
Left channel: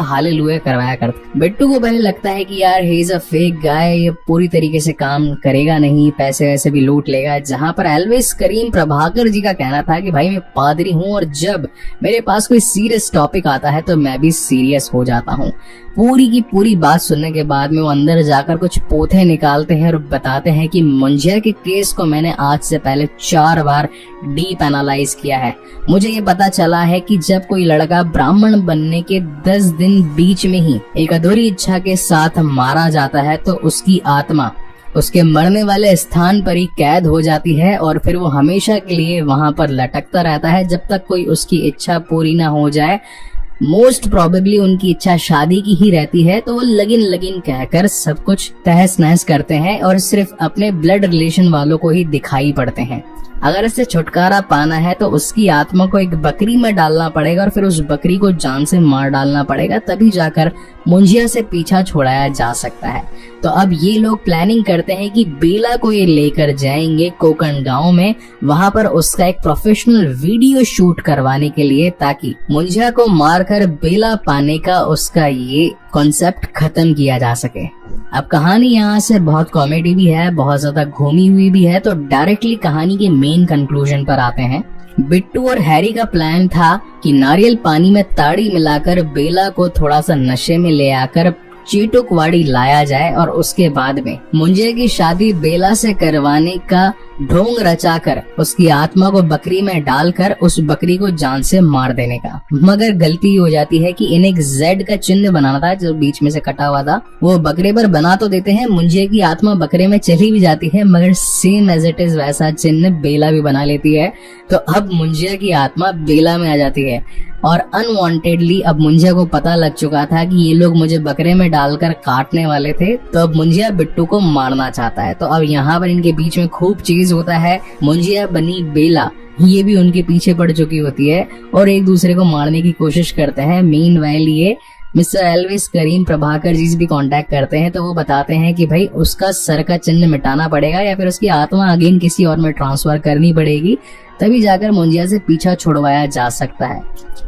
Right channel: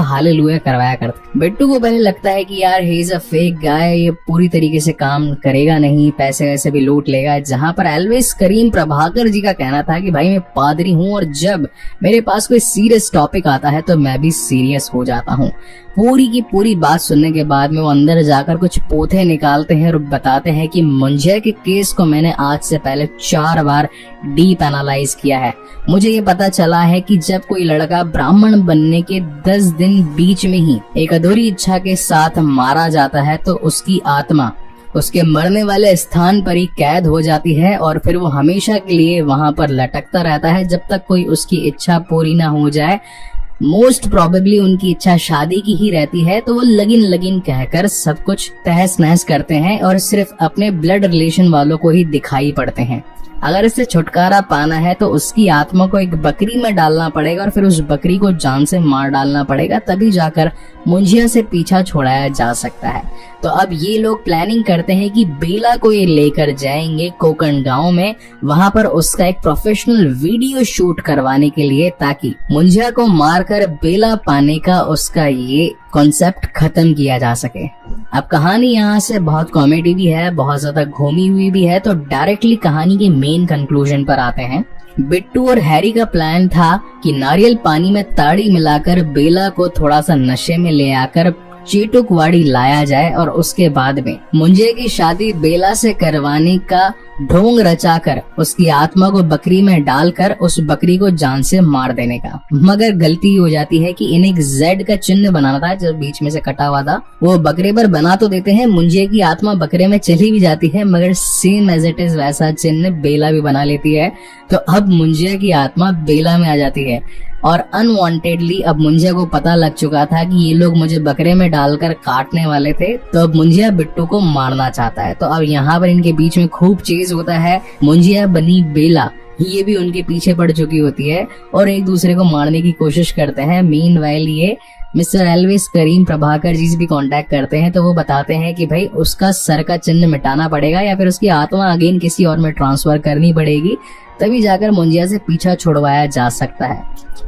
करवाया करते। बिट्टू को पहले लगता है कि यार he is a fake guy, ये पूरी तरीके से काम करेगा नहीं, पैसे वैसे भी लूट लेगा। जहाँ पर एल्विस करीम प्रभाकर जी का कहना था कि भाई मैं पादरी हूँ और जब मेरे पास कोई सीरियस टॉपिक आता है तो मैं भी सीरियस हो जाता हूँ। पूरी की पूरी बात सुनने के बाद में वो अंदर जाकर कुछ पोथे निकालते हैं और बताते हैं कि मुंजिया के केस को मैंने आज से पहले 4 बार डीप एनालाइज किया है। मुझे ये पता चला है कि जब कोई लड़का ब्राह्मण बनने के 10 दिन बीच में ही एक अधूरी इच्छा के साथ मारा जाता है तो उसकी आत्मा उसके मरने वाले स्थान पर ही कैद हो जाती है और फिर वो हमेशा के लिए वहां पर लटकता रहता है जब तक कोई उसकी इच्छा पूरी ना हो जाए। मोस्ट प्रोबेबली उनकी इच्छा शादी की ही रहती है तो वो लगिन कहकर सब कुछ तहस नहस करते हैं और सिर्फ अपने ब्लड रिलेशन वालों को ही दिखाई पड़ते हैं। अगर इससे छुटकारा पाना है तो उसकी आत्मा को एक बकरी में डालना पड़ेगा और फिर उस बकरी को जान से मार डालना पड़ेगा, तभी जाकर मुंजिया से पीछा छुड़ाया जा सकता है। तो अब ये लोग प्लानिंग करते हैं कि बेला को ये लेकर जाएंगे कोकण गांव में, वहां पर उसका एक प्रोफेशनल वीडियो शूट करवाने के लिए, ताकि मुंजिया को मारकर बेला पाने का उसका ये कॉन्सेप्ट खत्म किया जा सके। अब कहानी यहाँ से बहुत कॉमेडी भी है, बहुत ज्यादा घूमी हुई भी है, तो डायरेक्टली कहानी के मेन कंक्लूजन पर आते हैं। बिट्टू और हैरी का प्लान था कि नारियल पानी में ताड़ी मिलाकर बेला को थोड़ा सा नशे में ले आकर चीटुकवाड़ी लाया जाए और उसके बाद में मुंजिया की शादी बेला से करवाने का ढोंग रचाकर उसकी आत्मा को बकरी में डालकर उस बकरी को जान से मार देने का। मगर गलती हो जाती है कि इन्हें एक जेड का चिन्ह बनाना था जो बीच में से कटा हुआ था, वो बकरी पर बना तो देते हैं, मुंजिया की आत्मा बकरे में चली भी जाती है, मगर सेम एज इट इज वैसा चिन्ह बेला भी बना लेती है। तो अब मुंजिया की आत्मा बेला में आ जाती है और अनवांटेडली अब मुंजिया को पता लग चुका था कि ये लोग मुझे बकरे में डालकर काटने वाले थे, तो अब मुंजिया बिट्टू को मारना चाहता है। तो अब यहाँ पर इनके बीच में खूब चेज होता है। मुंजिया बनी बेला ये भी उनके पीछे पड़ चुकी होती है और एक दूसरे को मारने की कोशिश करते हैं। मीनवाइल ये मिस्टर एल्विस करीम प्रभाकर जी से भी कांटेक्ट करते हैं, तो वो बताते हैं कि भाई उसका सर का चिन्ह मिटाना पड़ेगा या फिर उसकी आत्मा अगेन किसी और में ट्रांसफर करनी पड़ेगी, तभी जाकर मुंजिया से पीछा छुड़वाया जा सकता है।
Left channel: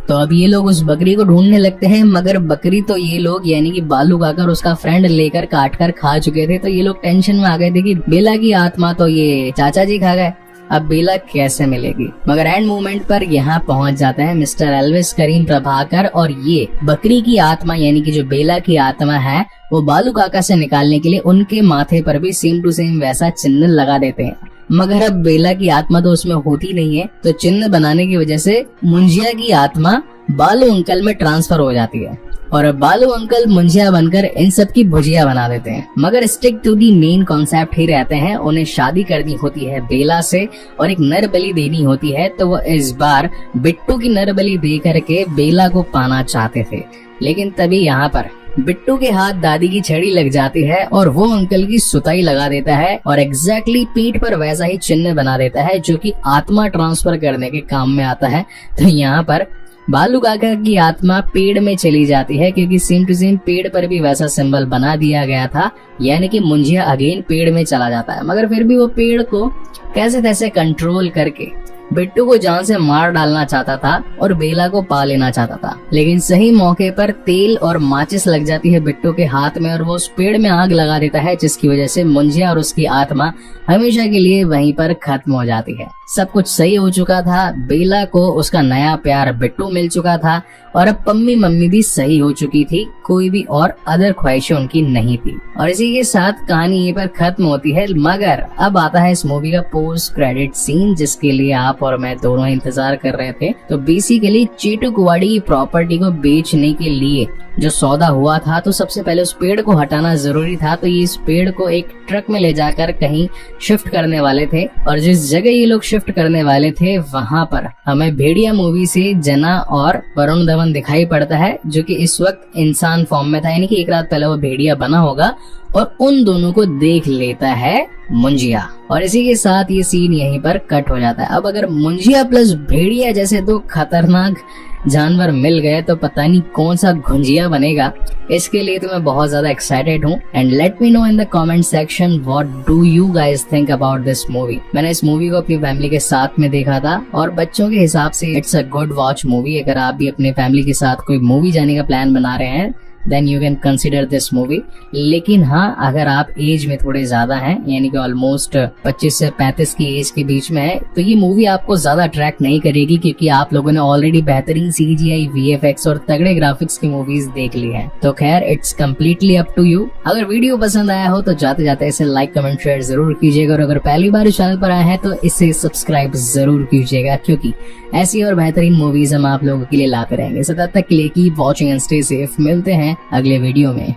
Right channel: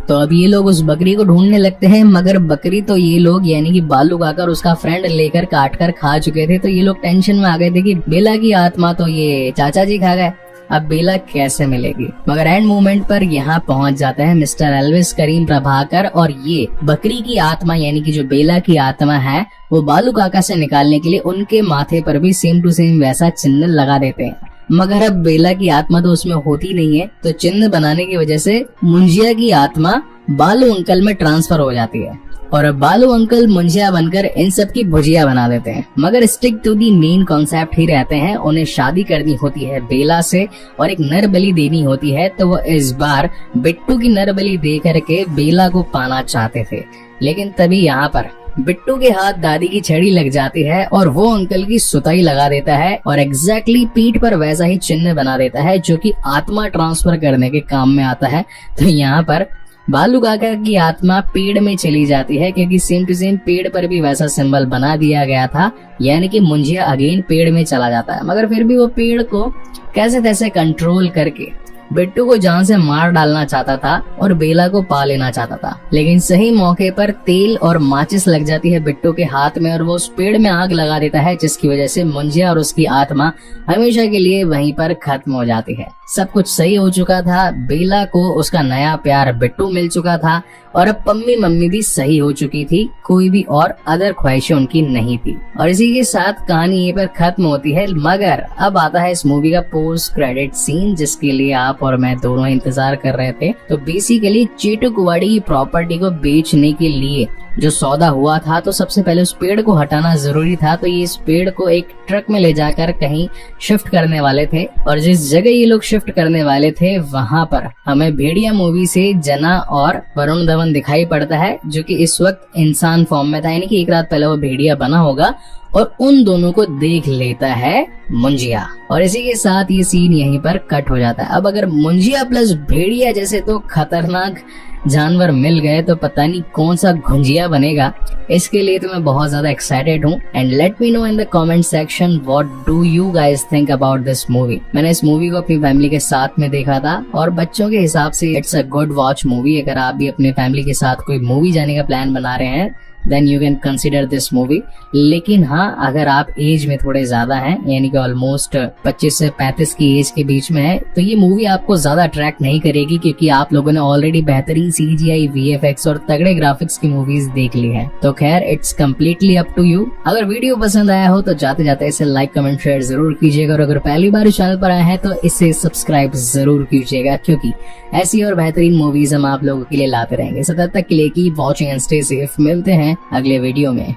तो अब ये लोग उस बकरी को ढूंढने लगते हैं, मगर बकरी तो ये लोग यानी कि बालू काका और उसका फ्रेंड लेकर काट कर खा चुके थे। तो ये लोग टेंशन में आ गए थे कि बेला की आत्मा तो ये चाचा जी खा गए, अब बेला कैसे मिलेगी। मगर एंड मोमेंट पर यहाँ पहुंच जाते हैं मिस्टर एल्विस करीम प्रभाकर और ये बकरी की आत्मा यानी कि जो बेला की आत्मा है वो बालू काका से निकालने के लिए उनके माथे पर भी सेम टू सेम वैसा चिन्ह लगा देते हैं। मगर अब बेला की आत्मा तो उसमें होती नहीं है, तो चिन्ह बनाने की वजह से मुंजिया की आत्मा बालू अंकल में ट्रांसफर हो जाती है और अब बालू अंकल मुंजिया बनकर इन सब की भुजिया बना देते हैं। मगर stick to the main concept ही रहते हैं। उन्हें शादी करनी होती है बेला से और एक नर बलि देनी होती है, तो वो इस बार बिट्टू की नर बलि दे करके बेला को पाना चाहते थे। लेकिन तभी यहाँ पर बिट्टू के हाथ दादी की छड़ी लग जाती है और वो अंकल की सुताई लगा देता है और एग्जैक्टली पीठ पर वैसा ही चिन्ह बना देता है जो कि आत्मा ट्रांसफर करने के काम में आता है। तो यहाँ पर बालू काका की आत्मा पेड़ में चली जाती है क्योंकि सेम टू सेम पेड़ पर भी वैसा सिंबल बना दिया गया था, यानी कि मुंजिया अगेन पेड़ में चला जाता है। मगर फिर भी वो पेड़ को कैसे तैसे कंट्रोल करके बिट्टू को जान से मार डालना चाहता था और बेला को पा लेना चाहता था। लेकिन सही मौके पर तेल और माचिस लग जाती है बिट्टू के हाथ में और वो उस पेड़ में आग लगा देता है, जिसकी वजह से मुंजिया और उसकी आत्मा हमेशा के लिए वहीं पर खत्म हो जाती है। सब कुछ सही हो चुका था, बेला को उसका नया प्यार बिट्टू मिल चुका था और अब पम्मी मम्मी भी सही हो चुकी थी, कोई भी और अदर ख्वाहिशें उनकी नहीं थी। और इसी के साथ कहानी ये पर खत्म होती है। मगर अब आता है इस मूवी का पोस्ट क्रेडिट सीन, जिसके लिए आप और मैं दोनों इंतजार कर रहे थे। तो बेसिकली चीटुकवाड़ी की प्रॉपर्टी को बेचने के लिए जो सौदा हुआ था, तो सबसे पहले उस पेड़ को हटाना जरूरी था। तो ये इस पेड़ को एक ट्रक में ले जाकर कहीं शिफ्ट करने वाले थे और जिस जगह ये लोग शिफ्ट करने वाले थे वहां पर हमें भेड़िया मूवी से जना और वरुण धवन दिखाई पड़ता है, जो कि इस वक्त इंसान फॉर्म में था, यानी कि एक रात पहले वो भेड़िया बना होगा और उन दोनों को देख लेता है मुंजिया। और इसी के साथ ये सीन यहीं पर कट हो जाता है। अब अगर मुंजिया प्लस भेड़िया जैसे तो खतरनाक जानवर मिल गए तो पता नहीं कौन सा घुंजिया बनेगा। इसके लिए तो मैं बहुत ज्यादा एक्साइटेड हूँ। And let me know in the comment section what do you guys think about this movie. मैंने इस मूवी को अपनी फैमिली के साथ में देखा था और बच्चों के हिसाब से it's a good watch movie. अगर आप भी अपने फैमिली के साथ कोई मूवी जाने का प्लान बना रहे हैं then you can consider this movie. लेकिन हाँ, अगर आप एज में थोड़े ज्यादा हैं, यानी कि ऑलमोस्ट 25 से 35 की एज के बीच में है, तो ये मूवी आपको ज्यादा अट्रैक्ट नहीं करेगी क्योंकि आप लोगों ने ऑलरेडी बेहतरीन CGI, VFX और तगड़े ग्राफिक्स की मूवीज देख ली हैं। तो खैर it's completely up to you. अगर वीडियो पसंद आया हो तो जाते जाते इसे लाइक कमेंट शेयर जरूर कीजिएगा और अगर पहली बार चैनल पर आए हैं तो इसे सब्सक्राइब जरूर कीजिएगा क्योंकि ऐसी और बेहतरीन मूवीज हम आप लोगों के लिए लाते रहेंगे। सो तब तक के लिए keep watching and stay safe. मिलते हैं अगले वीडियो में।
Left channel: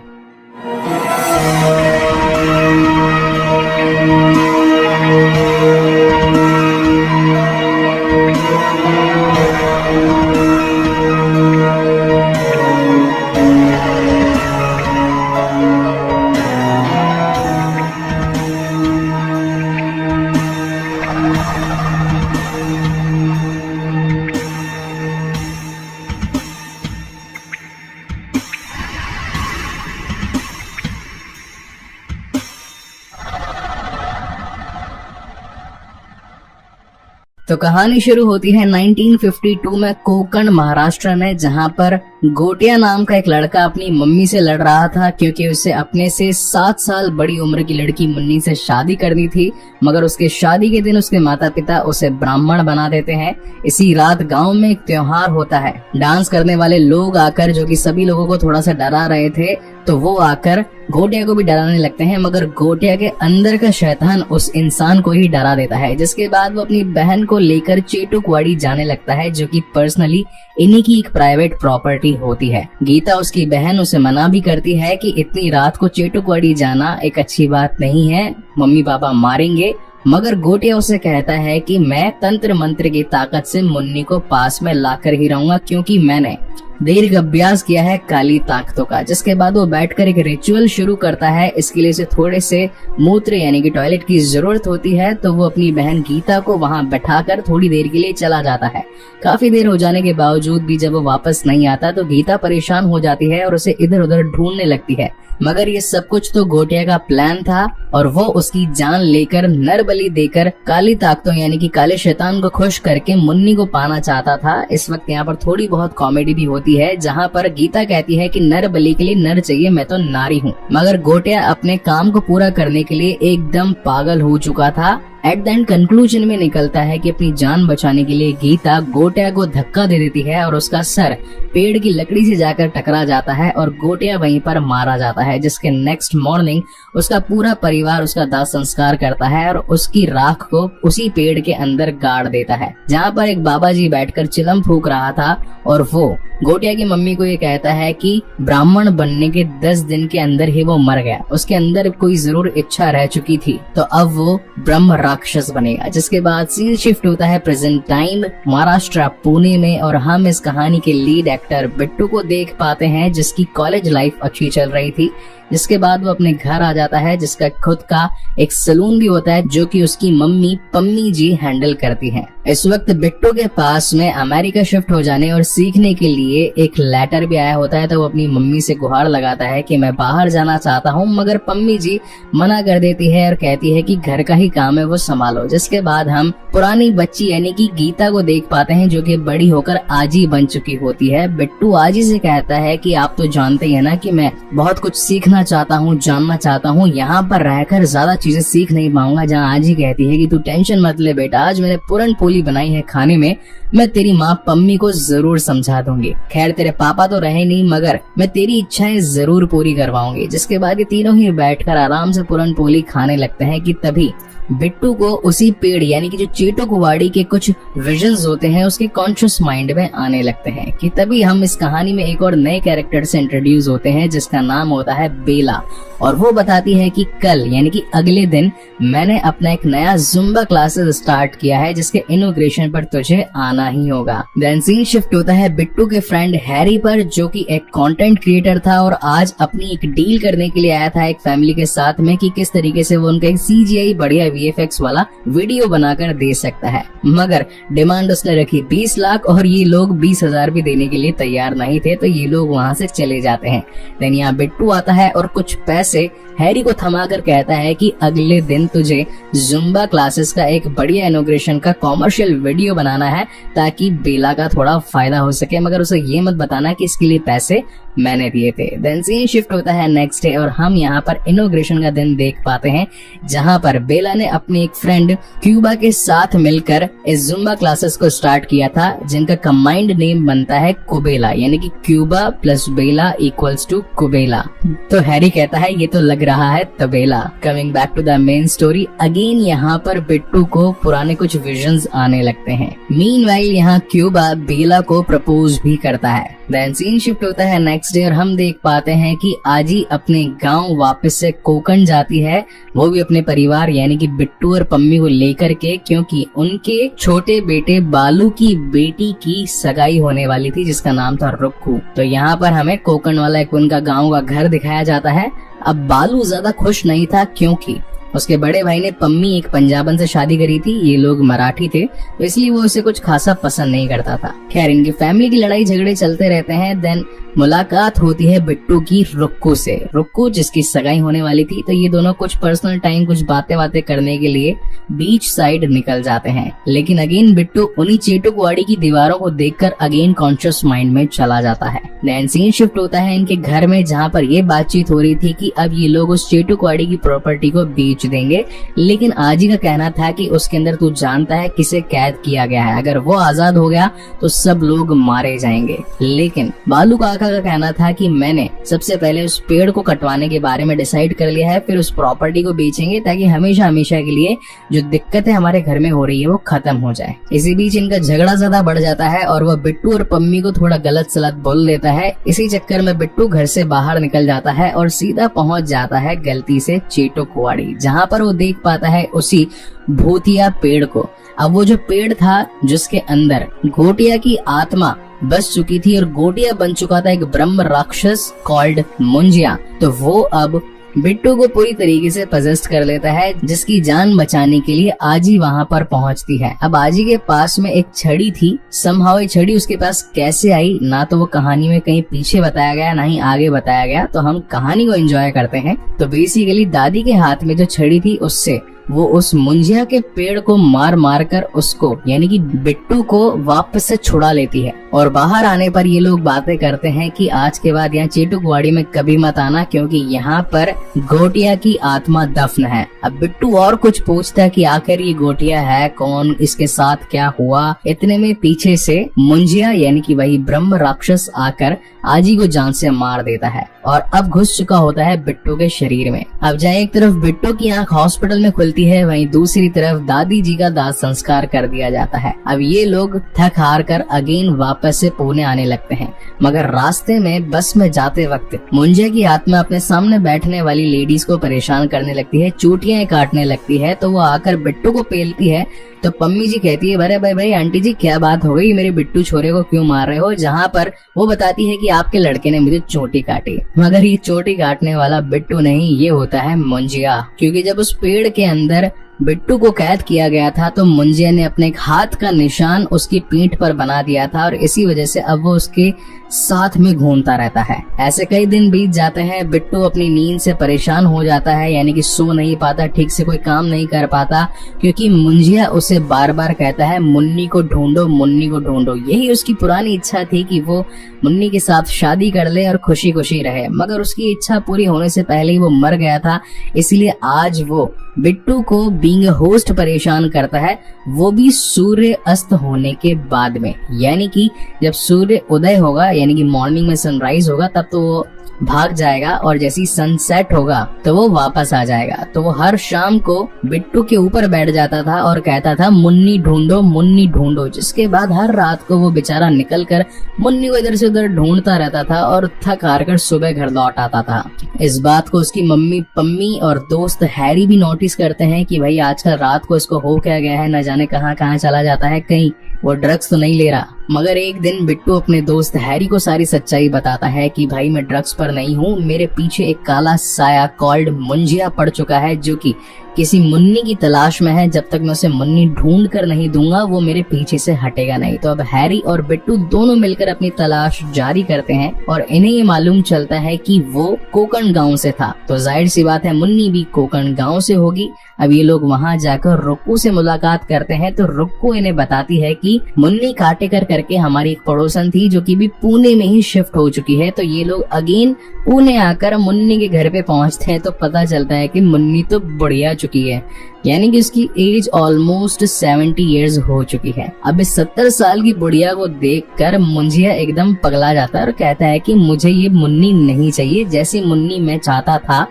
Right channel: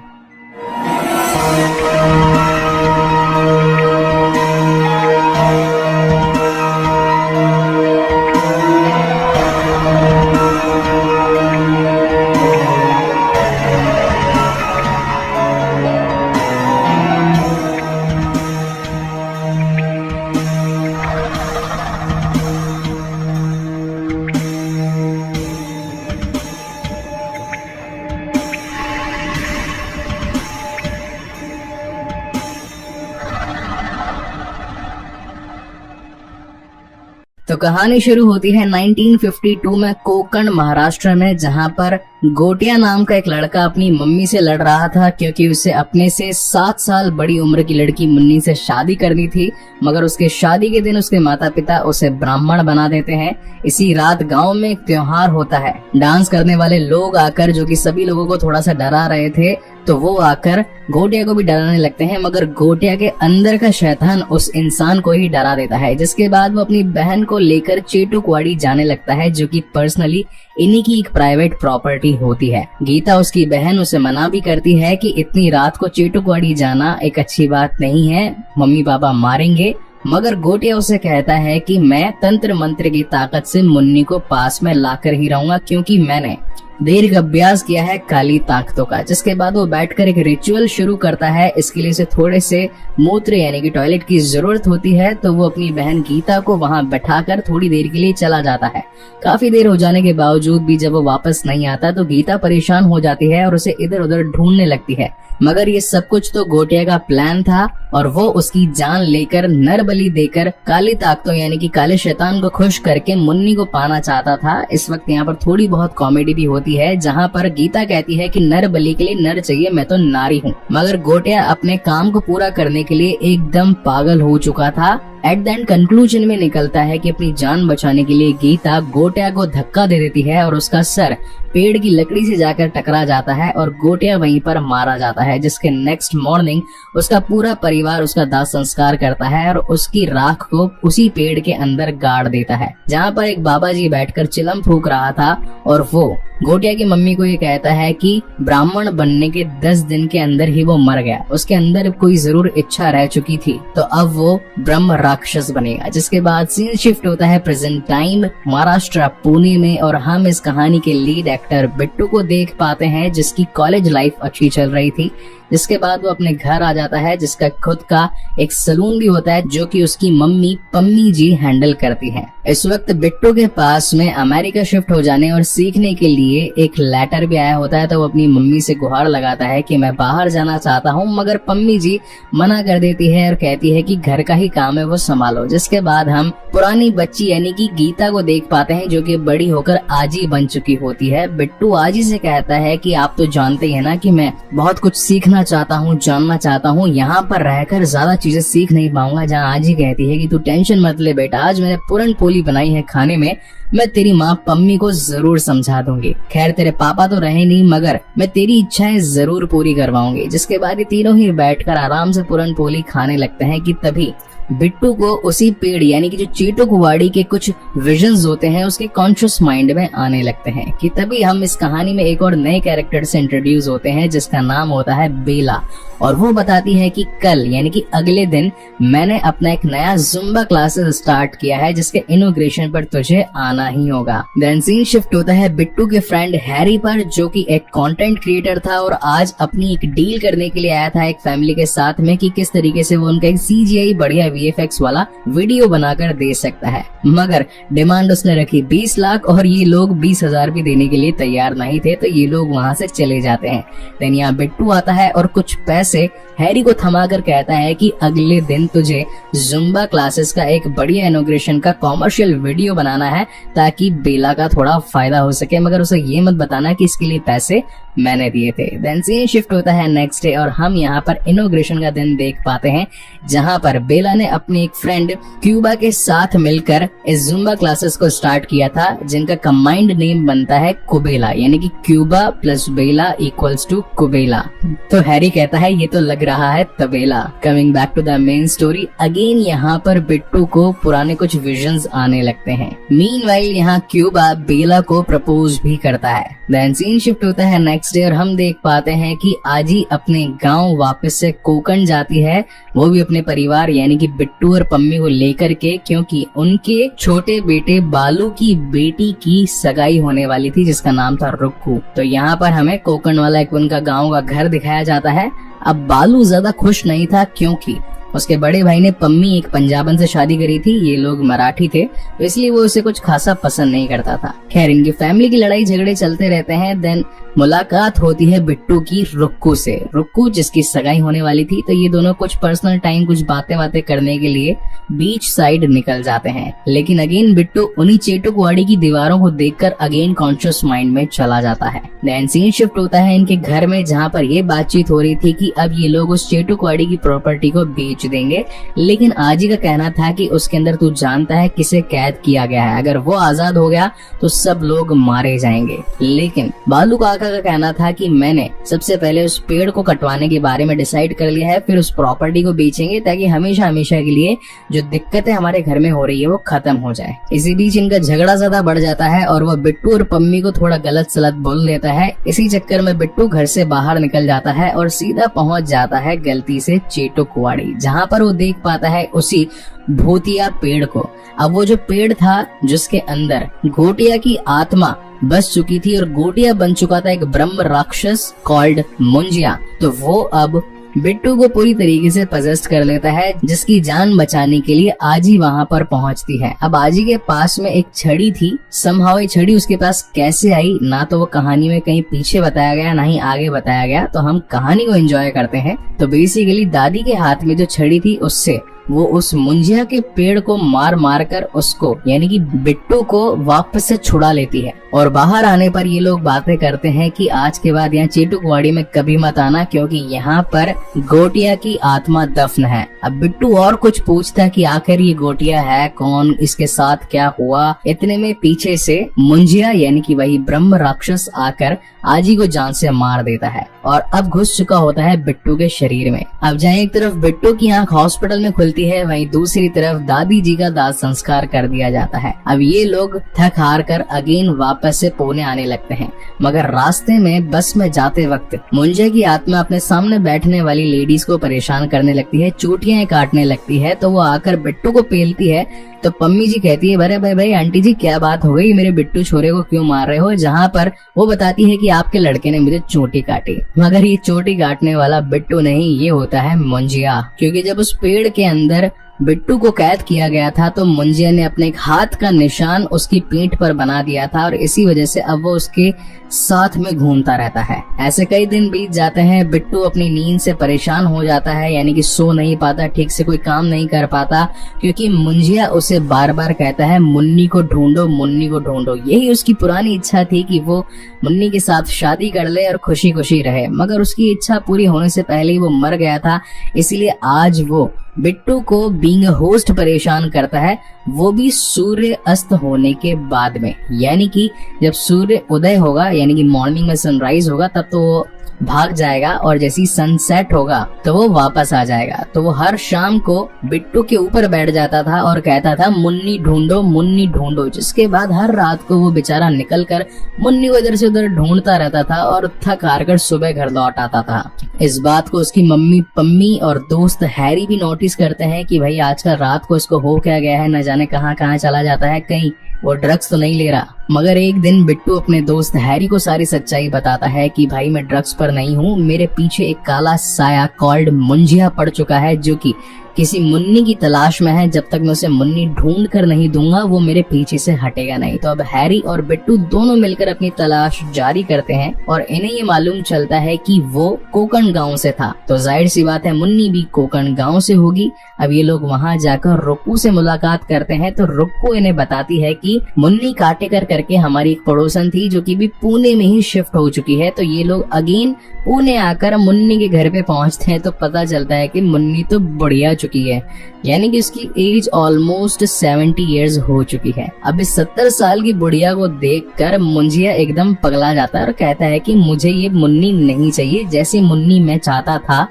तो कहानी शुरू होती है 1952 में कोकण महाराष्ट्र में, जहां पर गोटिया नाम का एक लड़का अपनी मम्मी से लड़ रहा था क्योंकि उसे अपने से 7 साल बड़ी उम्र की लड़की मुन्नी से शादी करनी थी। मगर उसके शादी के दिन उसके माता पिता उसे ब्राह्मण बना देते हैं। इसी रात गांव में एक त्योहार होता है। डांस करने वाले लोग आकर, जो कि सभी लोगों को थोड़ा सा डरा रहे थे, तो वो आकर गोटिया को भी डराने लगते हैं। मगर गोटिया के अंदर का शैतान उस इंसान को ही डरा देता है, जिसके बाद वो अपनी बहन को लेकर चेटुकवाड़ी जाने लगता है, जो कि पर्सनली इन्हीं की एक प्राइवेट प्रॉपर्टी होती है। गीता, उसकी बहन, उसे मना भी करती है कि इतनी रात को चेटुकवाड़ी जाना एक अच्छी बात नहीं है, मम्मी पापा मारेंगे। मगर गोटिया उसे कहता है कि मैं तंत्र मंत्र की ताकत से मुन्नी को पास में लाकर ही रहूंगा, क्योंकि मैंने देर का अभ्यास किया है काली ताकतों का। जिसके बाद वो बैठकर एक रिचुअल शुरू करता है। इसके लिए उसे थोड़े से मूत्र यानी कि टॉयलेट की जरूरत होती है, तो वो अपनी बहन गीता को वहां बैठाकर थोड़ी देर के लिए चला जाता है। काफी देर हो जाने के बावजूद भी जब वो वापस नहीं आता तो गीता परेशान हो जाती है और उसे इधर उधर ढूंढने लगती है। मगर ये सब कुछ तो गोटिया का प्लान था और वो उसकी जान लेकर, नर बलि देकर, काली ताकतों यानी कि काले शैतान को खुश करके मुन्नी को पाना चाहता था। इस वक्त यहाँ पर थोड़ी बहुत कॉमेडी भी होती है, जहाँ पर गीता कहती है कि नर बलि के लिए नर चाहिए, मैं तो नारी हूँ। मगर गोटिया अपने काम को पूरा करने के लिए एकदम पागल हो चुका था। एट द एंड कंक्लूजन में निकलता है कि अपनी जान बचाने के लिए गीता गोटिया को धक्का दे देती है और उसका सर पेड़ की लकड़ी से जाकर टकरा जाता है और गोटिया वहीं पर मारा जाता है। जिसके नेक्स्ट मॉर्निंग उसका पूरा परिवार उसका दाह संस्कार करता है और उसकी राख को उसी पेड़ के अंदर गाड़ देता है, जहाँ पर एक बाबा जी बैठकर चिलम फूंक रहा था। और वो गोटिया की मम्मी को ये कहता है कि ब्राह्मण बनने के 10 दिन के अंदर ही वो मर गया, उसके अंदर कोई जरूर इच्छा रह चुकी थी, तो अब वो ब्रह्म राक्षस बनेगा। जिसके बाद सीन शिफ्ट होता है प्रेजेंट टाइम महाराष्ट्र पुणे में, और हम इस कहानी के लीड एक्टर बिट्टू को देख पाते हैं, जिसकी कॉलेज लाइफ अच्छी चल रही थी। जिसके बाद वो अपने घर आ जाता है, जिसका खुद का एक सलून भी होता है, जो कि उसकी मम्मी पम्मी जी हैंडल करती हैं। इस वक्त बिट्टू के पास में अमेरिका शिफ्ट हो जाने और सीखने के लिए एक लेटर भी आया होता है, तो वो अपनी मम्मी से गुहार लगाता है कि मैं बाहर जाना चाहता हूँ। मगर पम्मी जी मना कर देती है और कहती है कि घर का ही काम है, वो संभालो। जिसके बाद हम पुरानी बच्ची यानी कि गीता को देख पाते हैं, जो कि बड़ी होकर आजी बन चुकी होती है। बिट्टू आजी से कहता है कि आप तो जानते ही है ना कि मैं बहुत कुछ सीखना चाहता हूँ, जानना चाहता हूँ, यहाँ पर रहकर ज्यादा चीजें सीख नहीं पाऊंगा। जहाँ आजी कहती है कि तू टेंशन मत ले बेटा, आज मैंने पूरन पोली बनाई है खाने में, मैं तेरी माँ पम्मी को जरूर समझा दूंगी। खैर तेरे पापा तो रहे नहीं, मगर मैं तेरी इच्छाएं जरूर पूरी करवाऊंगी। जिसके बाद ये तीनों ही बैठकर आराम से पूरन पोली खाने लगते हैं कि तभी बिट्टू को उसी पेड़ यानी कि जो चेटुकवाड़ी के कुछ विजन्स होते हैं उसके कॉन्शियस माइंड में आने लगते हैं। कि तभी हम इस कहानी में एक और नए कैरेक्टर से इंट्रोड्यूस होते हैं, जिसका नाम होता है बेला। और वो बताती है कि कल यानी कि अगले दिन मैंने अपना एक नया जुम्बा क्लासेस स्टार्ट किया है, जिसके इनॉग्रेशन पर तुझे आना ही होगा। देन सीन शिफ्ट होता है बिट्टू के फ्रेंड हैरी पर, जो कि एक कंटेंट क्रिएटर था और आज अपनी एक डील करने के लिए आया था एक फैमिली के साथ में, कि किस तरीके से वो उनका एक CGI बढ़िया VFX वाला वीडियो बनाकर दे सकता है। मगर डिमांड उसने रखी 20 लाख और ये लोग 20,000 भी देने के लिए तैयार नहीं थे, तो ये लोग वहाँ से चले जाते हैं। देन यहाँ बिट्टू आता है और कुछ पैसे हैरी को थमाकर कहता है कि अगले दिन तुझे जुम्बा क्लासेस का एक बढ़िया इनॉग्रेशन का कॉमर्शियल वीडियो बनाना है, ताकि बेला का थोड़ा फायदा हो सके। मगर उसे ये मत बताना कि इसके लिए पैसे मैंने दिए थे। देन सीन शिफ्ट होता है नेक्स्ट डे और हम यहाँ पर इनॉग्रेशन का दिन देख पाते हैं, जहाँ पर बेला ने अपनी एक फ्रेंड क्यूबा के साथ मिलकर इस जुम्बा क्लासेस को स्टार्ट किया था, जिनका कंबाइंड नेम बनता है कुबेला, यानी कि क्यूबा प्लस बेला इक्वल्स टू कुबेला। तो हैरी कहता है ये तो लग रहा है तबेला। Coming back to the main story again, यहाँ पर बिट्टू को पुराने कुछ विजन्स आने लगते हैं। मीनवाइल यहाँ क्यूबा बेला को प्रपोज भी करता है। देन सीन शिफ्ट होता है नेक्स्ट डे और हम देख पाते हैं कि आजी अपने गांव वापस से कोकण जाती है, वो भी अपने परिवार यानी कि बिट्टू और पम्मी को लेकर के, क्योंकि उनके छोटे बेटे बालू की बेटी की सगाई होने वाली थी, जिसका नाम था रुक्कू। तो यहाँ पर हमें कोकण वाला एक उनका गाँव का घर दिखाया जाता है। अब बालू ज्यादा खुश नहीं था, क्योंकि उसके बड़े भाई ने पम्मी एक पंजाबन से शादी करी थी, ये लोग मराठी थे, इसलिए वो उसे कुछ खासा पसंद नहीं करता था। खैर इनकी फैमिली की लड़ाई झगड़े चलते रहते हैं। देन मुलाकात होती है बिट्टू की रुक्कू से। रुक्कू जिसकी सगाई होने वाली थी, तो ये दोनों कुछ पर्सनल टाइम, कुछ बातें करने के लिए बीच साइड निकल जाते हैं। लेकिन अगेन बिट्टू उन्हीं चेटुकवाड़ी की दीवारों को देखकर अगेन कॉन्शियस माइंड में चला जाता है। देन सीन शिफ्ट होता है इनके घर में, जहाँ पर ये बातचीत हो रही थी कि अब ये लोग उस चेटुकवाड़ी की प्रॉपर्टी को बेच देंगे। लेकिन आजी का कहना था कि उसके अंदर तू जानता है किसे कैद किया गया है, अगर वो आजाद हो गया तो सब लोग मारे जाएंगे। लेकिन बालू काका का कहना था कि मैंने सबसे पहले उस पेड़ को कटवाने के बारे में डिसाइड कर लिया है, फिर उस प्रॉपर्टी को बेचेंगे ताकि हमेशा हमेशा के लिए जो दिक्कतें हमारे घर में हो रही है वो खत्म हो जाए। इसी बीच इनका झगड़ा ज्यादा बढ़ जाता है और वह बिट्टू और पम्मी को थोड़ा गलत सलत बोल देता है। इसी चक्कर में बिट्टू घर से बाहर निकल जाता है और सीधा पहुंच जाता है गलती से चेटुकवाड़ी, जहाँ पर वो देख पाता है उसी भूतिया पेड़ को। अब वो जो पेड़ था जिसके अंदर गोटिया की आत्मा बस चुकी थी और गोटिया बन चुका था एक ब्रह्म राक्षस कॉल्ड मुंजिया, तो वो अब बिट्टू को पूरी तरीके से पजेस्ट कर लेता है, जिसकी जान बचाने के लिए आजी वहाँ पर पहुँचती है। अब आजी के पास में एक छड़ी थी, समहाउ ये छड़ी उसके पास कैसे आई ना तो वो कहानी में कहीं पीछे बताया गया ना ही आगे बताया गया, तो हम कहानी को एंजॉय करते हैं। तो बेसिकली दादी के हाथ में जो छड़ी थी उससे वो उस मुंजिया के पेड़ को मार मार कर उसको यानी कि बिट्टू को वापस से छुड़ा लेती है। और बाहर आने पर ये लोग बातें करते हैं कि आज के बाद यहाँ चेटुकवाड़ी में कभी मत आना, क्योंकि यहाँ पर गोटिया की आत्मा दफन है। अब बिट्टू और कुछ पूछता है कि आखिर ये गोटिया है कौन, इसके साथ क्या हुआ। इतने में पीछे से मुंजिया यानी कि वही ब्रह्म राक्षस आकर आजी को जान से मार देता है और अब घुस चुका होता है बिट्टू के शरीर में। अब जहाँ एक तरफ बिट्टू की आंख हॉस्पिटल में खुलती है, वहीं दूसरी तरफ दादी जी का दाह संस्कार कर दिया जाता है। अब ये लोग थक हार कर अगेन वापस से पुणे आने लगते हैं, मगर रास्ते में बस में जाते वक्त मुंजिया की आत्मा अपने सामने बैठने वाली लेडीज को परेशान करने लगती है, चोटियां काटने लगती है। तो वो आकर बिट्टू को पेलती है, तो पम्मी जी कहती है अरे भाई आंटी जी क्या बात हो गई, मेरे बिट्टू छोरे को क्यों मार रहे हो। जहाँ पर वो बताती है कि आपके लड़के ने मुझे चोटी काटी, मगर ये चोटी काटने वाला बिट्टू नहीं, ये होता है मुंजिया। क्योंकि जब उस पेड़ के अंदर बिट्टू को कैद किया गया था तो मुंजिया ने अपने एक हाथ का निशान उसकी पीठ पर बना दिया था और इसी वजह से अब वो उसके साथ में घूमता रहता है। ऐसे कई दिन बीत जाते हैं, बिट्टू अपनी नींद से परेशान हो जाता है, यानी कि सो नहीं पाता, ठीक से कोई काम नहीं कर पाता, क्योंकि मुंजिया उसे बार बार कहता है मुन्नी को ढूंढो, मुन्नी को ढूंढो। यही उसकी पुरानी इच्छा थी कि वो मुन्नी के साथ शादी कर ले और खुशी खुशी रहे, मगर उसकी इच्छा पूरी होने से पहले ही वो मर गया था। इसलिए आज वो बिट्टू को बीइंग होस्ट परेशान करता है, वो भी सूर्य अस्त होने के बाद में, यानी कि जब सूर्य उदय होगा यानी कि मॉर्निंग में सनराइज होगा तब तो वो भाग जाएगा और जैसी सनसेट होगा तो वो वापस आ जाएगा। तो वो हर शाम को बिट्टू के ऊपर बैठ जाता था और कहता था मुन्नी ढूंढो, मुन्नी ढूंढो, जिसके बाद हर रात को वो बेचारा निकल कर मुन्नी को इधर से उधर ढूंढता रहता था और थक हार कर सुबह घर लौट आता था। इस बात को उसकी मम्मी पम्मी और दोस्त हैरी भी नोटिस करते हैं कि भाई आजकल रात को इसको हो क्या गया है, न जाने कहाँ कहाँ चला जाता है, कहीं वो ड्रग्स तो नहीं ले रहा। मगर एक दिन बिट्टू अपने दोस्त हैरी को सारी सच्चाई बताता है कि भाई मैं ड्रग्स पर नहीं हूँ, मेरे पीछे एक काला साया कॉल्ड मुंजिया पड़ चुका है जो कि किसी मुन्नी की तलाश में है। जब तक मैं उसे मुन्नी ढूंढ कर नहीं दूंगा वो मेरे पीछे से हटेगा नहीं। तो अब हैरी और बिट्टू दोनों मिलकर अपनी तलाश जारी करते हैं और इन्हें ये मालूम चलता है कि वो कोकण गांव से था, तो जाहिर सी बात है मुन्नी भी कोकण गांव से होगी। अब ये लोग वहां जाकर रुक्कू से मुलाकात करते हैं, तो रुक्कू इन्हें बताती है कि मुन्नी काटेकर करके हमारी एक पड़ोसन थी जो कि भी पुणे में ही शिफ्ट हो चुकी है। तो ये लोग अगेन पुणे आकर मुन्नी के घर पे पहुंचते हैं, तो पता चलता है कि मुन्नी तो बढ़िया चुकी है, यानी कि उसकी एज ऑलमोस्ट 70 इयर्स हो चुकी है। अब इस 70 साल की बुढ़िया को देखकर मुंजिया एकदम पगला जाता है और कहता है कि मुझे ये मुन्नी नहीं चाहिए, जैसी मुन्नी मैं चाहता था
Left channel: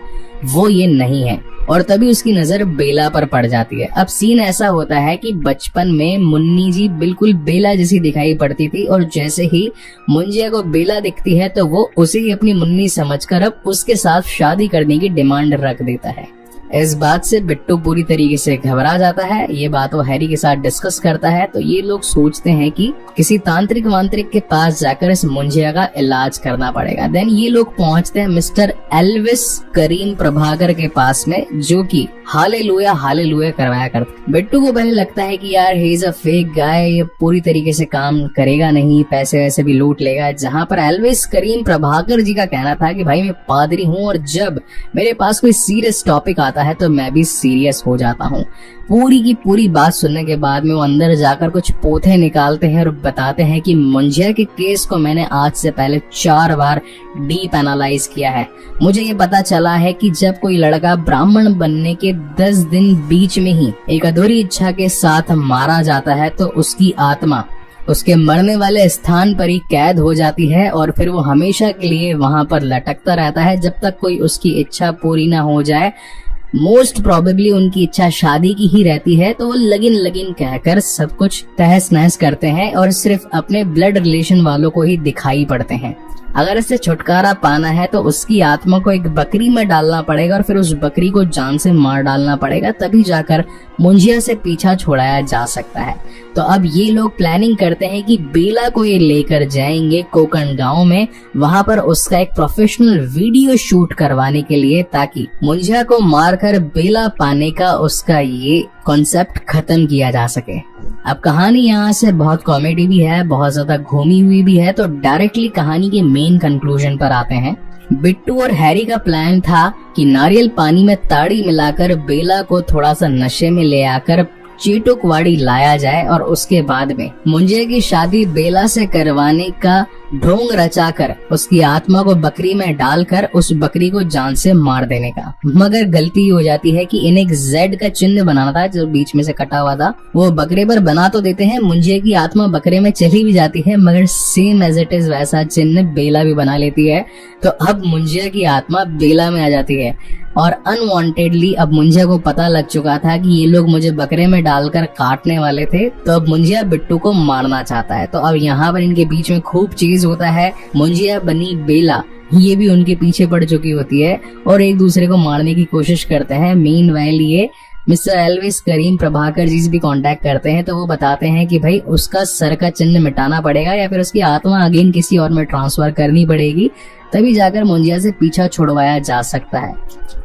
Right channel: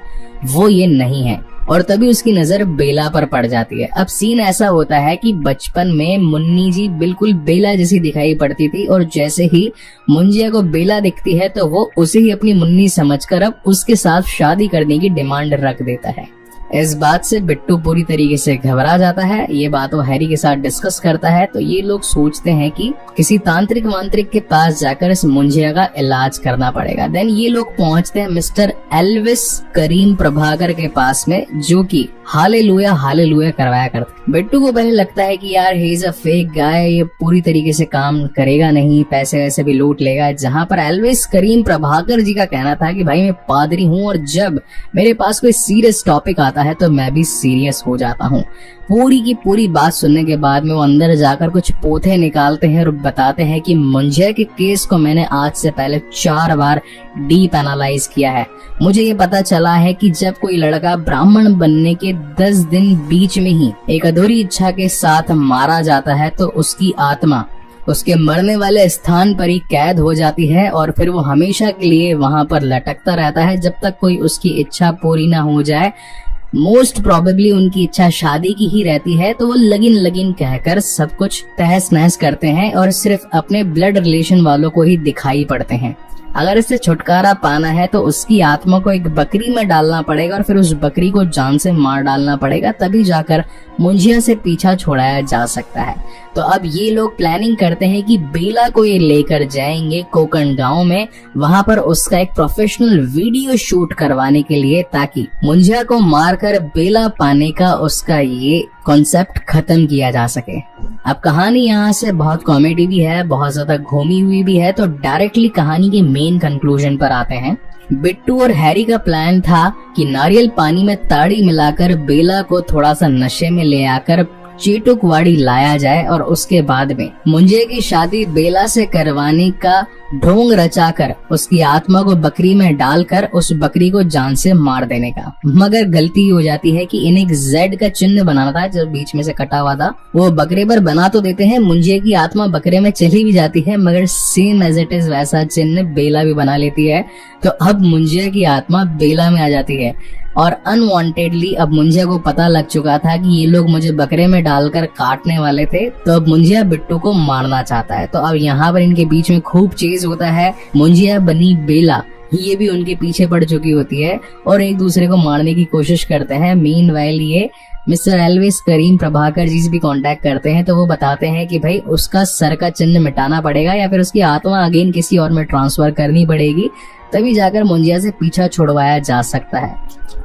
वो ये नहीं है। और तभी उसकी नजर बेला पर पड़ जाती है। अब सीन ऐसा होता है कि बचपन में मुन्नी जी बिल्कुल बेला जैसी दिखाई पड़ती थी और जैसे ही मुंजिया को बेला दिखती है तो वो उसे ही अपनी मुन्नी समझकर अब उसके साथ शादी करने की डिमांड रख देता है। इस बात से बिट्टू पूरी तरीके से घबरा जाता है। ये बात वो हैरी के साथ डिस्कस करता है तो ये लोग सोचते हैं कि किसी तांत्रिक वांत्रिक के पास जाकर इस मुंजिया का इलाज करना पड़ेगा। देन ये लोग पहुंचते हैं मिस्टर एल्विस करीम प्रभाकर के पास में, जो कि हालेलुया करवाया करते। बिट्टू को पहले लगता है कि यार he is a fake guy, ये पूरी तरीके से काम करेगा नहीं, पैसे वैसे भी लूट लेगा। जहां पर एल्विस करीम प्रभाकर जी का कहना था कि भाई मैं पादरी हूँ और जब मेरे पास कोई सीरियस टॉपिक आता है तो मैं भी सीरियस हो जाता हूँ। पूरी की पूरी बात सुनने के बाद में वो अंदर जाकर कुछ पोथे निकालते हैं और बताते हैं कि मुंजिया के केस को मैंने आज से पहले 4 बार डीप एनालाइज किया है। मुझे ये पता चला है कि जब कोई लड़का ब्राह्मण बनने के 10 दिन बीच में ही एक अधूरी इच्छा के साथ मारा जाता है तो उसकी आत्मा उसके मरने वाले स्थान पर ही कैद हो जाती है और फिर वो हमेशा के लिए वहां पर लटकता रहता है जब तक कोई उसकी इच्छा पूरी ना हो जाए। मोस्ट प्रोबेबली उनकी इच्छा शादी की ही रहती है तो वो लगिन कहकर सब कुछ तहस नहस करते हैं और सिर्फ अपने ब्लड रिलेशन वालों को ही दिखाई पड़ते हैं। अगर इससे छुटकारा पाना है तो उसकी आत्मा को एक बकरी में डालना पड़ेगा और फिर उस बकरी को जान से मार डालना पड़ेगा, तभी जाकर मुंजिया से पीछा छुड़ाया जा सकता है। तो अब ये लोग प्लानिंग करते हैं कि बेला को ये लेकर जाएंगे कोकण गांव में, वहां पर उसका एक प्रोफेशनल वीडियो शूट करवाने के लिए, ताकि मुंजिया को मारकर बेला पाने का उसका ये कॉन्सेप्ट खत्म किया जा सके। अब कहानी यहाँ से बहुत कॉमेडी भी है, बहुत ज्यादा घूमी हुई भी है, तो डायरेक्टली कहानी के मेन कंक्लूजन पर आते हैं। बिट्टू और हैरी का प्लान था कि नारियल पानी में ताड़ी मिलाकर बेला को थोड़ा सा नशे में ले आकर चीटुकवाड़ी लाया जाए और उसके बाद में मुंजिया की शादी बेला से करवाने का ढोंग रचाकर उसकी आत्मा को बकरी में डालकर उस बकरी को जान से मार देने का। मगर गलती हो जाती है कि इन्हें एक जेड का चिन्ह बनाना था जो बीच में से कटा हुआ था, वो बकरी पर बना तो देते हैं, मुंजिया की आत्मा बकरे में चली भी जाती है, मगर सेम एज इट इज वैसा चिन्ह बेला भी बना लेती है। तो अब मुंजिया की आत्मा बेला में आ जाती है और अनवांटेडली अब मुंजिया को पता लग चुका था कि ये लोग मुझे बकरे में डालकर काटने वाले थे, तो अब मुंजिया बिट्टू को मारना चाहता है। तो अब यहाँ पर इनके बीच में खूब चेज होता है। मुंजिया बनी बेला ये भी उनके पीछे पड़ चुकी होती है और एक दूसरे को मारने की कोशिश करते हैं। मीनवाइल ये मिस्टर एल्विस करीम प्रभाकर जी से भी कांटेक्ट करते हैं तो वो बताते हैं कि भाई उसका सर का चिन्ह मिटाना पड़ेगा या फिर उसकी आत्मा अगेन किसी और में ट्रांसफर करनी पड़ेगी, तभी जाकर मुंजिया से पीछा छुड़वाया जा सकता है।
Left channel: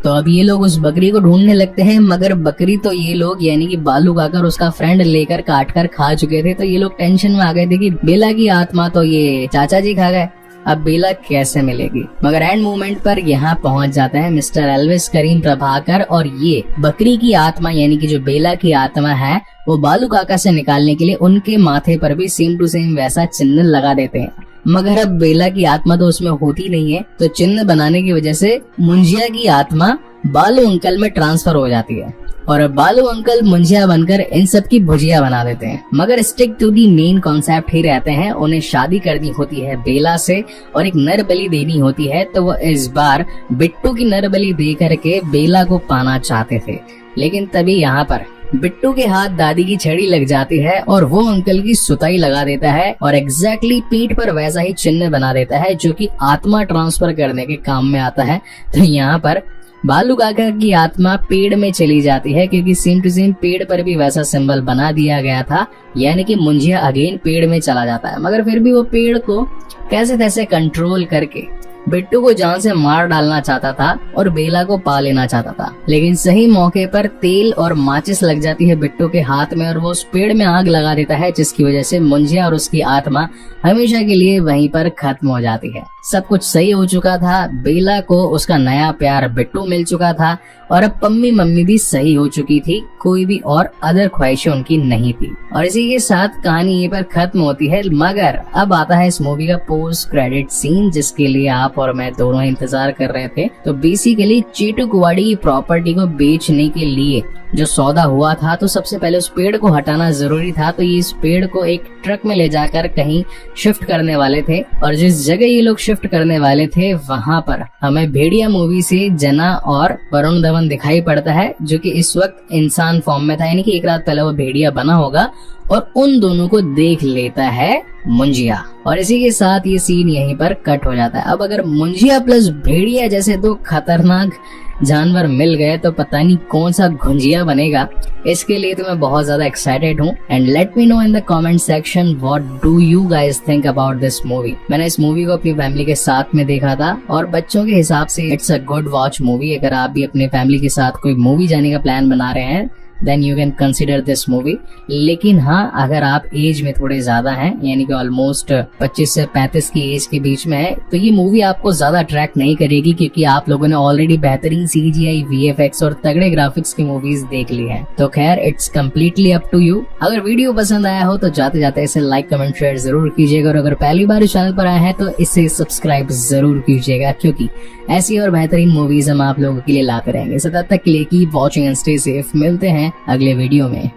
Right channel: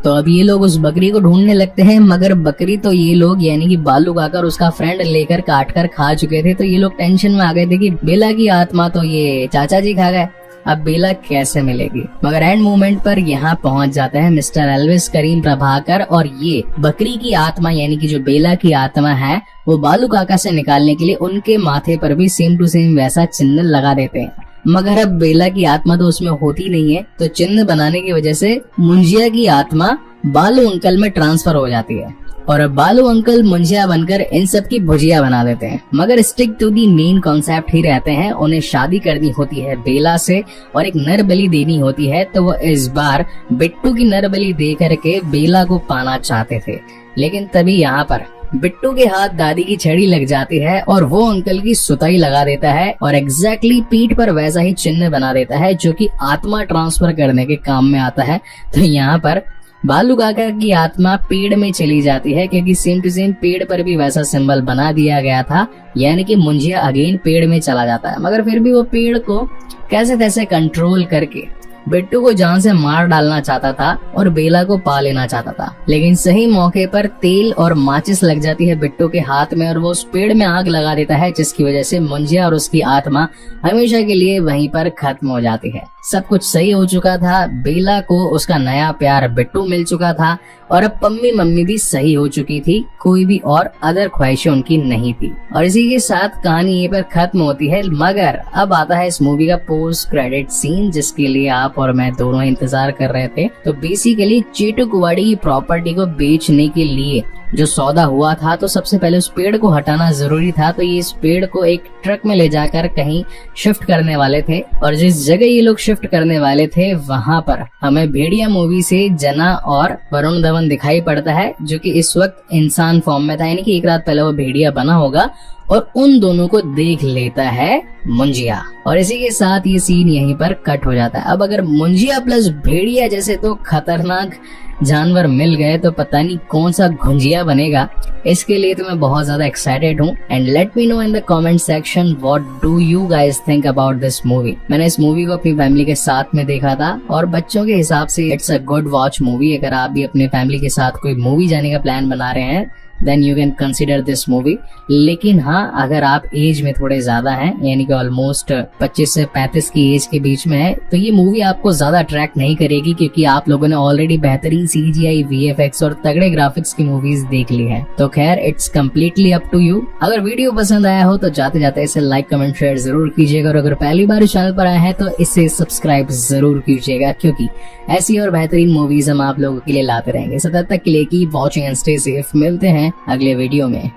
तो अब ये लोग उस बकरी को ढूंढने लगते हैं, मगर बकरी तो ये लोग यानी कि बालू काकर उसका फ्रेंड लेकर काट कर खा चुके थे। तो ये लोग टेंशन में आ गए थे कि बेला की आत्मा तो ये चाचा जी खा गए, अब बेला कैसे मिलेगी। मगर एंड मोमेंट पर यहाँ पहुंच जाते हैं मिस्टर एल्विस करीम प्रभाकर और ये बकरी की आत्मा यानी कि जो बेला की आत्मा है वो बालू काका से निकालने के लिए उनके माथे पर भी सेम टू सेम वैसा चिन्ह लगा देते हैं। मगर अब बेला की आत्मा तो उसमें होती नहीं है, तो चिन्ह बनाने की वजह से मुंजिया की आत्मा बालू अंकल में ट्रांसफर हो जाती है और अब बालू अंकल मुंजिया बनकर इन सब की भुजिया बना देते हैं। मगर stick to the main concept ही रहते हैं। उन्हें शादी करनी होती है बेला से और एक नर बलि देनी होती है, तो वो इस बार बिट्टू की नर बलि दे करके बेला को पाना चाहते थे। लेकिन तभी यहाँ पर बिट्टू के हाथ दादी की छड़ी लग जाती है और वो अंकल की सुताई लगा देता है और एग्जैक्टली पीठ पर वैसा ही चिन्ह बना देता है जो कि आत्मा ट्रांसफर करने के काम में आता है। तो यहाँ पर बालू काका की आत्मा पेड़ में चली जाती है क्योंकि सेम टू सेम पेड़ पर भी वैसा सिंबल बना दिया गया था, यानी कि मुंजिया अगेन पेड़ में चला जाता है। मगर फिर भी वो पेड़ को कैसे तैसे कंट्रोल करके बिट्टू को जान से मार डालना चाहता था और बेला को पा लेना चाहता था। लेकिन सही मौके पर तेल और माचिस लग जाती है बिट्टू के हाथ में और वो उस पेड़ में आग लगा देता है, जिसकी वजह से मुंजिया और उसकी आत्मा हमेशा के लिए वहीं पर खत्म हो जाती है। सब कुछ सही हो चुका था, बेला को उसका नया प्यार बिट्टू मिल चुका था और अब पम्मी मम्मी भी सही हो चुकी थी, कोई भी और अदर ख्वाहिशें उनकी नहीं थी। और इसी के साथ कहानी ये पर खत्म होती है। मगर अब आता है इस मूवी का पोस्ट क्रेडिट सीन, जिसके लिए आप और मैं दोनों इंतजार कर रहे थे। तो बेसिकली चीटुकवाड़ी की प्रॉपर्टी को बेचने के लिए जो सौदा हुआ था, तो सबसे पहले उस पेड़ को हटाना जरूरी था। तो ये इस पेड़ को एक ट्रक में ले जाकर कहीं शिफ्ट करने वाले थे और जिस जगह ये लोग शिफ्ट करने वाले थे वहां पर हमें भेड़िया मूवी से जना और वरुण धवन दिखाई पड़ता है, जो कि इस वक्त इंसान फॉर्म में था, यानी कि एक रात पहले वो भेड़िया बना होगा और उन दोनों को देख लेता है मुंजिया। और इसी के साथ ये सीन यहीं पर कट हो जाता है। अब अगर मुंजिया प्लस भेड़िया जैसे दो खतरनाक जानवर मिल गए तो पता नहीं कौन सा घुंजिया बनेगा। इसके लिए तो मैं बहुत ज्यादा एक्साइटेड हूँ। And let me know in the comment section what do you guys think about this movie. मैंने इस मूवी को अपनी फैमिली के साथ में देखा था और बच्चों के हिसाब से it's a good watch movie. अगर आप भी अपने फैमिली के साथ कोई मूवी जाने का प्लान बना रहे हैं then you can consider this movie. लेकिन हाँ, अगर आप एज में थोड़े ज्यादा हैं, यानी कि ऑलमोस्ट 25 से 35 की एज के बीच में है, तो ये मूवी आपको ज्यादा अट्रैक्ट नहीं करेगी, क्योंकि आप लोगों ने ऑलरेडी बेहतरीन CGI, VFX और तगड़े ग्राफिक्स की मूवीज देख ली हैं। तो खैर, it's completely up to you. अगर वीडियो पसंद आया हो तो जाते जाते इसे लाइक, कमेंट, शेयर जरूर कीजिएगा, और अगर पहली बार इस चैनल पर आए हैं तो इसे सब्सक्राइब जरूर कीजिएगा, क्योंकि ऐसी और बेहतरीन मूवीज हम आप लोगों के लिए लाते रहेंगे। सो तब तक के लिए keep watching and stay safe. मिलते हैं अगले वीडियो में।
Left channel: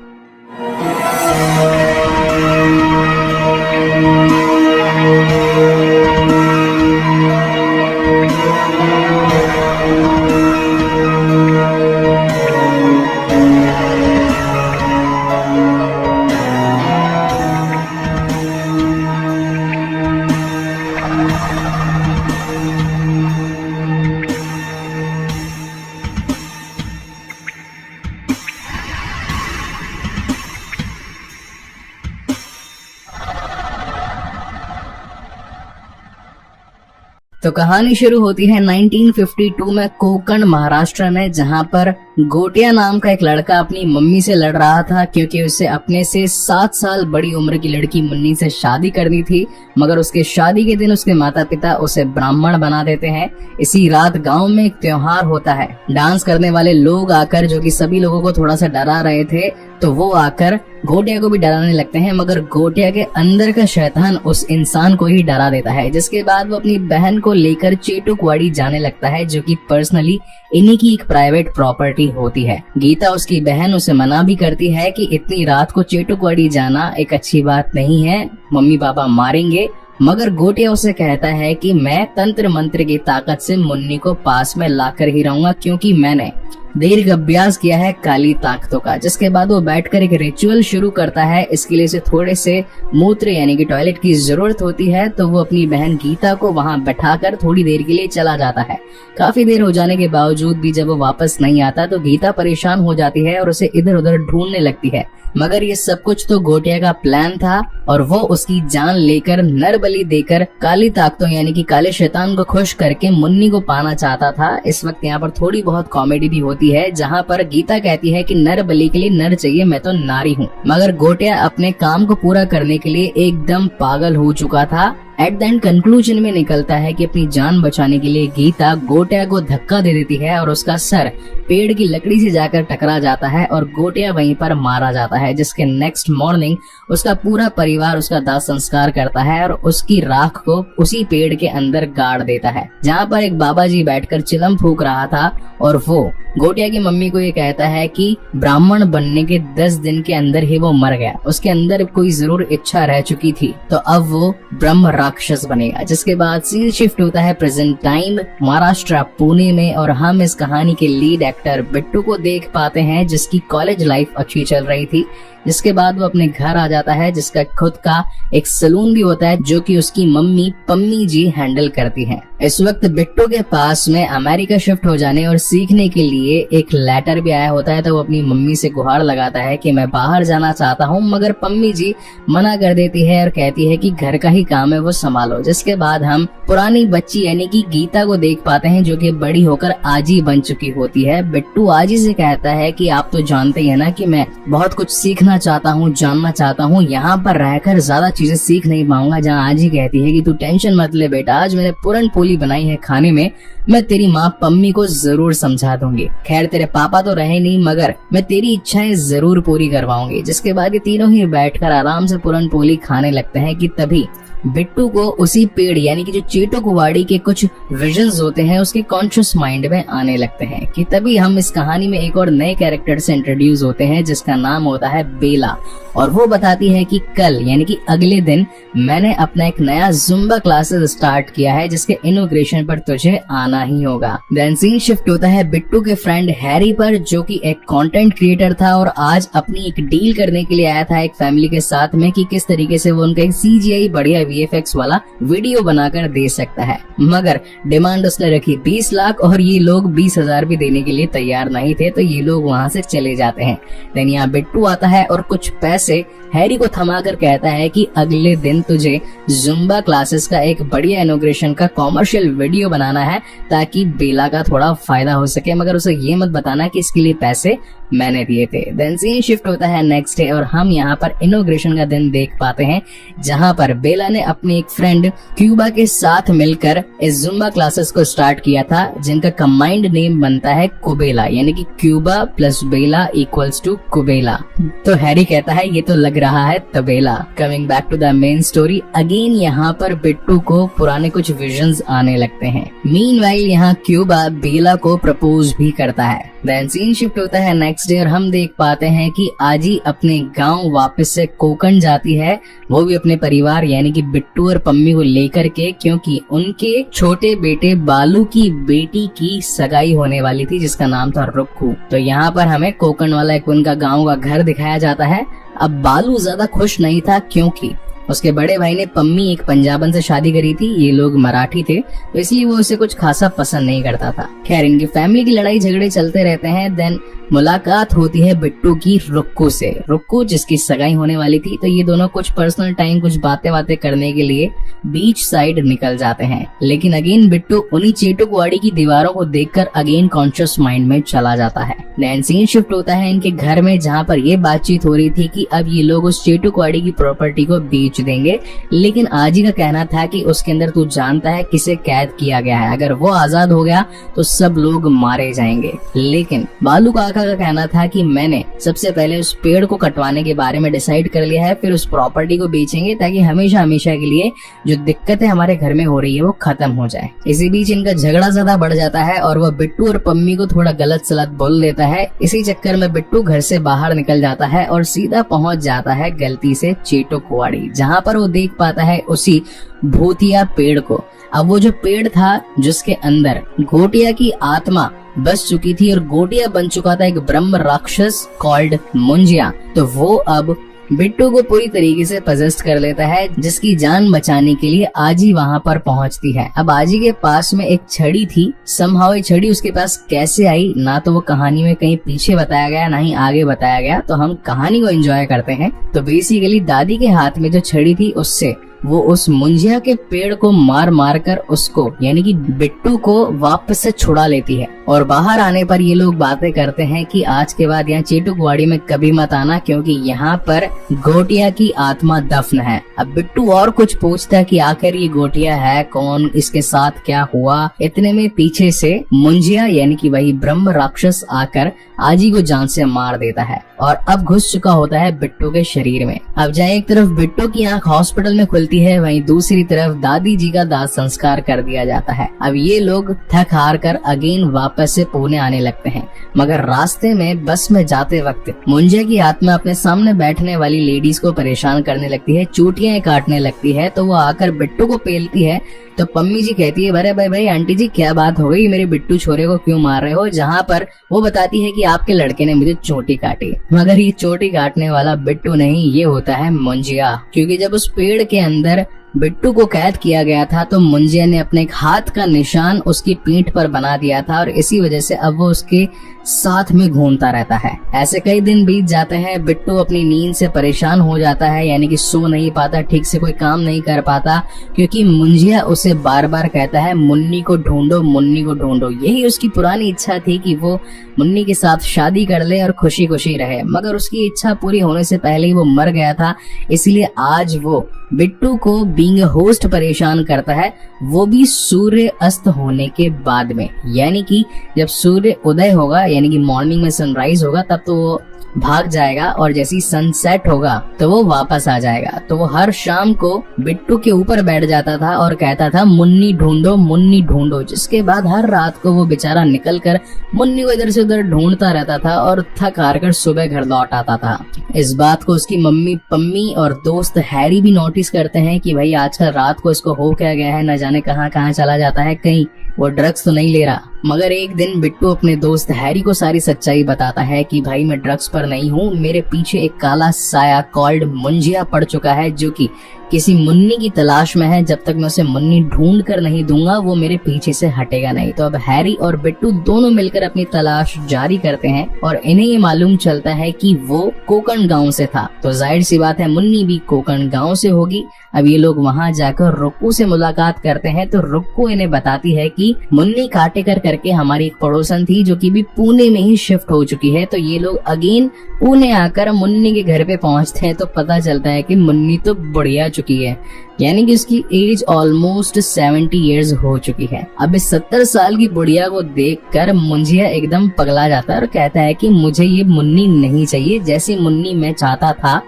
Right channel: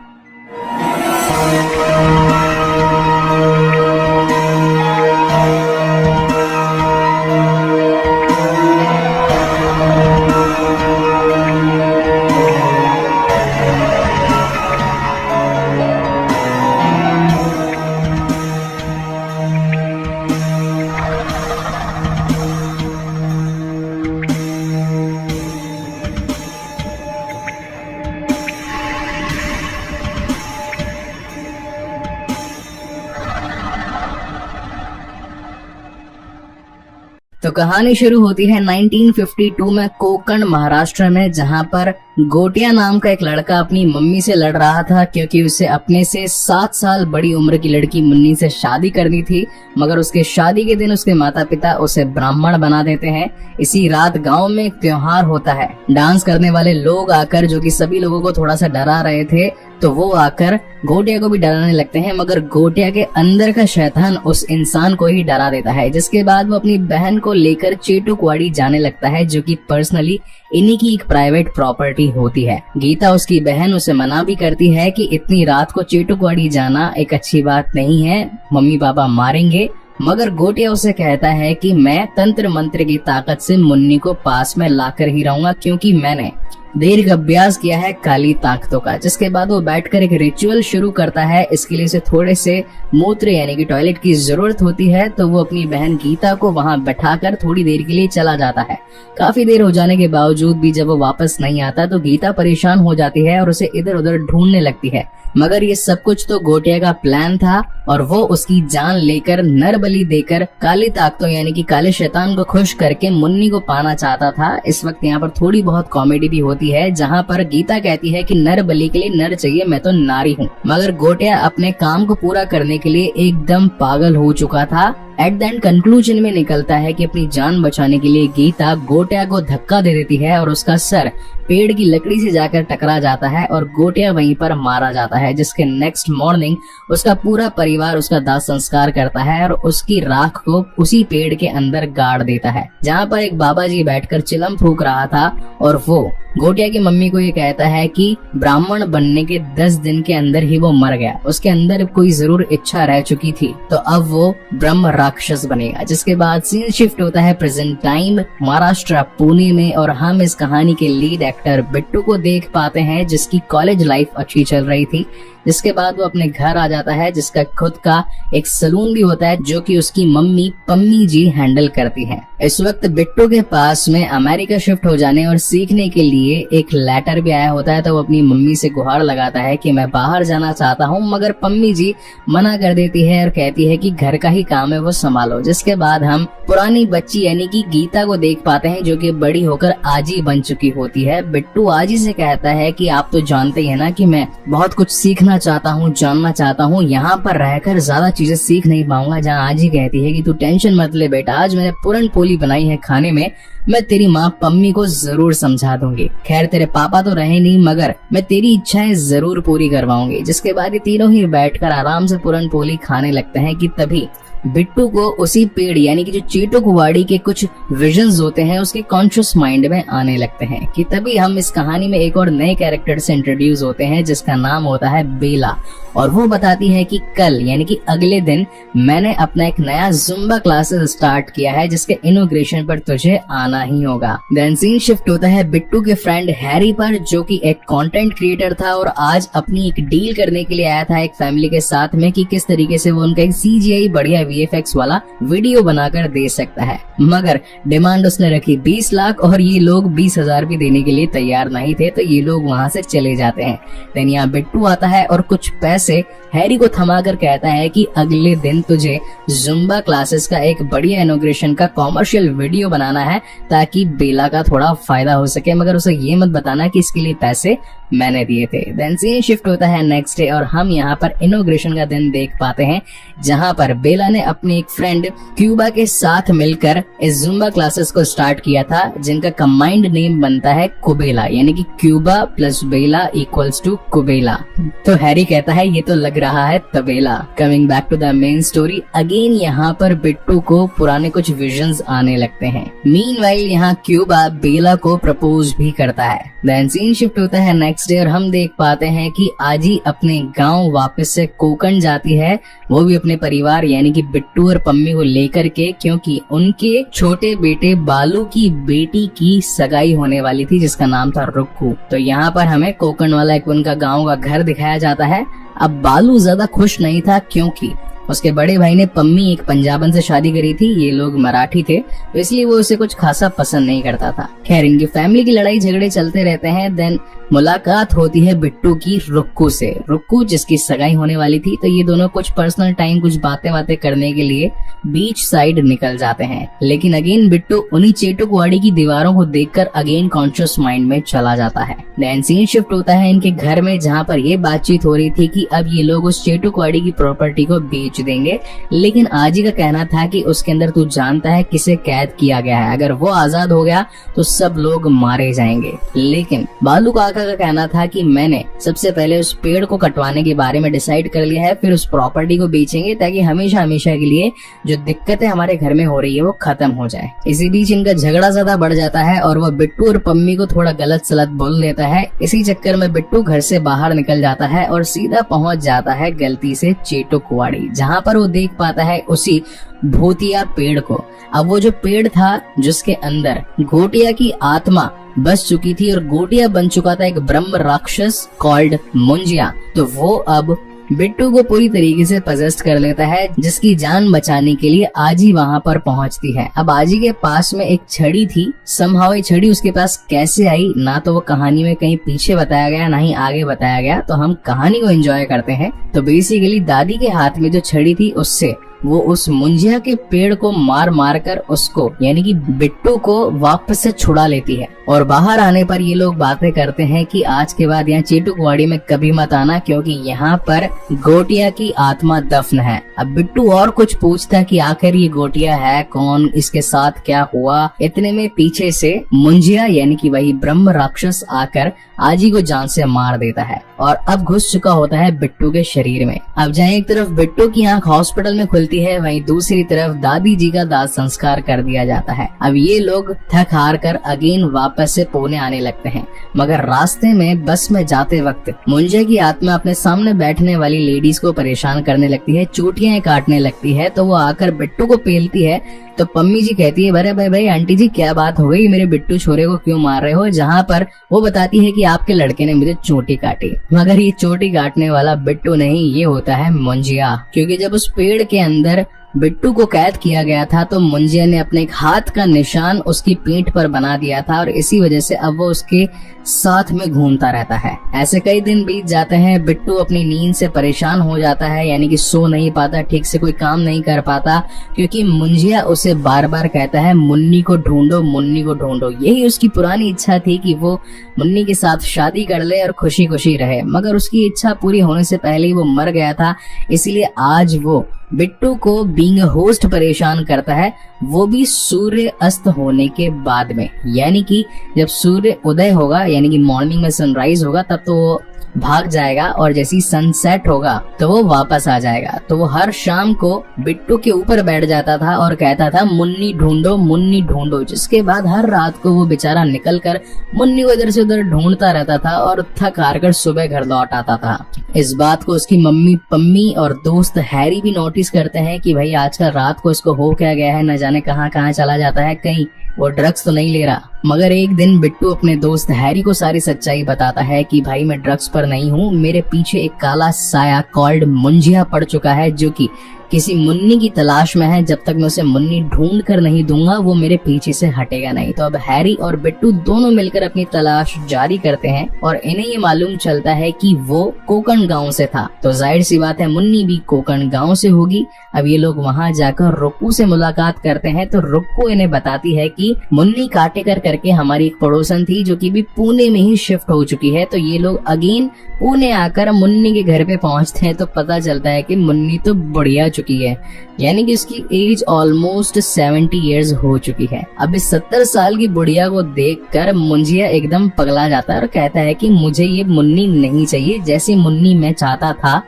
तो कहानी शुरू होती है 1952 में कोकण, महाराष्ट्र में, जहां पर गोटिया नाम का एक लड़का अपनी मम्मी से लड़ रहा था, क्योंकि उसे अपने से 7 साल बड़ी उम्र की लड़की मुन्नी से शादी करनी थी। मगर उसके शादी के दिन उसके माता पिता उसे ब्राह्मण बना देते हैं। इसी रात गांव में एक त्योहार होता है। डांस करने वाले लोग आकर, जो कि सभी लोगों को थोड़ा सा डरा रहे थे, तो वो आकर गोटिया को भी डराने लगते हैं। मगर गोटिया के अंदर का शैतान उस इंसान को ही डरा देता है, जिसके बाद वो अपनी बहन को लेकर चेटुकवाड़ी जाने लगता है, जो कि पर्सनली इन्हीं की एक प्राइवेट प्रॉपर्टी होती है। गीता, उसकी बहन, उसे मना भी करती है कि इतनी रात को चेटुकवाड़ी जाना एक अच्छी बात नहीं है, मम्मी पापा मारेंगे। मगर गोटिया उसे कहता है कि मैं तंत्र मंत्र की ताकत से मुन्नी को पास में लाकर ही रहूंगा, क्योंकि मैंने देर का अभ्यास किया है काली ताकतों का। जिसके बाद वो बैठकर एक रिचुअल शुरू करता है। इसके लिए उसे थोड़े से मूत्र यानी कि टॉयलेट की जरूरत होती है, तो वो अपनी बहन गीता को वहां बैठाकर थोड़ी देर के लिए चला जाता है। काफी देर हो जाने के बावजूद भी जब वो वापस नहीं आता तो गीता परेशान हो जाती है और उसे इधर उधर ढूंढने लगती है। मगर ये सब कुछ तो गोटिया का प्लान था, और वो उसकी जान लेकर, नर बलि देकर, काली ताकतों यानी कि काले शैतान को खुश करके मुन्नी को पाना चाहता था। इस वक्त यहाँ पर थोड़ी बहुत कॉमेडी भी होती है, जहाँ पर गीता कहती है कि नर बलि के लिए नर चाहिए, मैं तो नारी हूँ। मगर गोटिया अपने काम को पूरा करने के लिए एकदम पागल हो चुका था। एट द एंड कंक्लूजन में निकलता है कि अपनी जान बचाने के लिए गीता गोटिया को धक्का दे देती है और उसका सर पेड़ की लकड़ी से जाकर टकरा जाता है और गोटिया वहीं पर मारा जाता है। जिसके नेक्स्ट मॉर्निंग उसका पूरा परिवार उसका दाह संस्कार करता है और उसकी राख को उसी पेड़ के अंदर गाड़ देता है, जहाँ पर एक बाबा जी बैठकर चिलम फूंक रहा था। और वो गोटिया की मम्मी को ये कहता है कि ब्राह्मण बनने के 10 दिन के अंदर ही वो मर गया, उसके अंदर कोई जरूर इच्छा रह चुकी थी, तो अब वो ब्रह्म राक्षस बनेगा। जिसके बाद सीन शिफ्ट होता है प्रेजेंट टाइम महाराष्ट्र, पुणे में, और हम इस कहानी के लीड एक्टर बिट्टू को देख पाते हैं, जिसकी कॉलेज लाइफ अच्छी चल रही थी। जिसके बाद वो अपने घर आ जाता है, जिसका खुद का एक सलून भी होता है, जो कि उसकी मम्मी पम्मी जी हैंडल करती है। इस वक्त बिट्टू के पास में अमेरिका शिफ्ट हो जाने और सीखने के लिए एक लेटर भी आया होता है, तो वो अपनी मम्मी से गुहार लगाता है कि मैं बाहर जाना चाहता हूँ। मगर पम्मी जी मना कर देती है और कहती है कि घर का ही काम है, वो संभालो। जिसके बाद हम पुरानी बच्ची यानी कि गीता को देख पाते हैं, जो कि बड़ी होकर आजी बन चुकी होती है। बिट्टू आजी से कहता है कि आप तो जानते हैं ना कि मैं बहुत कुछ सीखना चाहता हूँ, जानना चाहता हूँ, यहाँ पर रहकर ज्यादा चीजें सीख नहीं पाऊंगा। जहाँ आजी कहती है कि तू टेंशन मत ले बेटा, आज मैंने पूरन पोली बनाई है खाने में, मैं तेरी माँ पम्मी को जरूर समझा दूंगी। खैर तेरे पापा तो रहे नहीं, मगर मैं तेरी इच्छाएं जरूर पूरी करवाऊंगी। जिसके बाद ये तीनों ही बैठकर आराम से पूरन पोली खाने लगते हैं कि तभी बिट्टू को उसी पेड़ यानी कि जो चेटुकवाड़ी के कुछ विजन्स होते हैं उसकी कॉन्शियस माइंड में आने लगते हैं। कि तभी हम इस कहानी में एक और नए कैरेक्टर से इंट्रोड्यूस होते हैं, जिसका नाम होता है बेला। और वो बताती है कि कल यानी कि अगले दिन मैंने अपना एक नया जुम्बा क्लासेस स्टार्ट किया है जिसके इनॉग्रेशन पर तुझे आना ही होगा। देन सीन शिफ्ट होता है बिट्टू के फ्रेंड हैरी पर, जो कि एक कंटेंट क्रिएटर था और आज अपनी एक डील करने के लिए आया था एक फैमिली के साथ में कि किस तरीके से वो उनका एक CGI बढ़िया VFX वाला वीडियो बनाकर दे सकता है। मगर डिमांड उसने रखी 20 लाख और ये लोग 20,000 भी देने के लिए तैयार नहीं थे, तो ये लोग वहाँ से चले जाते हैं। देन यहाँ बिट्टू आता है और कुछ पैसे हैरी को थमा कर कहता है कि अगले दिन तुझे जुम्बा क्लासेस का एक बढ़िया इनॉग्रेशन का कॉमर्शियल वीडियो बनाना है ताकि बेला का थोड़ा फायदा हो सके, मगर उसे ये मत बताना कि इसके लिए पैसे मैंने दिए थे। देन सीन शिफ्ट होता है नेक्स्ट डे और हम यहाँ पर इनॉग्रेशन का दिन देख पाते हैं जहाँ पर बेला ने अपनी एक फ्रेंड क्यूबा के साथ मिलकर इस जुम्बा क्लासेस को स्टार्ट किया था जिनका कंबाइंड नेम बनता है कुबेला, यानी कि क्यूबा प्लस बेला इक्वल्स टू कुबेला। तो हैरी कहता है ये तो लग रहा है तबेला। Coming back to the main story, again यहाँ पर बिट्टू को पुराने कुछ विजन्स आने लगते हैं। मीनवाइल यहाँ क्यूबा बेला को प्रपोज भी करता है। देन सीन शिफ्ट होता है नेक्स्ट डे और हम देख पाते हैं कि आजी अपने गांव वापस से कोकण जाती है, वो भी अपने परिवार यानी कि बिट्टू और पम्मी को लेकर के, क्योंकि उनके छोटे बेटे बालू की बेटी की सगाई होने वाली थी जिसका नाम था रुक्कू। तो यहाँ पर हमें कोकण वाला एक उनका गाँव का घर दिखाया जाता है। अब बालू ज्यादा खुश नहीं था क्योंकि उसके बड़े भाई ने पम्मी एक पंजाबन से शादी करी थी, ये लोग मराठी थे, तो इसलिए वो उसे कुछ खासा पसंद नहीं करता था। खैर इनकी फैमिली की लड़ाई झगड़े चलते रहते हैं। देन मुलाकात होती है बिट्टू की रुक्कू से, रुक्कू जिसकी सगाई होने वाली थी, तो ये दोनों कुछ पर्सनल टाइम कुछ बातें करने के लिए बीच साइड निकल जाते हैं। लेकिन अगेन बिट्टू उन्हीं चेटुकवाड़ी की दीवारों को देखकर अगेन कॉन्शियस माइंड में चला जाता है। देन सीन शिफ्ट होता है इनके घर में जहाँ पर ये बातचीत हो रही थी कि अब ये लोग उस चेटुकवाड़ी की प्रॉपर्टी को बेच देंगे, लेकिन आजी का कहना था कि उसके अंदर तू जानता है किसे कैद किया गया है, अगर वो आजाद हो गया तो सब लोग मारे जाएंगे। लेकिन बालू काका का कहना था कि मैंने सबसे पहले उस पेड़ को कटवाने के बारे में डिसाइड कर लिया है, फिर उस प्रॉपर्टी को बेचेंगे ताकि हमेशा हमेशा के लिए जो दिक्कतें हमारे घर में हो रही है वो खत्म हो जाए। इसी बीच इनका झगड़ा ज्यादा बढ़ जाता है और वह बिट्टू और पम्मी को थोड़ा गलत सलत बोल देता है। इसी चक्कर में बिट्टू घर से बाहर निकल जाता है और सीधा पहुंच जाता है गलती से चेटुकवाड़ी, जहाँ पर वो देख पाता है उसी भूतिया पेड़ को। अब वो जो पेड़ था जिसके अंदर गोटिया की आत्मा बस चुकी थी और गोटिया बन चुका था एक ब्रह्म राक्षस कॉल्ड मुंजिया, तो वो अब बिट्टू को पूरी तरीके से पजेस्ट कर लेता है, जिसकी जान बचाने के लिए आजी वहाँ पर पहुँचती है। अब आजी के पास में एक छड़ी थी, समहाउ ये छड़ी उसके पास कैसे आई ना तो वो कहानी में कहीं पीछे बताया गया ना ही आगे बताया गया, तो हम कहानी को एंजॉय करते हैं। तो बेसिकली दादी के हाथ में जो छड़ी थी उससे वो उस मुंजिया के पेड़ को मार मार कर उसको यानी कि बिट्टू को वापस से छुड़ा लेती है। और बाहर आने पर ये लोग बातें करते हैं कि आज के बाद यहाँ चेटुकवाड़ी में कभी मत आना क्योंकि यहाँ पर गोटिया की आत्मा दफन है। अब बिट्टू और कुछ पूछता है कि आखिर ये गोटिया है कौन, इसके साथ क्या हुआ। इतने में पीछे से मुंजिया यानी कि वही ब्रह्म राक्षस आकर आजी को जान से मार देता है और अब घुस चुका होता है बिट्टू के शरीर में। अब जहाँ एक तरफ बिट्टू की आंख हॉस्पिटल में खुलती है, वहीं दूसरी तरफ दादी जी का दाह संस्कार कर दिया जाता है। अब ये लोग थक हार कर अगेन वापस से पुणे आने लगते हैं, मगर रास्ते में बस में जाते वक्त मुंजिया की आत्मा अपने सामने बैठने वाली लेडीज को परेशान करने लगती है, चोटियां काटने लगती है, तो वो आकर बिट्टू को पेलती है। तो पम्मी जी कहती है अरे भाई आंटी जी क्या बात हो गई, मेरे बिट्टू छोरे को क्यों मार रहे हो, जहाँ पर वो बताती है कि आपके लड़के ने मुझे चोटी काटी, मगर ये चोटी काटने वाला बिट्टू नहीं, ये होता है मुंजिया। क्योंकि जब उस पेड़ के अंदर बिट्टू को कैद किया गया था तो मुंजिया ने अपने हाथ का निशान उसकी पीठ पर बना दिया था और इसी वजह से अब वो उसके साथ में घूमता रहता है। ऐसे कई दिन बीत जाते हैं, बिट्टू अपनी नींद से परेशान हो जाता है, यानी कि सो नहीं पाता, ठीक से कोई काम नहीं कर पाता, क्योंकि मुंजिया उसे बार बार कहता है मुन्नी को ढूंढो, मुन्नी को ढूंढो। यही उसकी पुरानी इच्छा थी कि वो मुन्नी के साथ शादी कर ले और खुशी खुशी रहे, मगर उसकी इच्छा पूरी होने से पहले ही वो मर गया था। इसलिए आज वो बिट्टू को बीइंग होस्ट परेशान करता है, वो भी सूर्य अस्त होने के बाद में, यानी कि जब सूर्य उदय होगा यानी कि मॉर्निंग में सनराइज होगा तब तो वो भाग जाएगा और जैसी सनसेट होगा तो वो वापस आ जाएगा। तो वो हर शाम को बिट्टू के ऊपर बैठ जाता था और कहता था मुन्नी ढूंढो, मुन्नी ढूंढो, जिसके बाद हर रात को वो बेचारा निकल कर मुन्नी को इधर से उधर ढूंढता रहता था और थक हार कर सुबह घर लौट आता था। इस बात को उसकी मम्मी पम्मी और दोस्त हैरी भी नोटिस करते हैं कि भाई आजकल रात को इसको हो क्या गया है, न जाने कहाँ कहाँ चला जाता है, कहीं वो ड्रग्स तो नहीं ले रहा। मगर एक दिन बिट्टू अपने दोस्त हैरी को सारी सच्चाई बताता है कि भाई मैं ड्रग्स पर नहीं हूँ, मेरे पीछे एक काला साया कॉल्ड मुंजिया पड़ चुका है जो कि किसी मुन्नी की तलाश में है। जब तक मैं उसे मुन्नी ढूंढ कर नहीं दूंगा वो मेरे पीछे से हटेगा नहीं। तो अब हैरी और बिट्टू दोनों मिलकर अपनी तलाश जारी करते हैं और इन्हें ये मालूम चलता है कि वो कोकण गांव से था, तो जाहिर सी बात है मुन्नी भी कोकण गांव से होगी। अब ये लोग वहाँ जाकर रुक्कू से मुलाकात करते हैं तो रुक्कू इन्हें बताती है कि मुन्नी काटेकर करके हमारी एक पड़ोसन थी जो कि भी पुणे में ही शिफ्ट हो चुकी है। तो ये लोग अगेन पुणे आकर मुन्नी के घर पे पहुंचते हैं तो पता चलता है कि मुन्नी तो बढ़िया चुकी है, यानी कि इसकी एज ऑलमोस्ट 70 इयर्स हो चुकी है। अब इस 70 साल की बुढ़िया को देखकर मुंजिया एकदम पगला जाता है और कहता है कि मुझे ये मुन्नी नहीं चाहिए, जैसी मुन्नी मैं चाहता था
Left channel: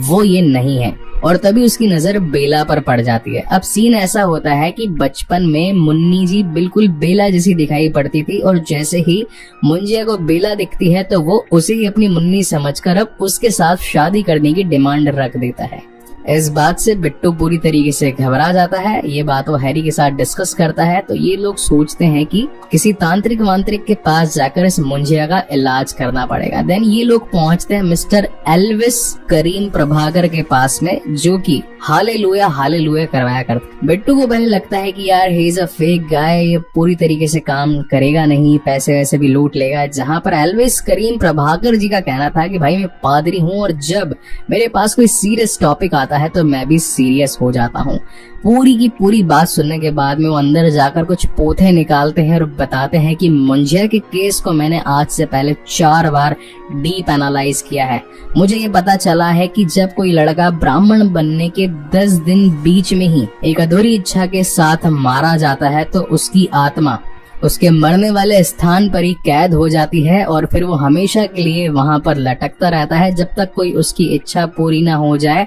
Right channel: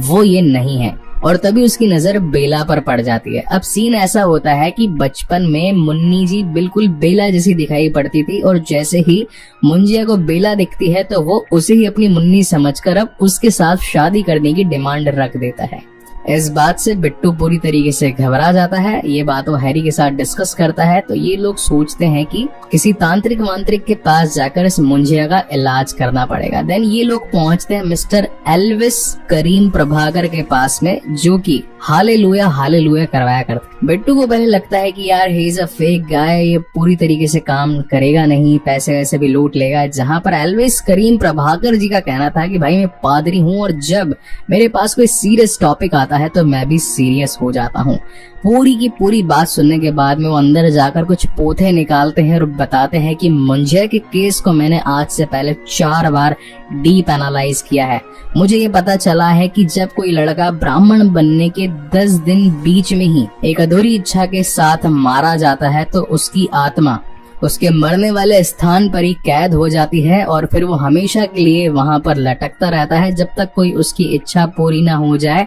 वो ये नहीं है। और तभी उसकी नजर बेला पर पड़ जाती है। अब सीन ऐसा होता है कि बचपन में मुन्नी जी बिल्कुल बेला जैसी दिखाई पड़ती थी और जैसे ही मुंजिया को बेला दिखती है तो वो उसे ही अपनी मुन्नी समझकर अब उसके साथ शादी करने की डिमांड रख देता है। इस बात से बिट्टू पूरी तरीके से घबरा जाता है। ये बात वो हैरी के साथ डिस्कस करता है तो ये लोग सोचते हैं कि किसी तांत्रिक वांत्रिक के पास जाकर इस मुंजिया का इलाज करना पड़ेगा। देन ये लोग पहुंचते हैं मिस्टर एल्विस करीम प्रभाकर के पास में, जो कि हालेलुया हालेलुया करवाया करते। बिट्टू को पहले लगता है कि यार he is a fake guy, ये पूरी तरीके से काम करेगा नहीं, पैसे वैसे भी लूट लेगा। जहाँ पर एल्विस करीम प्रभाकर जी का कहना था कि भाई मैं पादरी हूँ और जब मेरे पास कोई सीरियस टॉपिक आता है तो मैं भी सीरियस हो जाता हूँ। पूरी की पूरी बात सुनने के बाद में वो अंदर जाकर कुछ पोथे निकालते हैं और बताते हैं कि मुंजिया के केस को मैंने आज से पहले 4 बार डीप एनालाइज किया है। मुझे ये पता चला है कि जब कोई लड़का ब्राह्मण बनने के 10 दिन बीच में ही एक अधूरी इच्छा के साथ मारा जाता है तो उसकी आत्मा उसके मरने वाले स्थान पर ही कैद हो जाती है और फिर वो हमेशा के लिए वहां पर लटकता रहता है जब तक कोई उसकी इच्छा पूरी ना हो जाए।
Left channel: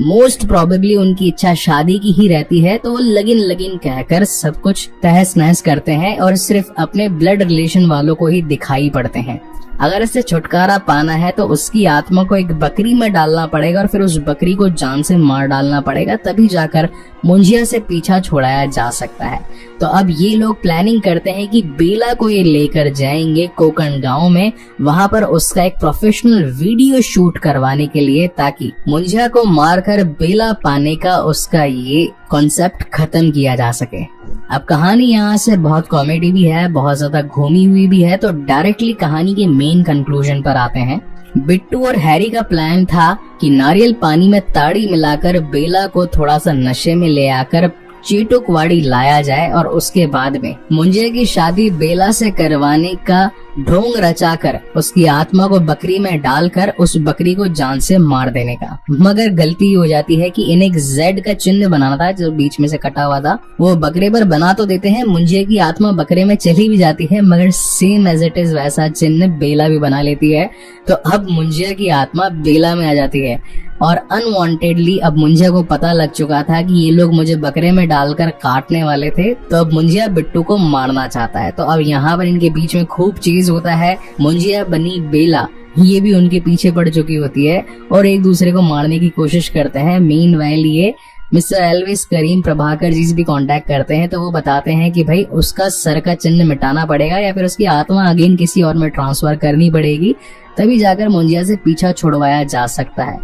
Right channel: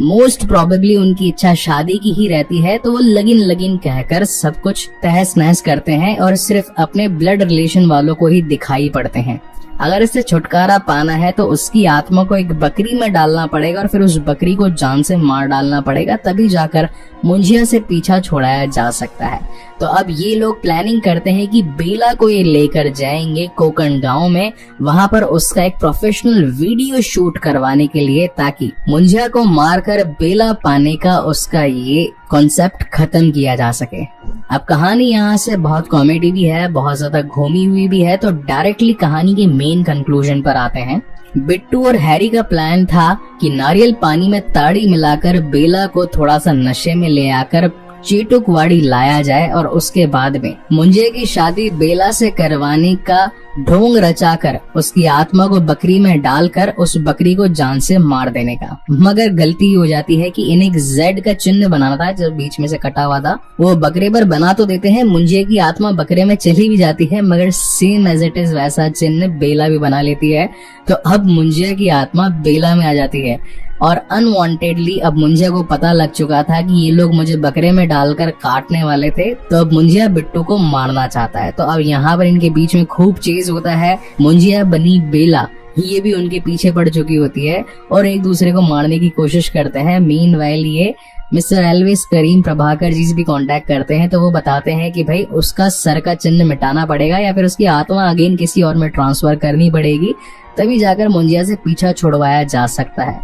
मोस्ट प्रोबेबली उनकी इच्छा शादी की ही रहती है तो वो लगिन लगिन कहकर सब कुछ तहस नहस करते हैं और सिर्फ अपने ब्लड रिलेशन वालों को ही दिखाई पड़ते हैं। अगर इससे छुटकारा पाना है तो उसकी आत्मा को एक बकरी में डालना पड़ेगा और फिर उस बकरी को जान से मार डालना पड़ेगा, तभी जाकर मुंजिया से पीछा छुड़ाया जा सकता है। तो अब ये लोग प्लानिंग करते हैं कि बेला को ये लेकर जाएंगे कोकण गांव में, वहां पर उसका एक प्रोफेशनल वीडियो शूट करवाने के लिए, ताकि मुंजिया को मारकर बेला पाने का उसका ये कॉन्सेप्ट खत्म किया जा सके। अब कहानी यहाँ से बहुत कॉमेडी भी है, बहुत ज्यादा घूमी हुई भी है, तो डायरेक्टली कहानी के मेन कंक्लूजन पर आते हैं। बिट्टू और हैरी का प्लान था कि नारियल पानी में ताड़ी मिलाकर बेला को थोड़ा सा नशे में ले आकर चीटुकवाड़ी लाया जाए और उसके बाद में मुंजिया की शादी बेला से करवाने का ढोंग रचाकर उसकी आत्मा को बकरी में डालकर उस बकरी को जान से मार देने का। मगर गलती हो जाती है कि इन्हें एक जेड का चिन्ह बनाना था जो बीच में से कटा हुआ था, वो बकरे पर बना तो देते हैं, मुंजिया की आत्मा बकरे में चली भी जाती है मगर सेम एज इट इज वैसा चिन्ह बेला भी बना लेती है। तो अब मुंजिया की आत्मा बेला में आ जाती है और अनवांटेडली अब मुंजिया को पता लग चुका था कि ये लोग मुझे बकरे में डालकर काटने वाले थे, तो अब मुंजिया बिट्टू को मारना चाहता है। तो अब यहाँ पर इनके बीच में खूब चेज होता है। मुंजिया बनी बेला ये भी उनके पीछे पड़ चुकी होती है और एक दूसरे को मारने की कोशिश करते हैं। मीनवाइल ये मिस्टर एल्विस करीम प्रभाकर जी से भी कांटेक्ट करते हैं तो वो बताते हैं कि भाई उसका सर का चिन्ह मिटाना पड़ेगा या फिर उसकी आत्मा अगेन किसी और में ट्रांसफर करनी पड़ेगी, तभी जाकर मुंजिया से पीछा छुड़वाया जा सकता है।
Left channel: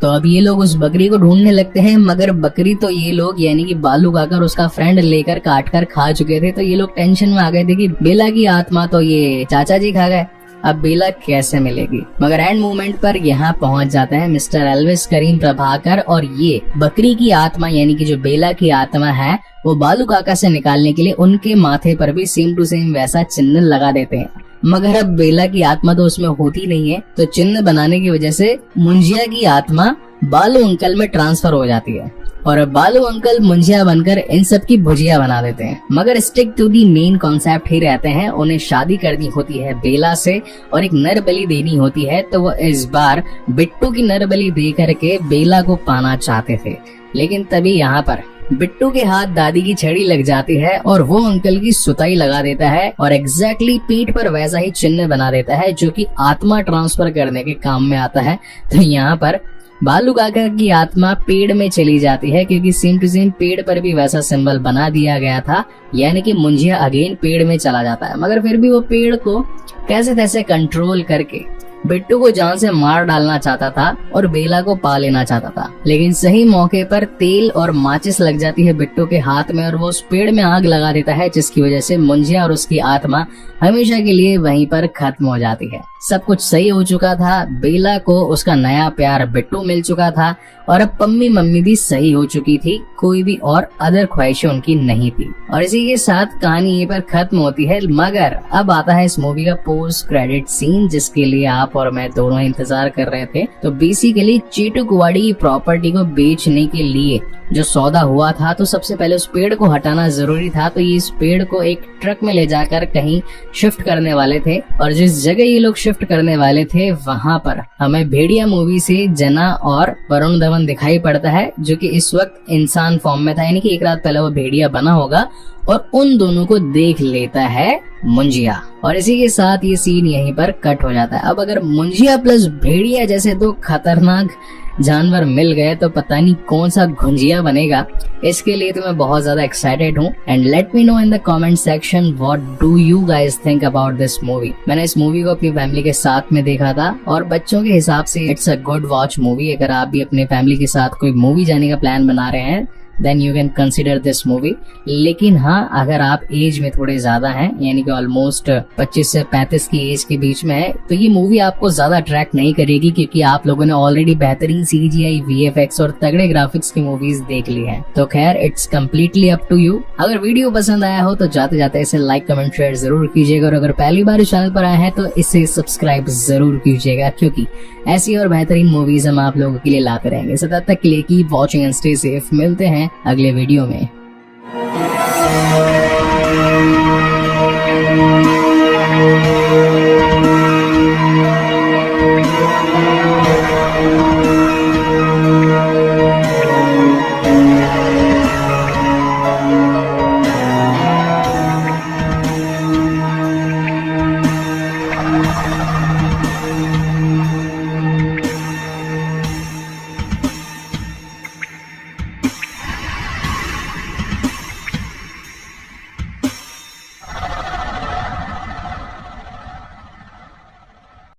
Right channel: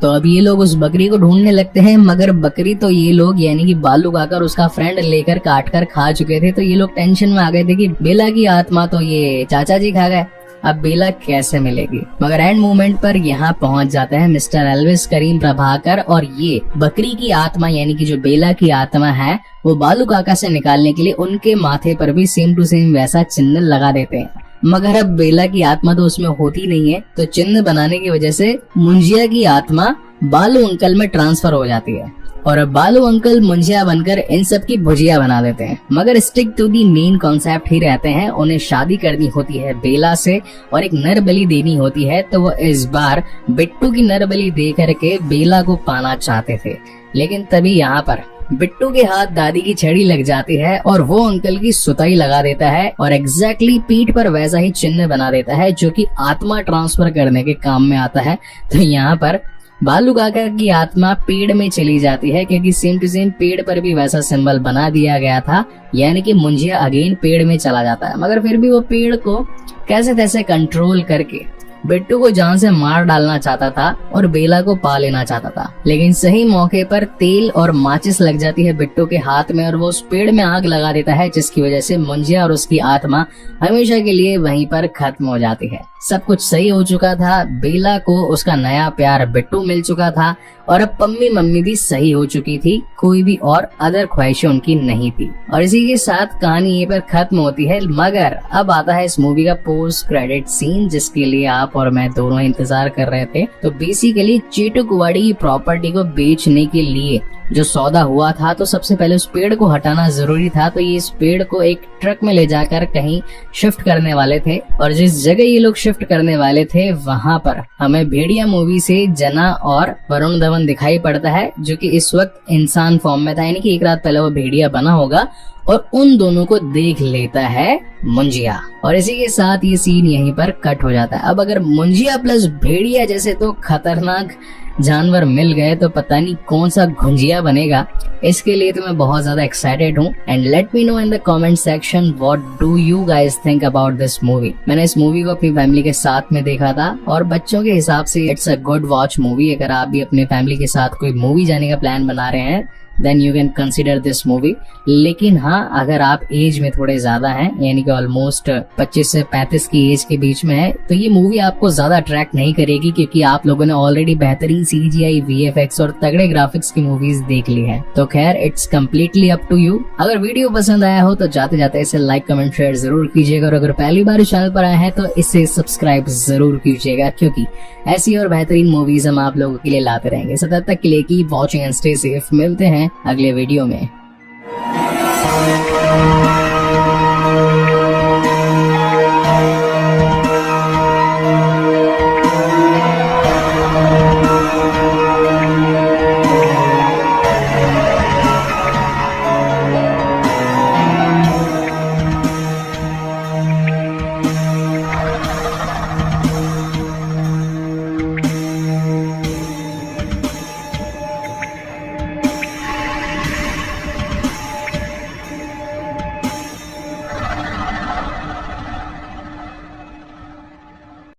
तो अब ये लोग उस बकरी को ढूंढने लगते हैं मगर बकरी तो ये लोग यानी कि बालू काकर उसका फ्रेंड लेकर काट कर खा चुके थे। तो ये लोग टेंशन में आ गए थे कि बेला की आत्मा तो ये चाचा जी खा गए, अब बेला कैसे मिलेगी। मगर एंड मोमेंट पर यहाँ पहुंच जाते हैं मिस्टर एल्विस करीम प्रभाकर और ये बकरी की आत्मा यानी कि जो बेला की आत्मा है वो बालू काका से निकालने के लिए उनके माथे पर भी सेम टू सेम वैसा चिन्ह लगा देते हैं। मगर अब बेला की आत्मा तो उसमें होती नहीं है, तो चिन्ह बनाने की वजह से मुंजिया की आत्मा बालू अंकल में ट्रांसफर हो जाती है और अब बालू अंकल मुंजिया बनकर इन सब की भुजिया बना देते हैं। मगर stick to the main concept ही रहते हैं। उन्हें शादी करनी होती है बेला से और एक नर बलि देनी होती है, तो वो इस बार बिट्टू की नर बलि दे करके बेला को पाना चाहते थे। लेकिन तभी यहाँ पर बिट्टू के हाथ दादी की छड़ी लग जाती है और वो अंकल की सुताई लगा देता है और एग्जैक्टली पीठ पर वैसा ही चिन्ह बना देता है जो कि आत्मा ट्रांसफर करने के काम में आता है। तो यहाँ पर बालू काका की आत्मा पेड़ में चली जाती है क्योंकि सेम टू सेम पेड़ पर भी वैसा सिंबल बना दिया गया था, यानी कि मुंजिया अगेन पेड़ में चला जाता है। मगर फिर भी वो पेड़ को कैसे तैसे कंट्रोल करके बिट्टू को जान से मार डालना चाहता था और बेला को पा लेना चाहता था, लेकिन सही मौके पर तेल और माचिस लग जाती है बिट्टू के हाथ में और वो उस पेड़ में आग लगा देता है, जिसकी वजह से मुंजिया और उसकी आत्मा हमेशा के लिए वहीं पर खत्म हो जाती है। सब कुछ सही हो चुका था, बेला को उसका नया प्यार बिट्टू मिल चुका था और अब पम्मी मम्मी भी सही हो चुकी थी, कोई भी और अदर ख्वाहिशें उनकी नहीं थी। और इसी के साथ कहानी ये पर खत्म होती है। मगर अब आता है इस मूवी का पोस्ट क्रेडिट सीन, जिसके लिए आप और मैं दोनों इंतजार कर रहे थे। तो बेसिकली चेटू कुवाड़ी की प्रॉपर्टी को बेचने के लिए जो सौदा हुआ था, तो सबसे पहले उस पेड़ को हटाना जरूरी था। तो ये इस पेड़ को एक ट्रक में ले जाकर कहीं शिफ्ट करने वाले थे और जिस जगह ये लोग शिफ्ट करने वाले थे वहां पर हमें भेड़िया मूवी से जना और वरुण धवन दिखाई पड़ता है, जो कि इस वक्त इंसान फॉर्म में था, यानी कि एक रात पहले वो भेड़िया बना होगा और उन दोनों को देख लेता है मुंजिया। और इसी के साथ ये सीन यहीं पर कट हो जाता है। अब अगर मुंजिया प्लस भेड़िया जैसे दो खतरनाक जानवर मिल गए तो पता नहीं कौन सा घुंजिया बनेगा। इसके लिए तो मैं बहुत ज्यादा एक्साइटेड हूँ। And let me know in the comment section what do you guys think about this movie. मैंने इस मूवी को अपनी फैमिली के साथ में देखा था और बच्चों के हिसाब से it's a good watch movie. अगर आप भी अपने फैमिली के साथ कोई मूवी जाने का प्लान बना रहे हैं then you can consider this movie. लेकिन हाँ, अगर आप एज में थोड़े ज्यादा हैं, यानी कि ऑलमोस्ट 25 से 35 की एज के बीच में है, तो ये मूवी आपको ज्यादा अट्रैक्ट नहीं करेगी क्योंकि आप लोगों ने ऑलरेडी बेहतरीन CGI, VFX और तगड़े ग्राफिक्स की मूवीज देख ली हैं। तो खैर it's completely up to you. अगर वीडियो पसंद आया हो तो जाते जाते इसे लाइक कमेंट शेयर जरूर कीजिएगा और अगर पहली बार इस चैनल पर आए हैं तो इसे सब्सक्राइब जरूर कीजिएगा, क्योंकि ऐसी और बेहतरीन मूवीज हम आप लोगों के लिए लाते रहेंगे। सो तब तक के लिए keep watching and stay safe. मिलते हैं अगले वीडियो में।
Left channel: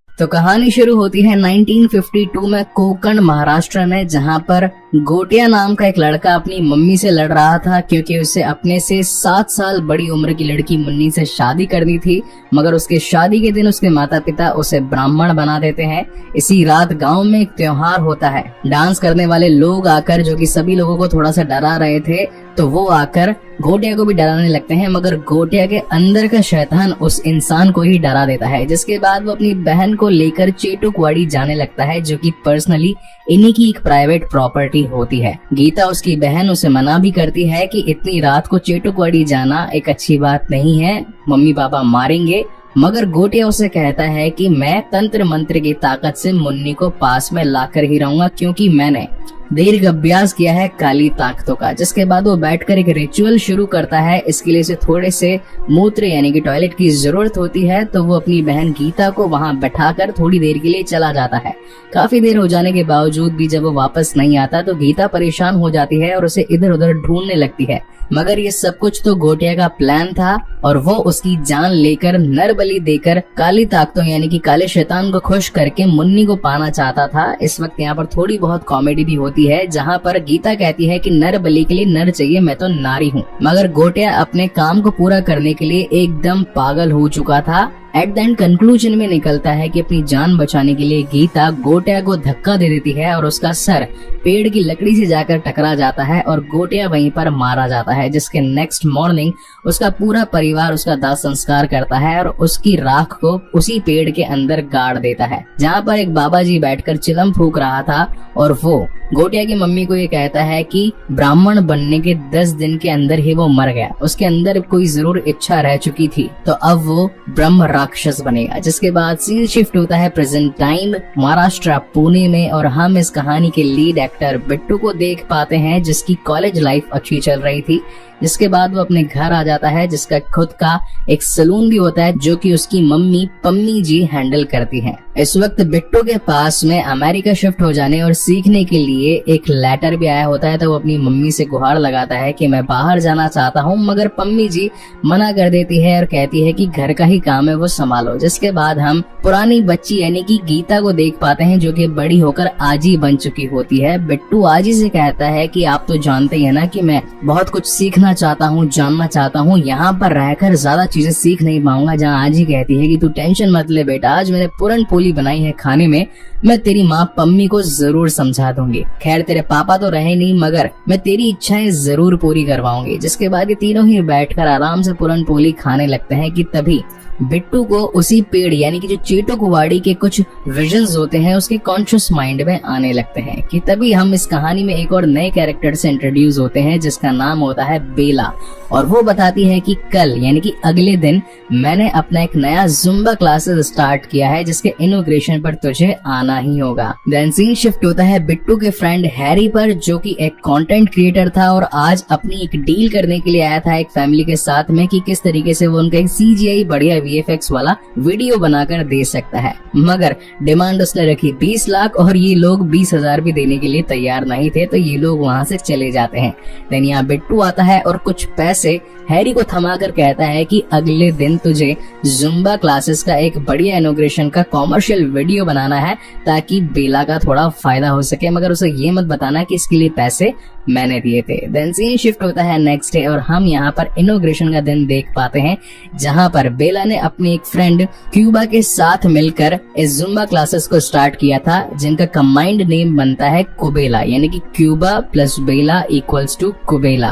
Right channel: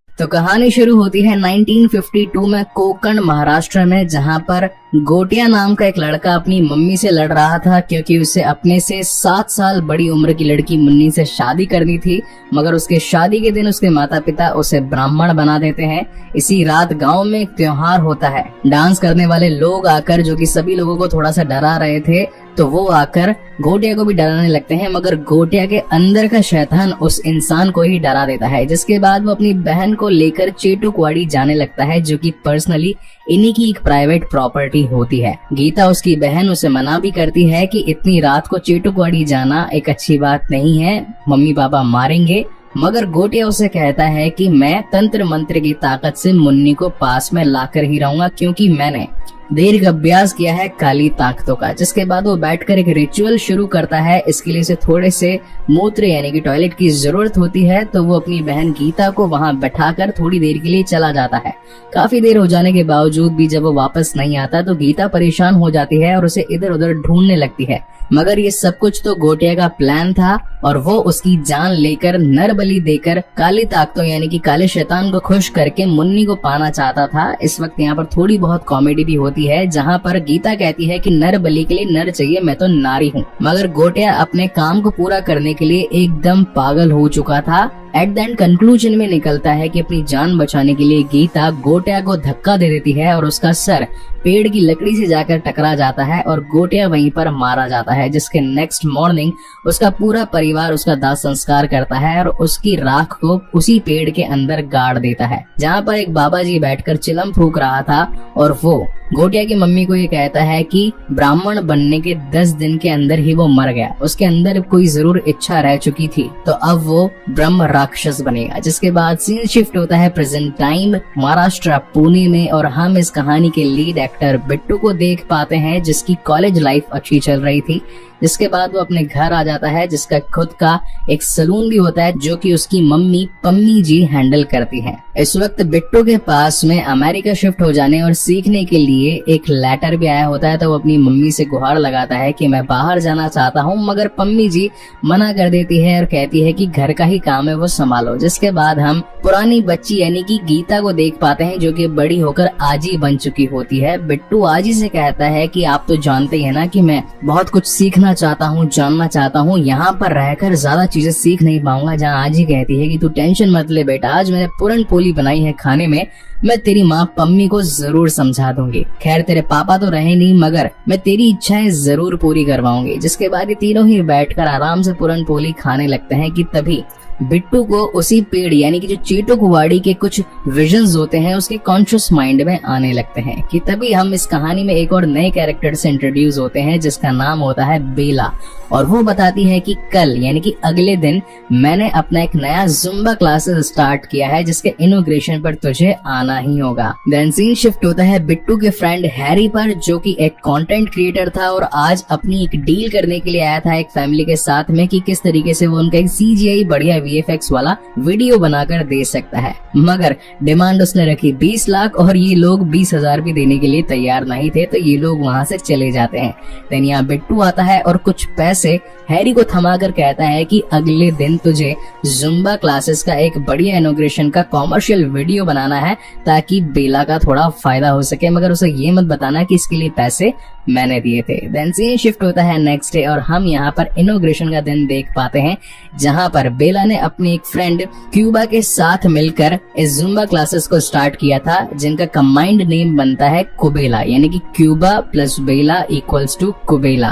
तो कहानी शुरू होती है 1952 में कोकण महाराष्ट्र में, जहां पर गोटिया नाम का एक लड़का अपनी मम्मी से लड़ रहा था क्योंकि उसे अपने से 7 साल बड़ी उम्र की लड़की मुन्नी से शादी करनी थी। मगर उसके शादी के दिन उसके माता पिता उसे ब्राह्मण बना देते हैं। इसी रात गांव में एक त्योहार होता है। डांस करने वाले लोग आकर, जो कि सभी लोगों को थोड़ा सा डरा रहे थे, तो वो आकर गोटिया को भी डराने लगते हैं। मगर गोटिया के अंदर का शैतान उस इंसान को ही डरा देता है, जिसके बाद वो अपनी बहन को लेकर चेटू कुवाड़ी जाने लगता है, जो कि पर्सनली इन्हीं की एक प्राइवेट प्रॉपर्टी होती है। गीता उसकी बहन उसे मना भी करती है कि इतनी रात को चेटू कुवाड़ी जाना एक अच्छी बात नहीं है, मम्मी पापा मारेंगे। मगर गोटिया उसे कहता है कि मैं तंत्र मंत्र की ताकत से मुन्नी को पास में लाकर ही रहूंगा, क्योंकि मैंने देर का अभ्यास किया है काली ताकतों का। जिसके बाद वो बैठकर एक रिचुअल शुरू करता है। इसके लिए उसे थोड़े से मूत्र यानी कि टॉयलेट की जरूरत होती है, तो वो अपनी बहन गीता को वहां बैठाकर थोड़ी देर के लिए चला जाता है। काफी देर हो जाने के बावजूद भी जब वो वापस नहीं आता तो गीता परेशान हो जाती है और उसे इधर उधर ढूंढने लगती है। मगर ये सब कुछ तो गोटिया का प्लान था और वो उसकी जान लेकर नर बलि देकर काली ताकतों यानी कि काले शैतान को खुश करके मुन्नी को पाना चाहता था। इस वक्त यहाँ पर थोड़ी बहुत कॉमेडी भी होती है, जहाँ पर गीता कहती है कि नर बलि के लिए नर चाहिए, मैं तो नारी हूँ। मगर गोटिया अपने काम को पूरा करने के लिए एकदम पागल हो चुका था। एट द एंड कंक्लूजन में निकलता है कि अपनी जान बचाने के लिए गीता गोटिया को धक्का दे देती है और उसका सर पेड़ की लकड़ी से जाकर टकरा जाता है और गोटिया वहीं पर मारा जाता है। जिसके नेक्स्ट मॉर्निंग उसका पूरा परिवार उसका दाह संस्कार करता है और उसकी राख को उसी पेड़ के अंदर गाड़ देता है, जहाँ पर एक बाबा जी बैठकर चिलम फूंक रहा था। और वो गोटिया की मम्मी को ये कहता है कि ब्राह्मण बनने के 10 दिन के अंदर ही वो मर गया, उसके अंदर कोई जरूर इच्छा रह चुकी थी, तो अब वो ब्रह्म राक्षस बनेगा। जिसके बाद सीन शिफ्ट होता है प्रेजेंट टाइम महाराष्ट्र पुणे में, और हम इस कहानी के लीड एक्टर बिट्टू को देख पाते हैं जिसकी कॉलेज लाइफ अच्छी चल रही थी। जिसके बाद वो अपने घर आ जाता है जिसका खुद का एक सलून भी होता है जो कि उसकी मम्मी पम्मी जी हैंडल करती हैं। इस वक्त बिट्टू के पास में अमेरिका शिफ्ट हो जाने और सीखने के लिए एक लेटर भी आया होता है, तो वो अपनी मम्मी से गुहार लगाता है कि मैं बाहर जाना चाहता हूँ, मगर पम्मी जी मना कर देती है और कहती है कि घर का ही काम है वो संभालो। जिसके बाद हम पुरानी बच्ची यानी कि गीता को देख पाते हैं जो कि बड़ी होकर आजी बन चुकी होती है। बिट्टू आजी से कहता है कि आप तो जानते हैं ना कि मैं बहुत कुछ सीखना चाहता हूँ, जानना चाहता हूँ, यहाँ पर रहकर ज्यादा चीजें सीख नहीं पाऊंगा। जहाँ आजी कहती है कि तू टेंशन मत ले बेटा, आज मैंने पूरन पोली बनाई है खाने में, मैं तेरी माँ पम्मी को जरूर समझा दूंगी। खैर तेरे पापा तो रहे नहीं मगर मैं तेरी इच्छाएं जरूर पूरी करवाऊंगी। जिसके बाद ये तीनों ही बैठकर आराम से पूरन पोली खाने लगते हैं कि तभी बिट्टू को उसी पेड़ यानी कि जो चीटू कुवाड़ी के कुछ विजन्स होते हैं उसके कॉन्शियस माइंड में आने लगते हैं कि तभी हम इस कहानी में एक और नए कैरेक्टर से इंट्रोड्यूस होते हैं जिसका नाम होता है बेला। और वो बताती है कि कल यानी कि अगले दिन मैंने अपना एक नया जुम्बा क्लासेस स्टार्ट किया है जिसके इनॉग्रेशन पर तुझे आना ही होगा। देन सीन शिफ्ट होता है बिट्टू के फ्रेंड हैरी पर जो कि एक कंटेंट क्रिएटर था और आज अपनी एक डील करने के लिए आया था एक फैमिली के साथ में कि किस तरीके से वो उनका एक CGI बढ़िया VFX वाला वीडियो बनाकर दे सकता है। मगर डिमांड उसने रखी 20 लाख और ये लोग 20,000 भी देने के लिए तैयार नहीं थे, तो ये लोग वहाँ से चले जाते हैं। देन यहाँ बिट्टू आता है और कुछ पैसे हैरी को थमाकर कहता है कि अगले दिन तुझे जुम्बा क्लासेस का एक बढ़िया इनॉग्रेशन का कॉमर्शियल वीडियो बनाना है ताकि बेला का थोड़ा फायदा हो सके, मगर उसे ये मत बताना कि इसके लिए पैसे मैंने दिए थे। देन सीन शिफ्ट होता है नेक्स्ट डे और हम यहाँ पर इनॉग्रेशन का दिन देख पाते हैं जहाँ पर बेला ने अपनी एक फ्रेंड क्यूबा के साथ मिलकर इस जुम्बा क्लासेस को स्टार्ट किया था जिनका कंबाइंड नेम बनता है कुबेला यानी कि क्यूबा प्लस बेला इक्वल्स टू कुबेला।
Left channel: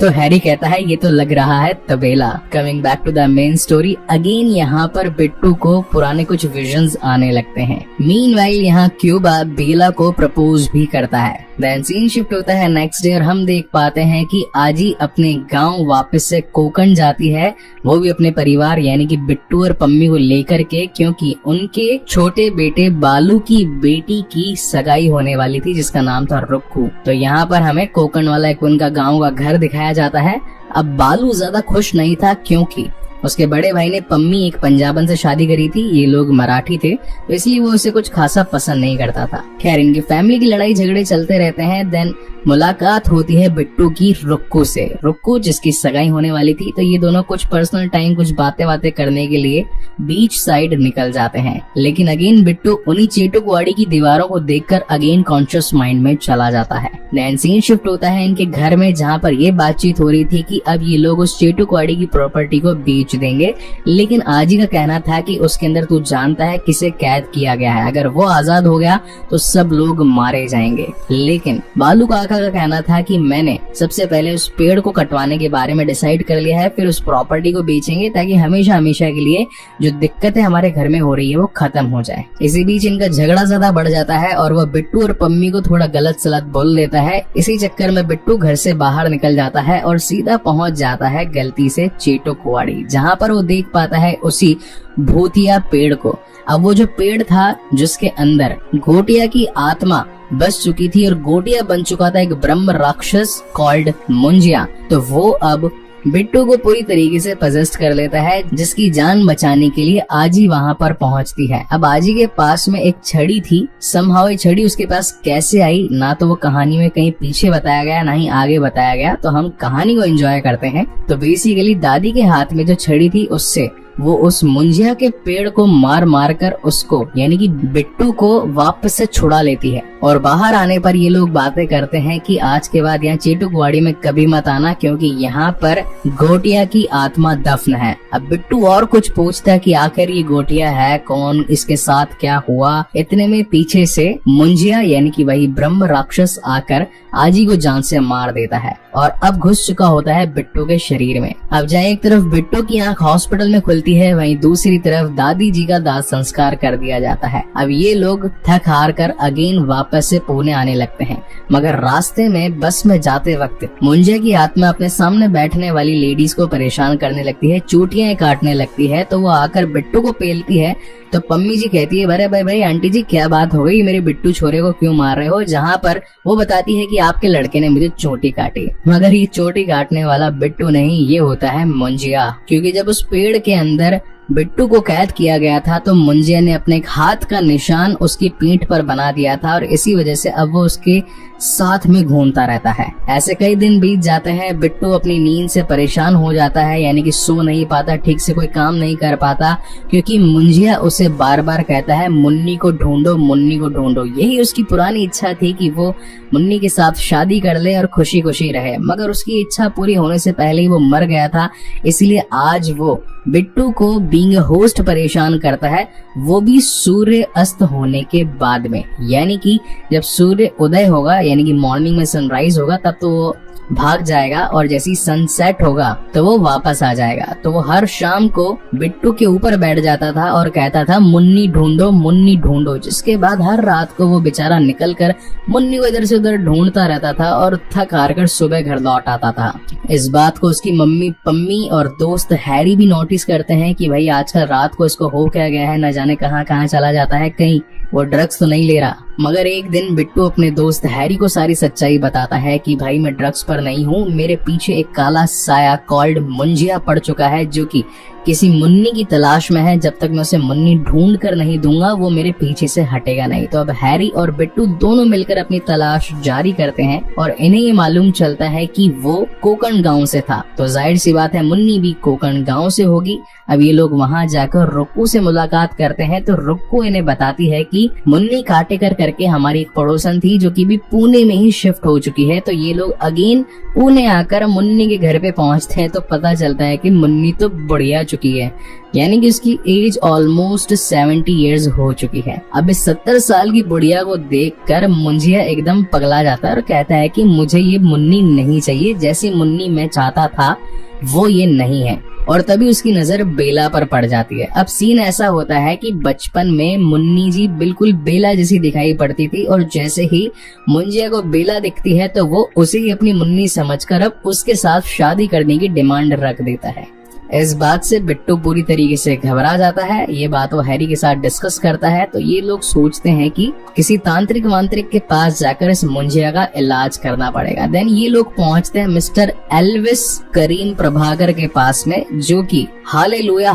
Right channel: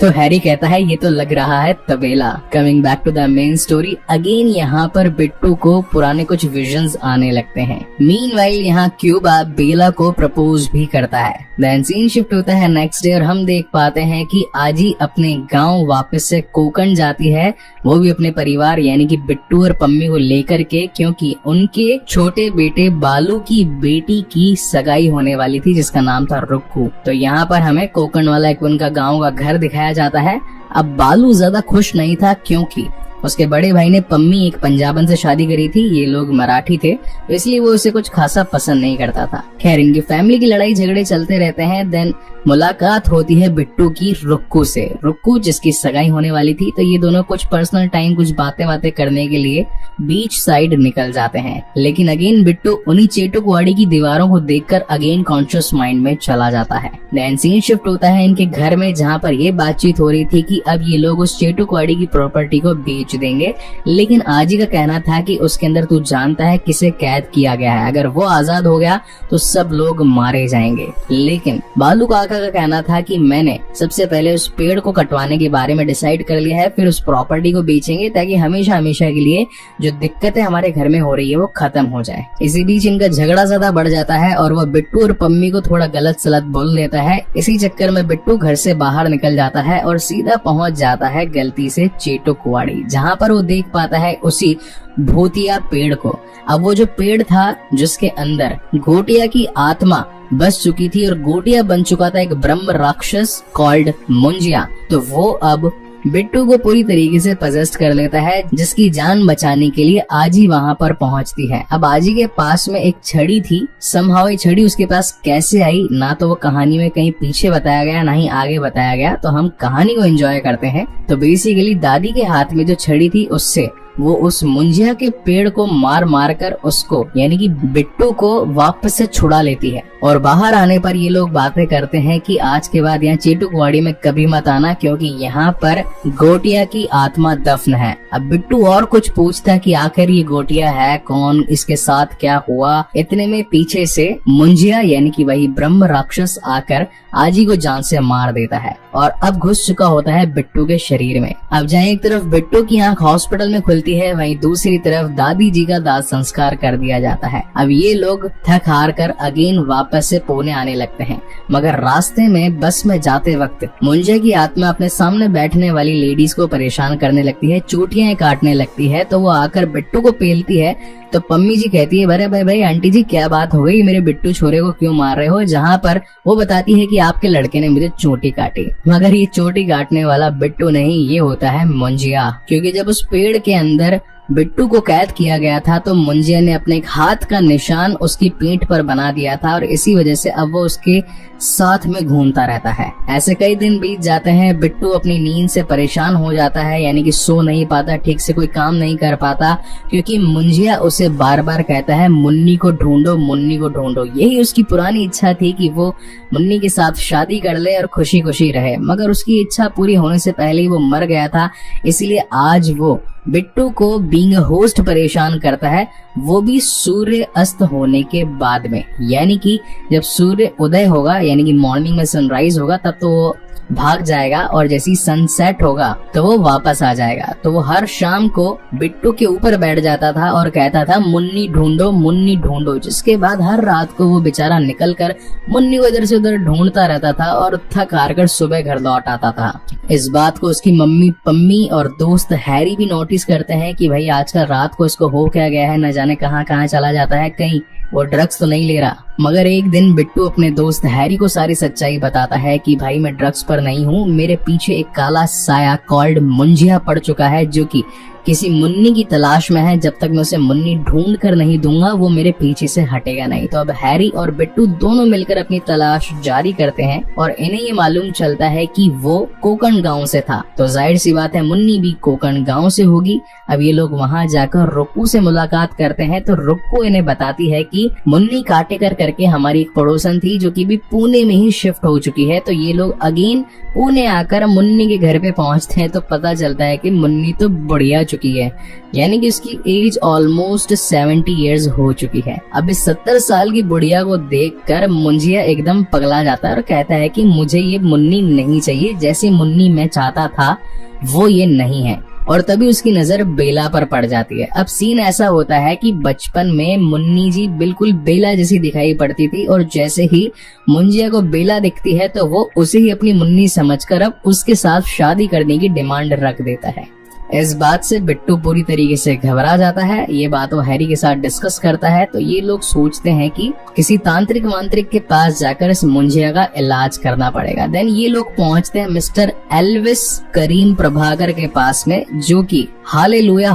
तो हैरी कहता है ये तो लग रहा है तबेला। Coming back to the main story again यहाँ पर बिट्टू को पुराने कुछ विजन्स आने लगते हैं। मीनवाइल यहाँ क्यूबा बेला को प्रपोज भी करता है। देन सीन शिफ्ट होता है नेक्स्ट डे और हम देख पाते हैं कि आजी अपने गांव वापस से कोकण जाती है, वो भी अपने परिवार यानी कि बिट्टू और पम्मी को लेकर के, क्योंकि उनके छोटे बेटे बालू की बेटी की सगाई होने वाली थी जिसका नाम था रुक्कू। तो यहाँ पर हमें कोकण वाला एक उनका गांव का घर दिखाया जाता है। अब बालू ज्यादा खुश नहीं था क्योंकि उसके बड़े भाई ने पम्मी एक पंजाबन से शादी करी थी, ये लोग मराठी थे, इसलिए वो उसे कुछ खासा पसंद नहीं करता था। खैर इनकी फैमिली की लड़ाई झगड़े चलते रहते हैं। देन मुलाकात होती है बिट्टू की रुक्कू से, रुक्कू जिसकी सगाई होने वाली थी, तो ये दोनों कुछ पर्सनल टाइम कुछ बातें करने के लिए बीच साइड निकल जाते हैं। लेकिन अगेन बिट्टू उन्हीं चेटुकवाड़ी की दीवारों को देखकर अगेन कॉन्शियस माइंड में चला जाता है। देन सीन शिफ्ट होता है इनके घर में जहाँ पर ये बातचीत हो रही थी कि अब ये लोग उस चेटुकवाड़ी की प्रॉपर्टी को बेच देंगे, लेकिन आजी का कहना था कि उसके अंदर तू जानता है किसे कैद किया गया है, अगर वो आजाद हो गया तो सब लोग मारे जाएंगे। लेकिन बालू काका का कहना था कि मैंने सबसे पहले उस पेड़ को कटवाने के बारे में डिसाइड कर लिया है, फिर उस प्रॉपर्टी को बेचेंगे ताकि हमेशा हमेशा के लिए जो दिक्कतें हमारे घर में हो रही है वो खत्म हो जाए। इसी बीच इनका झगड़ा ज्यादा बढ़ जाता है और वो बिट्टू और पम्मी को थोड़ा गलत सलत बोल देता है। इसी चक्कर में बिट्टू घर से बाहर निकल जाता है और सीधा पहुंच जाता है गलती से चेटुकवाड़ी, जहाँ पर वो देख पाता है उसी भूतिया पेड़ को। अब वो जो पेड़ था जिसके अंदर गोटिया की आत्मा बस चुकी थी और गोटिया बन चुका था एक ब्रह्म राक्षस कॉल्ड मुंजिया, तो वो अब बिट्टू को पूरी तरीके से पजेस्ट कर लेता है, जिसकी जान बचाने के लिए आजी वहाँ पर पहुँचती है। अब आजी के पास में एक छड़ी थी, समहाउ ये छड़ी उसके पास कैसे आई ना तो वो कहानी में कहीं पीछे बताया गया ना ही आगे बताया गया, तो हम कहानी को एंजॉय करते हैं। तो बेसिकली दादी के हाथ में जो छड़ी थी उससे वो उस मुंजिया के पेड़ को मार मार कर उसको यानी कि बिट्टू को वापस से छुड़ा लेती है। और बाहर आने पर ये लोग बातें करते हैं कि आज के बाद यहाँ चेटुकवाड़ी में कभी मत आना क्योंकि यहाँ पर गोटिया की आत्मा दफन है। अब बिट्टू और कुछ पूछता है कि आखिर ये गोटिया है कौन, इसके साथ क्या हुआ। इतने में पीछे से मुंजिया यानी कि वही ब्रह्म राक्षस आकर आजी को जान से मार देता है और अब घुस चुका होता है बिट्टू के शरीर में। अब जहाँ एक तरफ बिट्टू की आंख हॉस्पिटल में खुलती मिलती है, वहीं दूसरी तरफ दादी जी का दाह संस्कार कर दिया जाता है। अब ये लोग थक हार कर अगेन वापस से पुणे आने लगते हैं, मगर रास्ते में बस में जाते वक्त मुंजिया की आत्मा अपने सामने बैठने वाली लेडीज को परेशान करने लगती है, चोटियां काटने लगती है। तो वो आकर बिट्टू को पेलती है। तो पम्मी जी कहती है, अरे भाई भाई आंटी जी क्या बात हो गई, मेरे बिट्टू छोरे को क्यों मार रहे हो? जहाँ पर वो बताती है कि आपके लड़के ने मुझे चोटी काटी, मगर ये चोटी काटने वाला बिट्टू नहीं, ये होता है मुंजिया। क्योंकि जब उस पेड़ के अंदर बिट्टू को कैद किया गया था तो मुंजिया ने अपने हाथ का निशान उसकी पीठ पर बना दिया था और इसी वजह से अब वो उसके साथ में घूमता रहता है। ऐसे कई दिन बीत जाते हैं, बिट्टू अपनी नींद से परेशान हो जाता है, यानी कि सो नहीं पाता, ठीक से कोई काम नहीं कर पाता, क्योंकि मुंजिया उसे बार बार कहता है मुन्नी को ढूंढो, मुन्नी को ढूंढो। यही उसकी पुरानी इच्छा थी कि वो मुन्नी के साथ शादी कर ले और खुशी खुशी रहे, मगर उसकी इच्छा पूरी होने से पहले ही वो मर गया था। इसलिए आज वो बिट्टू को बीइंग होस्ट परेशान करता है, वो भी सूर्य अस्त होने के बाद में, यानी कि जब सूर्य उदय होगा, यानी कि मॉर्निंग में सनराइज होगा, तब तो वो भाग जाएगा और जैसे ही सनसेट होगा तो वो वापस आ जाएगा। तो वो हर शाम को बिट्टू के ऊपर बैठ जाता था और कहता था मुन्नी ढूंढो, मुन्नी ढूंढो, जिसके बाद हर रात को वो बेचारा निकल कर मुन्नी को इधर से उधर ढूंढता रहता था और थक हार कर सुबह घर लौट आता था। इस बात को उसकी मम्मी पम्मी और दोस्त हैरी भी नोटिस करते हैं कि भाई आजकल रात को इसको हो क्या गया है, न जाने कहाँ कहाँ चला जाता है, कहीं वो ड्रग्स तो नहीं ले रहा। मगर एक दिन बिट्टू अपने दोस्त हैरी को सारी सच्चाई बताता है कि भाई मैं ड्रग्स पर नहीं हूँ, मेरे पीछे एक काला साया कॉल्ड मुंजिया पड़ चुका है जो कि किसी मुन्नी की तलाश में है। जब तक मैं उसे मुन्नी ढूंढ कर नहीं दूंगा वो मेरे पीछे से हटेगा नहीं। तो अब हैरी और बिट्टू दोनों मिलकर अपनी तलाश जारी करते हैं और इन्हें ये मालूम चलता है कि वो कोकण गांव से था, तो जाहिर सी बात है मुन्नी भी कोकण गांव से होगी। अब ये लोग वहां जाकर रुक्कू से मुलाकात करते हैं, तो रुक्कू इन्हें बताती है कि मुन्नी काटेकर करके हमारी एक पड़ोसन थी जो कि भी पुणे में ही शिफ्ट हो चुकी है। तो ये लोग अगेन पुणे आकर मुन्नी के घर पे पहुंचते हैं, तो पता चलता है कि मुन्नी तो बढ़िया चुकी है, यानी कि उसकी एज ऑलमोस्ट 70 इयर्स हो चुकी है। अब इस 70 साल की बुढ़िया को देखकर मुंजिया एकदम पगला जाता है और कहता है कि मुझे ये मुन्नी नहीं चाहिए, जैसी मुन्नी मैं चाहता था वो ये नहीं है। और तभी उसकी नजर बेला पर पड़ जाती है। अब सीन ऐसा होता है कि बचपन में मुन्नी जी बिल्कुल बेला जैसी दिखाई पड़ती थी और जैसे ही मुंजिया को बेला दिखती है तो वो उसे ही अपनी मुन्नी समझकर अब उसके साथ शादी करने की डिमांड रख देता है। इस बात से बिट्टू पूरी तरीके से घबरा जाता है। ये बात वो हैरी के साथ डिस्कस करता है, तो ये लोग सोचते हैं कि किसी तांत्रिक वांत्रिक के पास जाकर इस मुंजिया का इलाज करना पड़ेगा। देन ये लोग पहुंचते हैं मिस्टर एल्विस करीम प्रभाकर के पास में, जो कि हालेलुया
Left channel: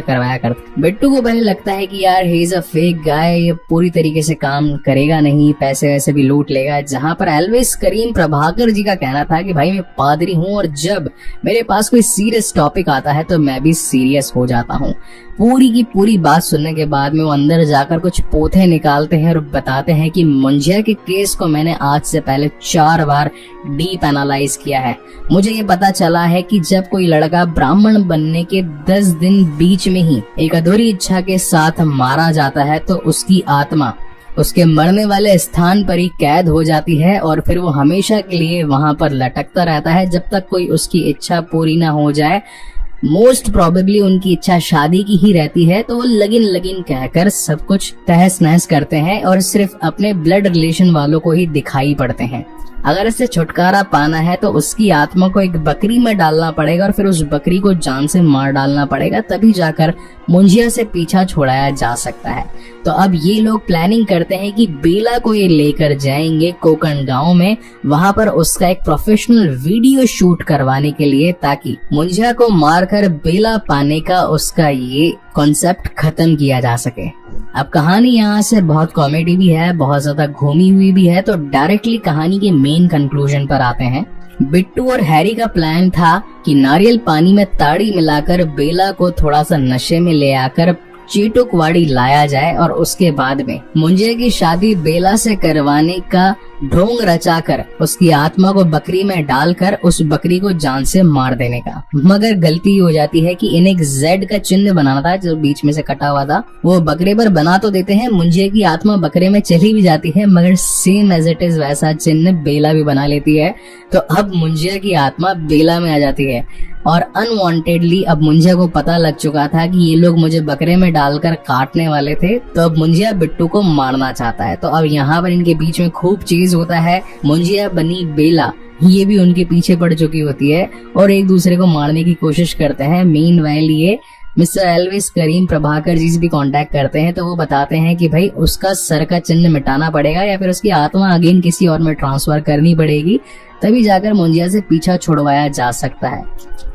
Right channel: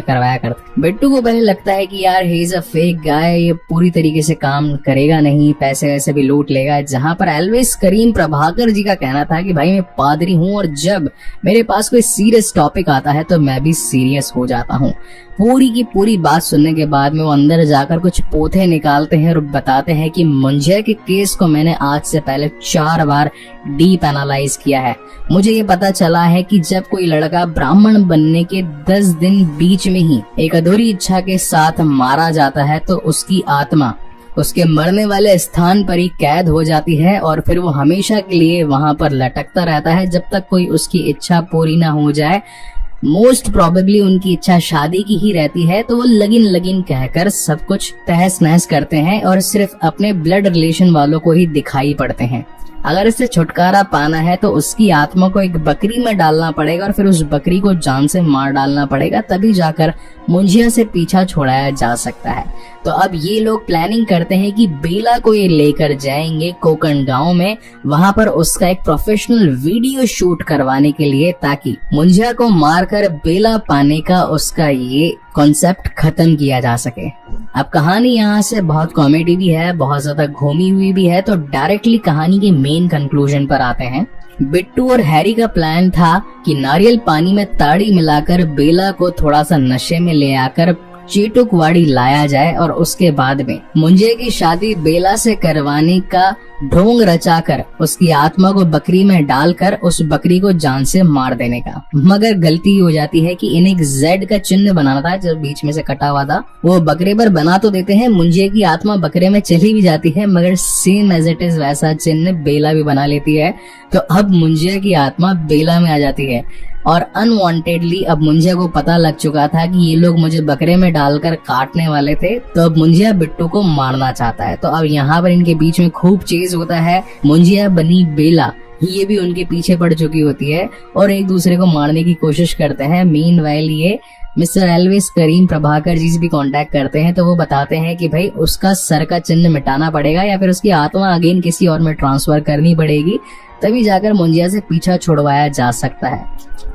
करवाया करते। बिट्टू को पहले लगता है कि यार he is a fake guy, ये पूरी तरीके से काम करेगा नहीं, पैसे वैसे भी लूट लेगा। जहाँ पर एल्विस करीम प्रभाकर जी का कहना था कि भाई मैं पादरी हूँ और जब मेरे पास कोई सीरियस टॉपिक आता है तो मैं भी सीरियस हो जाता हूँ। पूरी की पूरी बात सुनने के बाद में वो अंदर जाकर कुछ पोथे निकालते हैं और बताते हैं कि मुंजिया के केस को मैंने आज से पहले 4 बार डीप एनालाइज किया है। मुझे ये पता चला है कि जब कोई लड़का ब्राह्मण बनने के 10 दिन बीच में ही एक अधूरी इच्छा के साथ मारा जाता है तो उसकी आत्मा उसके मरने वाले स्थान पर ही कैद हो जाती है और फिर वो हमेशा के लिए वहां पर लटकता रहता है जब तक कोई उसकी इच्छा पूरी ना हो जाए। मोस्ट प्रोबेबली उनकी इच्छा शादी की ही रहती है, तो वो लगिन कहकर सब कुछ तहस नहस करते हैं और सिर्फ अपने ब्लड रिलेशन वालों को ही दिखाई पड़ते हैं। अगर इससे छुटकारा पाना है तो उसकी आत्मा को एक बकरी में डालना पड़ेगा और फिर उस बकरी को जान से मार डालना पड़ेगा, तभी जाकर मुंजिया से पीछा छुड़ाया जा सकता है। तो अब ये लोग प्लानिंग करते हैं कि बेला को ये लेकर जाएंगे कोकण गांव में, वहां पर उसका एक प्रोफेशनल वीडियो शूट करवाने के लिए, ताकि मुंजिया को मारकर बेला पाने का उसका ये कॉन्सेप्ट खत्म किया जा सके। अब कहानी यहाँ से बहुत कॉमेडी भी है, बहुत ज्यादा घूमी हुई भी है, तो डायरेक्टली कहानी के मेन कंक्लूजन पर आते हैं। बिट्टू और हैरी का प्लान था कि नारियल पानी में ताड़ी मिलाकर बेला को थोड़ा सा नशे में ले आकर चीटुकवाड़ी लाया जाए और उसके बाद में मुंजिया की शादी बेला से करवाने का ढोंग रचाकर उसकी आत्मा को बकरी में डालकर उस बकरी को जान से मार देने का। मगर गलती हो जाती है कि इन्हें एक जेड का चिन्ह बनाना था जो बीच में से कटा हुआ था, वो बकरी पर बना तो देते हैं, मुंजिया की आत्मा बकरे में चली भी जाती है, मगर सेम एज इट इज वैसा चिन्ह बेला भी बना लेती है। तो अब मुंजिया की आत्मा बेला में आ जाती है। और अनवांटेडली अब मुंजिया को पता लग चुका था कि ये लोग मुझे बकरे में डालकर काटने वाले थे, तो अब मुंजिया बिट्टू को मारना चाहता है। तो अब यहाँ पर इनके बीच में खूब चेज होता है। मुंजिया बनी बेला, ये भी उनके पीछे पड़ चुकी होती है और एक दूसरे को मारने की कोशिश करते हैं। मीनवाइल ये मिस्टर एल्विस करीम प्रभाकर जी से भी कांटेक्ट करते हैं, तो वो बताते हैं कि भाई उसका सर का चिन्ह मिटाना पड़ेगा या फिर उसकी आत्मा अगेन किसी और में ट्रांसफर करनी पड़ेगी, तभी जाकर मुंजिया से पीछा छुड़वाया जा सकता है।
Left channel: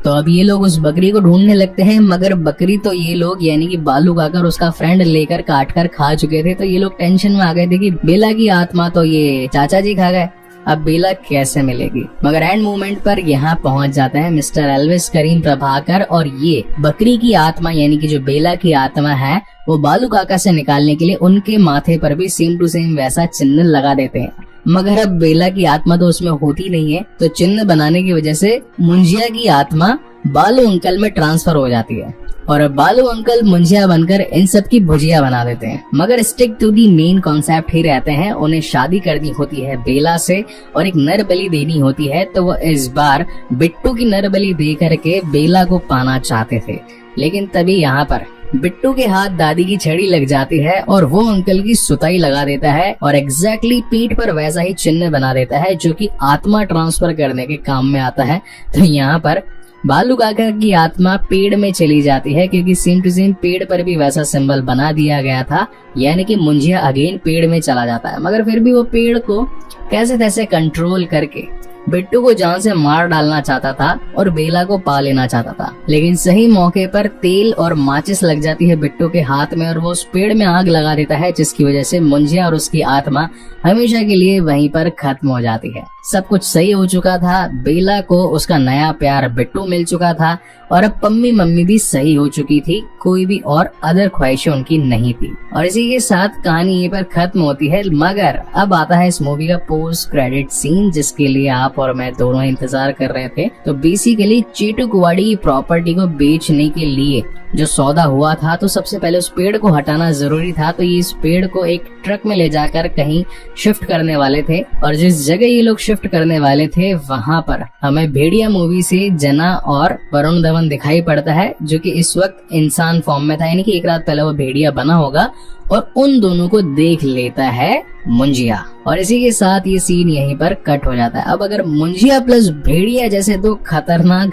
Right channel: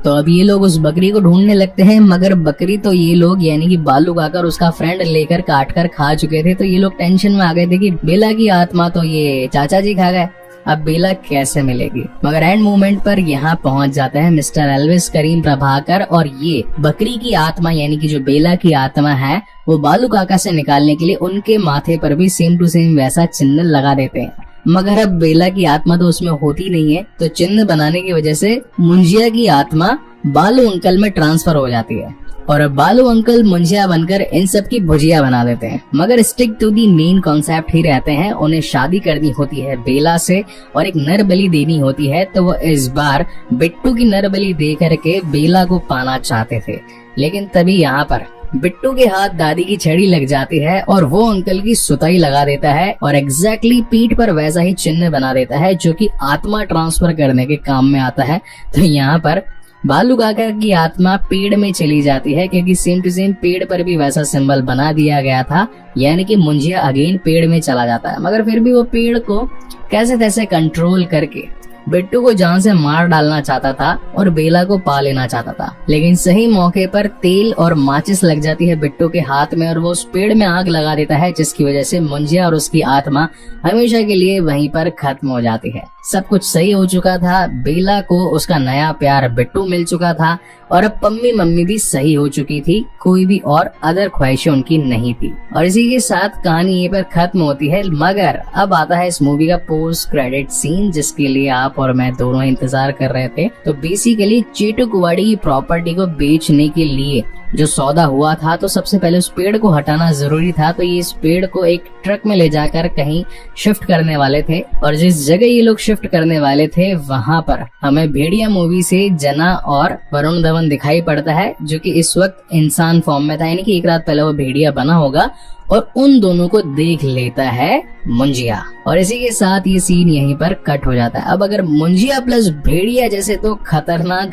तो अब ये लोग उस बकरी को ढूंढने लगते हैं, मगर बकरी तो ये लोग यानी कि बालू काकर उसका फ्रेंड लेकर काट कर खा चुके थे। तो ये लोग टेंशन में आ गए थे कि बेला की आत्मा तो ये चाचा जी खा गए, अब बेला कैसे मिलेगी। मगर एंड मोमेंट पर यहाँ पहुंच जाते हैं मिस्टर एल्विस करीम प्रभाकर और ये बकरी की आत्मा यानी कि जो बेला की आत्मा है वो बालू काका से निकालने के लिए उनके माथे पर भी सेम टू सेम वैसा चिन्ह लगा देते हैं। मगर अब बेला की आत्मा तो उसमें होती नहीं है, तो चिन्ह बनाने की वजह से मुंजिया की आत्मा बालू अंकल में ट्रांसफर हो जाती है और अब बालू अंकल मुंजिया बनकर इन सब की भुजिया बना देते हैं। मगर stick to the main concept ही रहते हैं। उन्हें शादी करनी होती है बेला से और एक नर बलि देनी होती है, तो वो इस बार बिट्टू की नर बलि दे करके बेला को पाना चाहते थे। लेकिन तभी यहाँ पर बिट्टू के हाथ दादी की छड़ी लग जाती है और वो अंकल की सुताई लगा देता है और एग्जैक्टली पीठ पर वैसा ही चिन्ह बना देता है जो कि आत्मा ट्रांसफर करने के काम में आता है। तो यहाँ पर बालू काका की आत्मा पेड़ में चली जाती है क्योंकि सेम टू सेम पेड़ पर भी वैसा सिंबल बना दिया गया था, यानी कि मुंजिया अगेन पेड़ में चला जाता है। मगर फिर भी वो पेड़ को कैसे तैसे कंट्रोल करके बिट्टू को जान से मार डालना चाहता था और बेला को पा लेना चाहता था। लेकिन सही मौके पर तेल और माचिस लग जाती है बिट्टू के हाथ में और वो उस पेड़ में आग लगा देता है, जिसकी वजह से मुंजिया और उसकी आत्मा हमेशा के लिए वहीं पर खत्म हो जाती है। सब कुछ सही हो चुका था, बेला को उसका नया प्यार बिट्टू मिल चुका था और अब पम्मी मम्मी भी सही हो चुकी थी, कोई भी और अदर ख्वाहिशें उनकी नहीं थी। और इसी के साथ कहानी ये पर खत्म होती है। मगर अब आता है इस मूवी का पोस्ट क्रेडिट सीन, जिसके लिए आप और मैं दोनों इंतजार कर रहे थे। तो बेसिकली चेटू कुवाड़ी की प्रॉपर्टी को बेचने के लिए जो सौदा हुआ था, तो सबसे पहले उस पेड़ को हटाना जरूरी था। तो ये इस पेड़ को एक ट्रक में ले जाकर कहीं शिफ्ट करने वाले थे और जिस जगह ये लोग शिफ्ट करने वाले थे वहां पर हमें भेड़िया मूवी से जना और वरुण धवन दिखाई पड़ता है, जो कि इस वक्त इंसान फॉर्म में था, यानी कि एक रात पहले वो भेड़िया बना होगा और उन दोनों को देख लेता है मुंजिया। और इसी के साथ ये सीन यहीं पर कट हो जाता है। अब अगर मुंजिया प्लस भेड़िया जैसे तो खतरनाक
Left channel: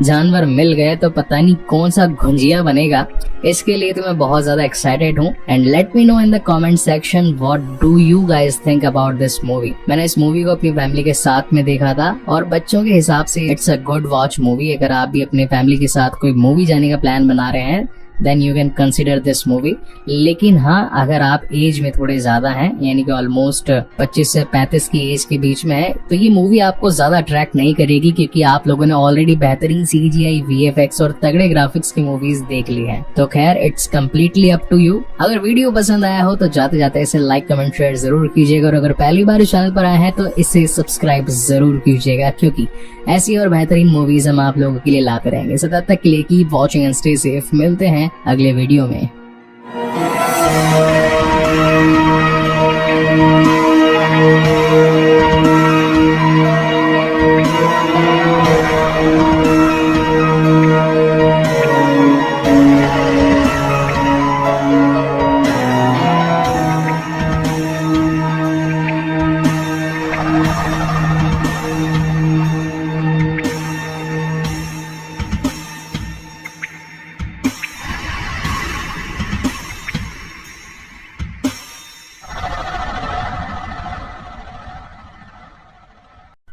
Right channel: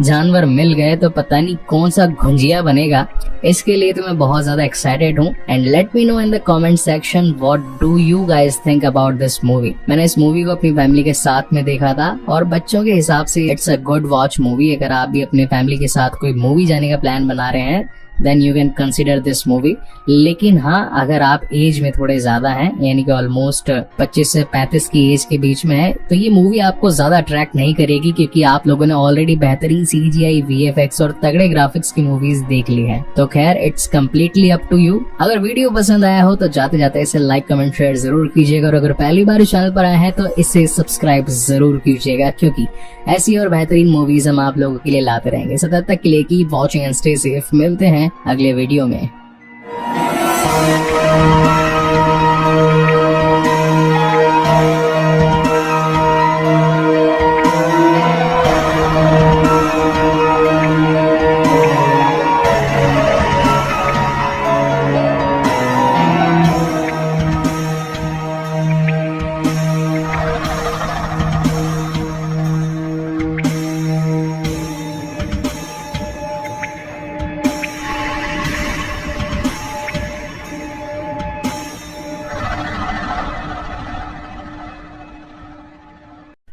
जानवर मिल गए तो पता नहीं कौन सा गुंजिया बनेगा। इसके लिए तो मैं बहुत ज्यादा एक्साइटेड हूँ। And let me know in the comment section what do you guys think about this movie. मैंने इस मूवी को अपनी फैमिली के साथ में देखा था और बच्चों के हिसाब से it's a good watch movie. अगर आप भी अपने फैमिली के साथ कोई मूवी जाने का प्लान बना रहे हैं then you can consider this movie. लेकिन हाँ, अगर आप एज में थोड़े ज्यादा हैं, यानी कि ऑलमोस्ट 25 से 35 की एज के बीच में है, तो ये मूवी आपको ज्यादा अट्रैक्ट नहीं करेगी क्योंकि आप लोगों ने ऑलरेडी बेहतरीन CGI, VFX और तगड़े ग्राफिक्स की मूवीज देख ली हैं। तो खैर it's completely up to you. अगर वीडियो पसंद आया हो तो जाते जाते इसे लाइक कमेंट शेयर जरूर कीजिएगा और अगर पहली बार चैनल पर आए हैं तो इसे सब्सक्राइब जरूर कीजिएगा क्योंकि ऐसी और बेहतरीन मूवीज हम आप लोगों के लिए लाते रहेंगे। सो तब तक के लिए keep watching and stay safe. मिलते हैं अगले वीडियो में।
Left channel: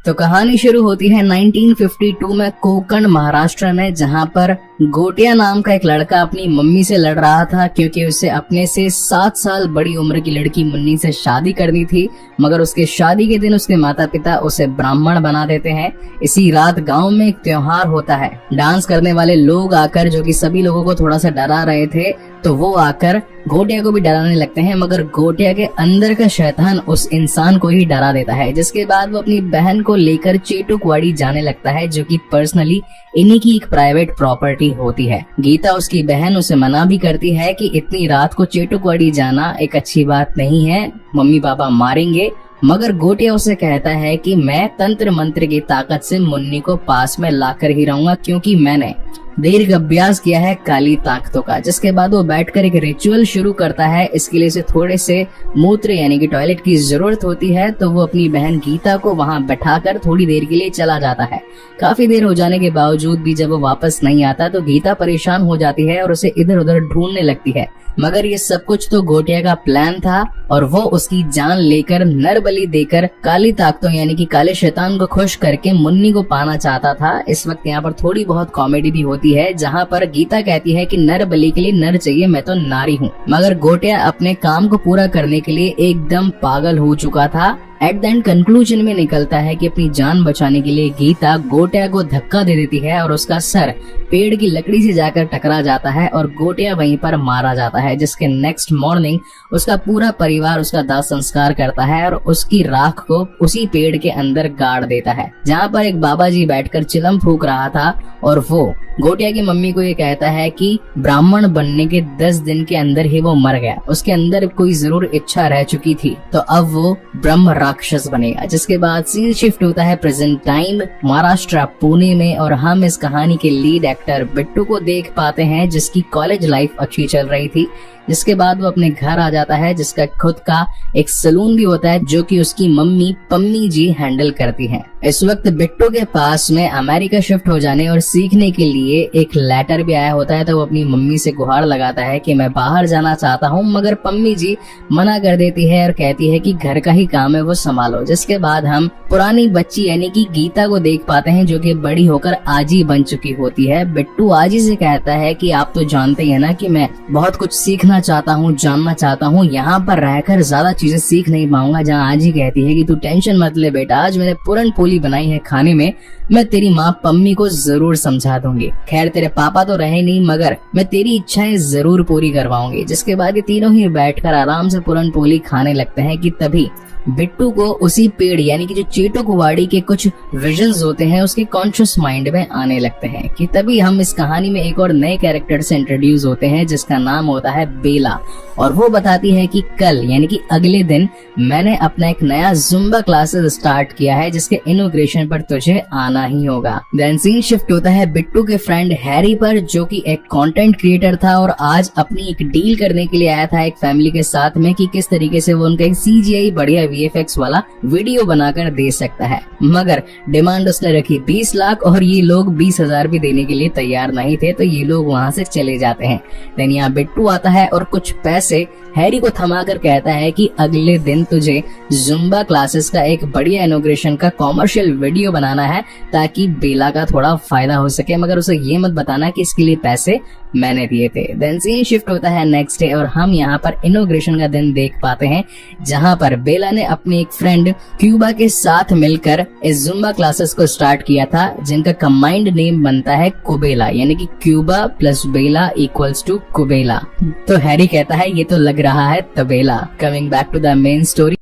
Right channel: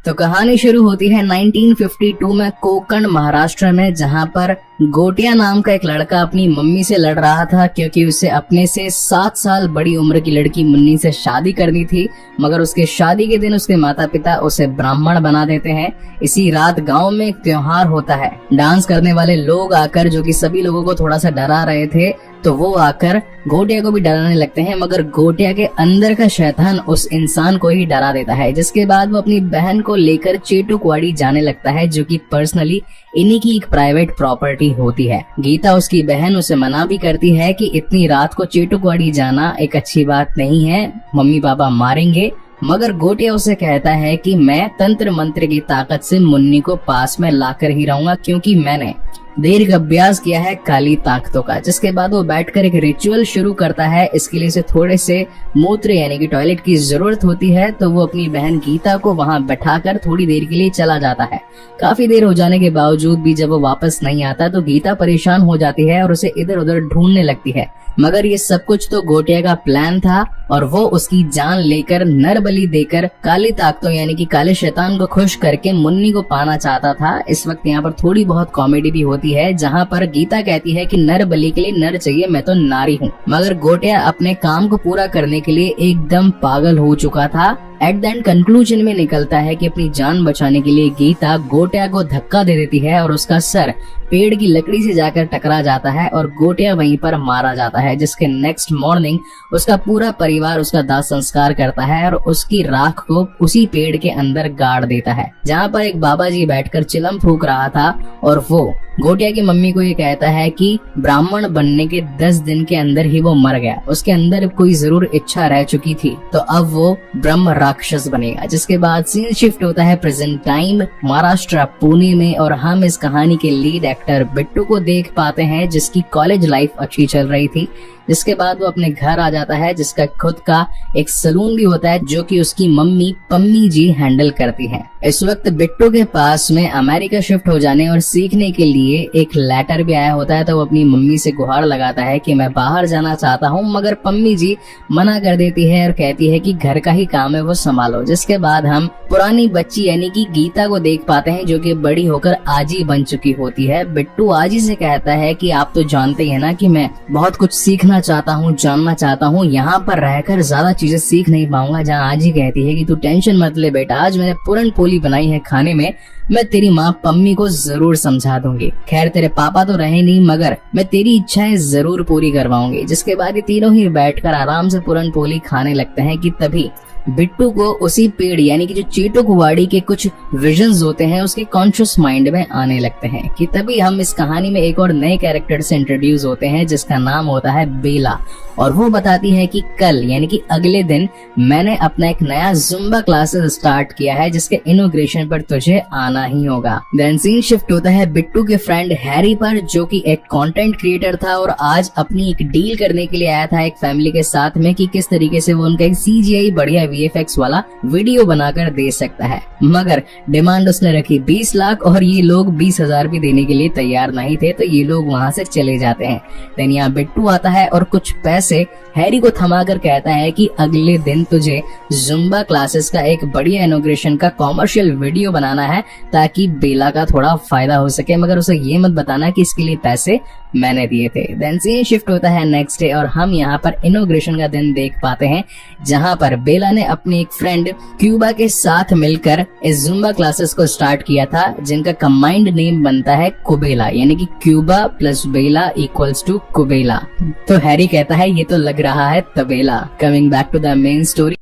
तो कहानी शुरू होती है 1952 में कोकण महाराष्ट्र में, जहां पर गोटिया नाम का एक लड़का अपनी मम्मी से लड़ रहा था क्योंकि उसे अपने से 7 साल बड़ी उम्र की लड़की मुन्नी से शादी करनी थी। मगर उसके शादी के दिन उसके माता पिता उसे ब्राह्मण बना देते हैं। इसी रात गांव में एक त्योहार होता है। डांस करने वाले लोग आकर, जो कि सभी लोगों को थोड़ा सा डरा रहे थे, तो वो आकर गोटिया को भी डराने लगते हैं। मगर गोटिया के अंदर का शैतान उस इंसान को ही डरा देता है, जिसके बाद वो अपनी बहन को लेकर चेटू कुवाड़ी जाने लगता है, जो कि पर्सनली इन्हीं की एक प्राइवेट प्रॉपर्टी होती है। गीता उसकी बहन उसे मना भी करती है कि इतनी रात को चेटू कुवाड़ी जाना एक अच्छी बात नहीं है, मम्मी पापा मारेंगे मगर गोटिया उसे कहता है कि मैं तंत्र मंत्र की ताकत से मुन्नी को पास में लाकर ही रहूंगा, क्योंकि मैंने दीर्घ अभ्यास किया है काली ताकतों का। जिसके बाद वो बैठकर एक रिचुअल शुरू करता है। इसके लिए उसे थोड़े से मूत्र यानी कि टॉयलेट की जरूरत होती है, तो वो अपनी बहन गीता को वहां बैठाकर थोड़ी देर के लिए चला जाता है। काफी देर हो जाने के बावजूद भी जब वो वापस नहीं आता तो गीता परेशान हो जाती है और उसे इधर उधर ढूंढने लगती है। मगर ये सब कुछ तो गोटिया का प्लान था और वो उसकी जान लेकर नर बलि देकर काली ताकतों यानी कि काले शैतान को खुश करके मुन्नी को पाना चाहता था। इस वक्त यहाँ पर थोड़ी बहुत कॉमेडी भी होती है, जहाँ पर गीता कहती है कि नर बलि के लिए नर चाहिए, मैं तो नारी हूँ। मगर गोटिया अपने काम को पूरा करने के लिए एकदम पागल हो चुका था। एट द एंड कंक्लूजन में निकलता है कि अपनी जान बचाने के लिए गीता गोटिया को धक्का दे देती है और उसका सर पेड़ की लकड़ी से जाकर टकरा जाता है और गोटिया वहीं पर मारा जाता है। जिसके नेक्स्ट मॉर्निंग उसका पूरा परिवार उसका दाह संस्कार करता है और उसकी राख को उसी पेड़ के अंदर गाड़ देता है, जहाँ पर एक बाबा जी बैठकर चिलम फूंक रहा था और वो गोटिया की मम्मी को ये कहता है कि ब्राह्मण बनने के 10 दिन के अंदर ही वो मर गया, उसके अंदर कोई जरूर इच्छा रह चुकी थी, तो अब वो ब्रह्म राक्षस बनेगा। जिसके बाद सीन शिफ्ट होता है प्रेजेंट टाइम महाराष्ट्र पुणे में और हम इस कहानी के लीड एक्टर बिट्टू को देख पाते हैं, जिसकी कॉलेज लाइफ अच्छी चल रही थी। जिसके बाद वो अपने घर आ जाता है, जिसका खुद का एक सलून भी होता है जो कि उसकी मम्मी पम्मी जी हैंडल करती है। इस वक्त बिट्टू के पास में अमेरिका शिफ्ट हो जाने और सीखने के लिए एक लेटर भी आया होता है, तो वो अपनी मम्मी से गुहार लगाता है कि मैं बाहर जाना चाहता हूँ, मगर पम्मी जी मना कर देती है और कहती है कि घर का ही काम है वो संभालो। जिसके बाद हम पुरानी बच्ची यानी कि गीता को देख पाते हैं, जो कि बड़ी होकर आजी बन चुकी होती है। बिट्टू आजी से कहता है कि आप तो जानते हैं ना कि मैं बहुत कुछ सीखना चाहता हूँ, जानना चाहता हूँ, यहाँ पर रहकर ज्यादा चीजें सीख नहीं पाऊंगा। जहाँ आजी कहती है कि तू टेंशन मत ले बेटा, आज मैंने पूरन पोली बनाई है खाने में, मैं तेरी माँ पम्मी को जरूर समझा दूंगी। खैर तेरे पापा तो रहे नहीं, मगर मैं तेरी इच्छाएं जरूर पूरी करवाऊंगी। जिसके बाद ये तीनों ही बैठकर आराम से पूरन पोली खाने लगते हैं कि तभी बिट्टू को उसी पेड़ यानी कि जो चीटू कुवाड़ी के कुछ विजन्स होते हैं उसके कॉन्शियस माइंड में आने लगते हैं। कि तभी हम इस कहानी में एक और नए कैरेक्टर से इंट्रोड्यूस होते हैं, जिसका नाम होता है बेला, और वो बताती है कि कल यानी कि अगले दिन मैंने अपना एक नया जुम्बा क्लासेस स्टार्ट किया है, जिसके इनॉग्रेशन पर तुझे आना ही होगा। देन सीन शिफ्ट होता है बिट्टू के फ्रेंड हैरी पर, जो कि एक कंटेंट क्रिएटर था और आज अपनी एक डील करने के लिए आया था एक फैमिली के साथ में कि किस तरीके से वो उनका एक CGI बढ़िया VFX वाला वीडियो बनाकर दे सकता है। मगर डिमांड उसने रखी 20 लाख और ये लोग 20,000 भी देने के लिए तैयार नहीं थे, तो ये लोग वहाँ से चले जाते हैं। देन यहाँ बिट्टू आता है और कुछ पैसे हैरी को थमाकर कहता है कि अगले दिन तुझे जुम्बा क्लासेस का एक बढ़िया इनॉग्रेशन का कॉमर्शियल वीडियो बनाना है ताकि बेला का थोड़ा फायदा हो सके, मगर उसे ये मत बताना कि इसके लिए पैसे मैंने दिए थे। देन सीन शिफ्ट होता है नेक्स्ट डे और हम यहाँ पर इनॉग्रेशन का दिन देख पाते हैं, जहाँ पर बेला ने अपनी एक फ्रेंड क्यूबा के साथ मिलकर इस जुम्बा क्लासेस को स्टार्ट किया था, जिनका कंबाइंड नेम बनता है कुबेला, यानी कि क्यूबा प्लस बेला इक्वल्स टू कुबेला। तो हैरी कहता है ये तो लग रहा है तबेला। Coming back to the main story.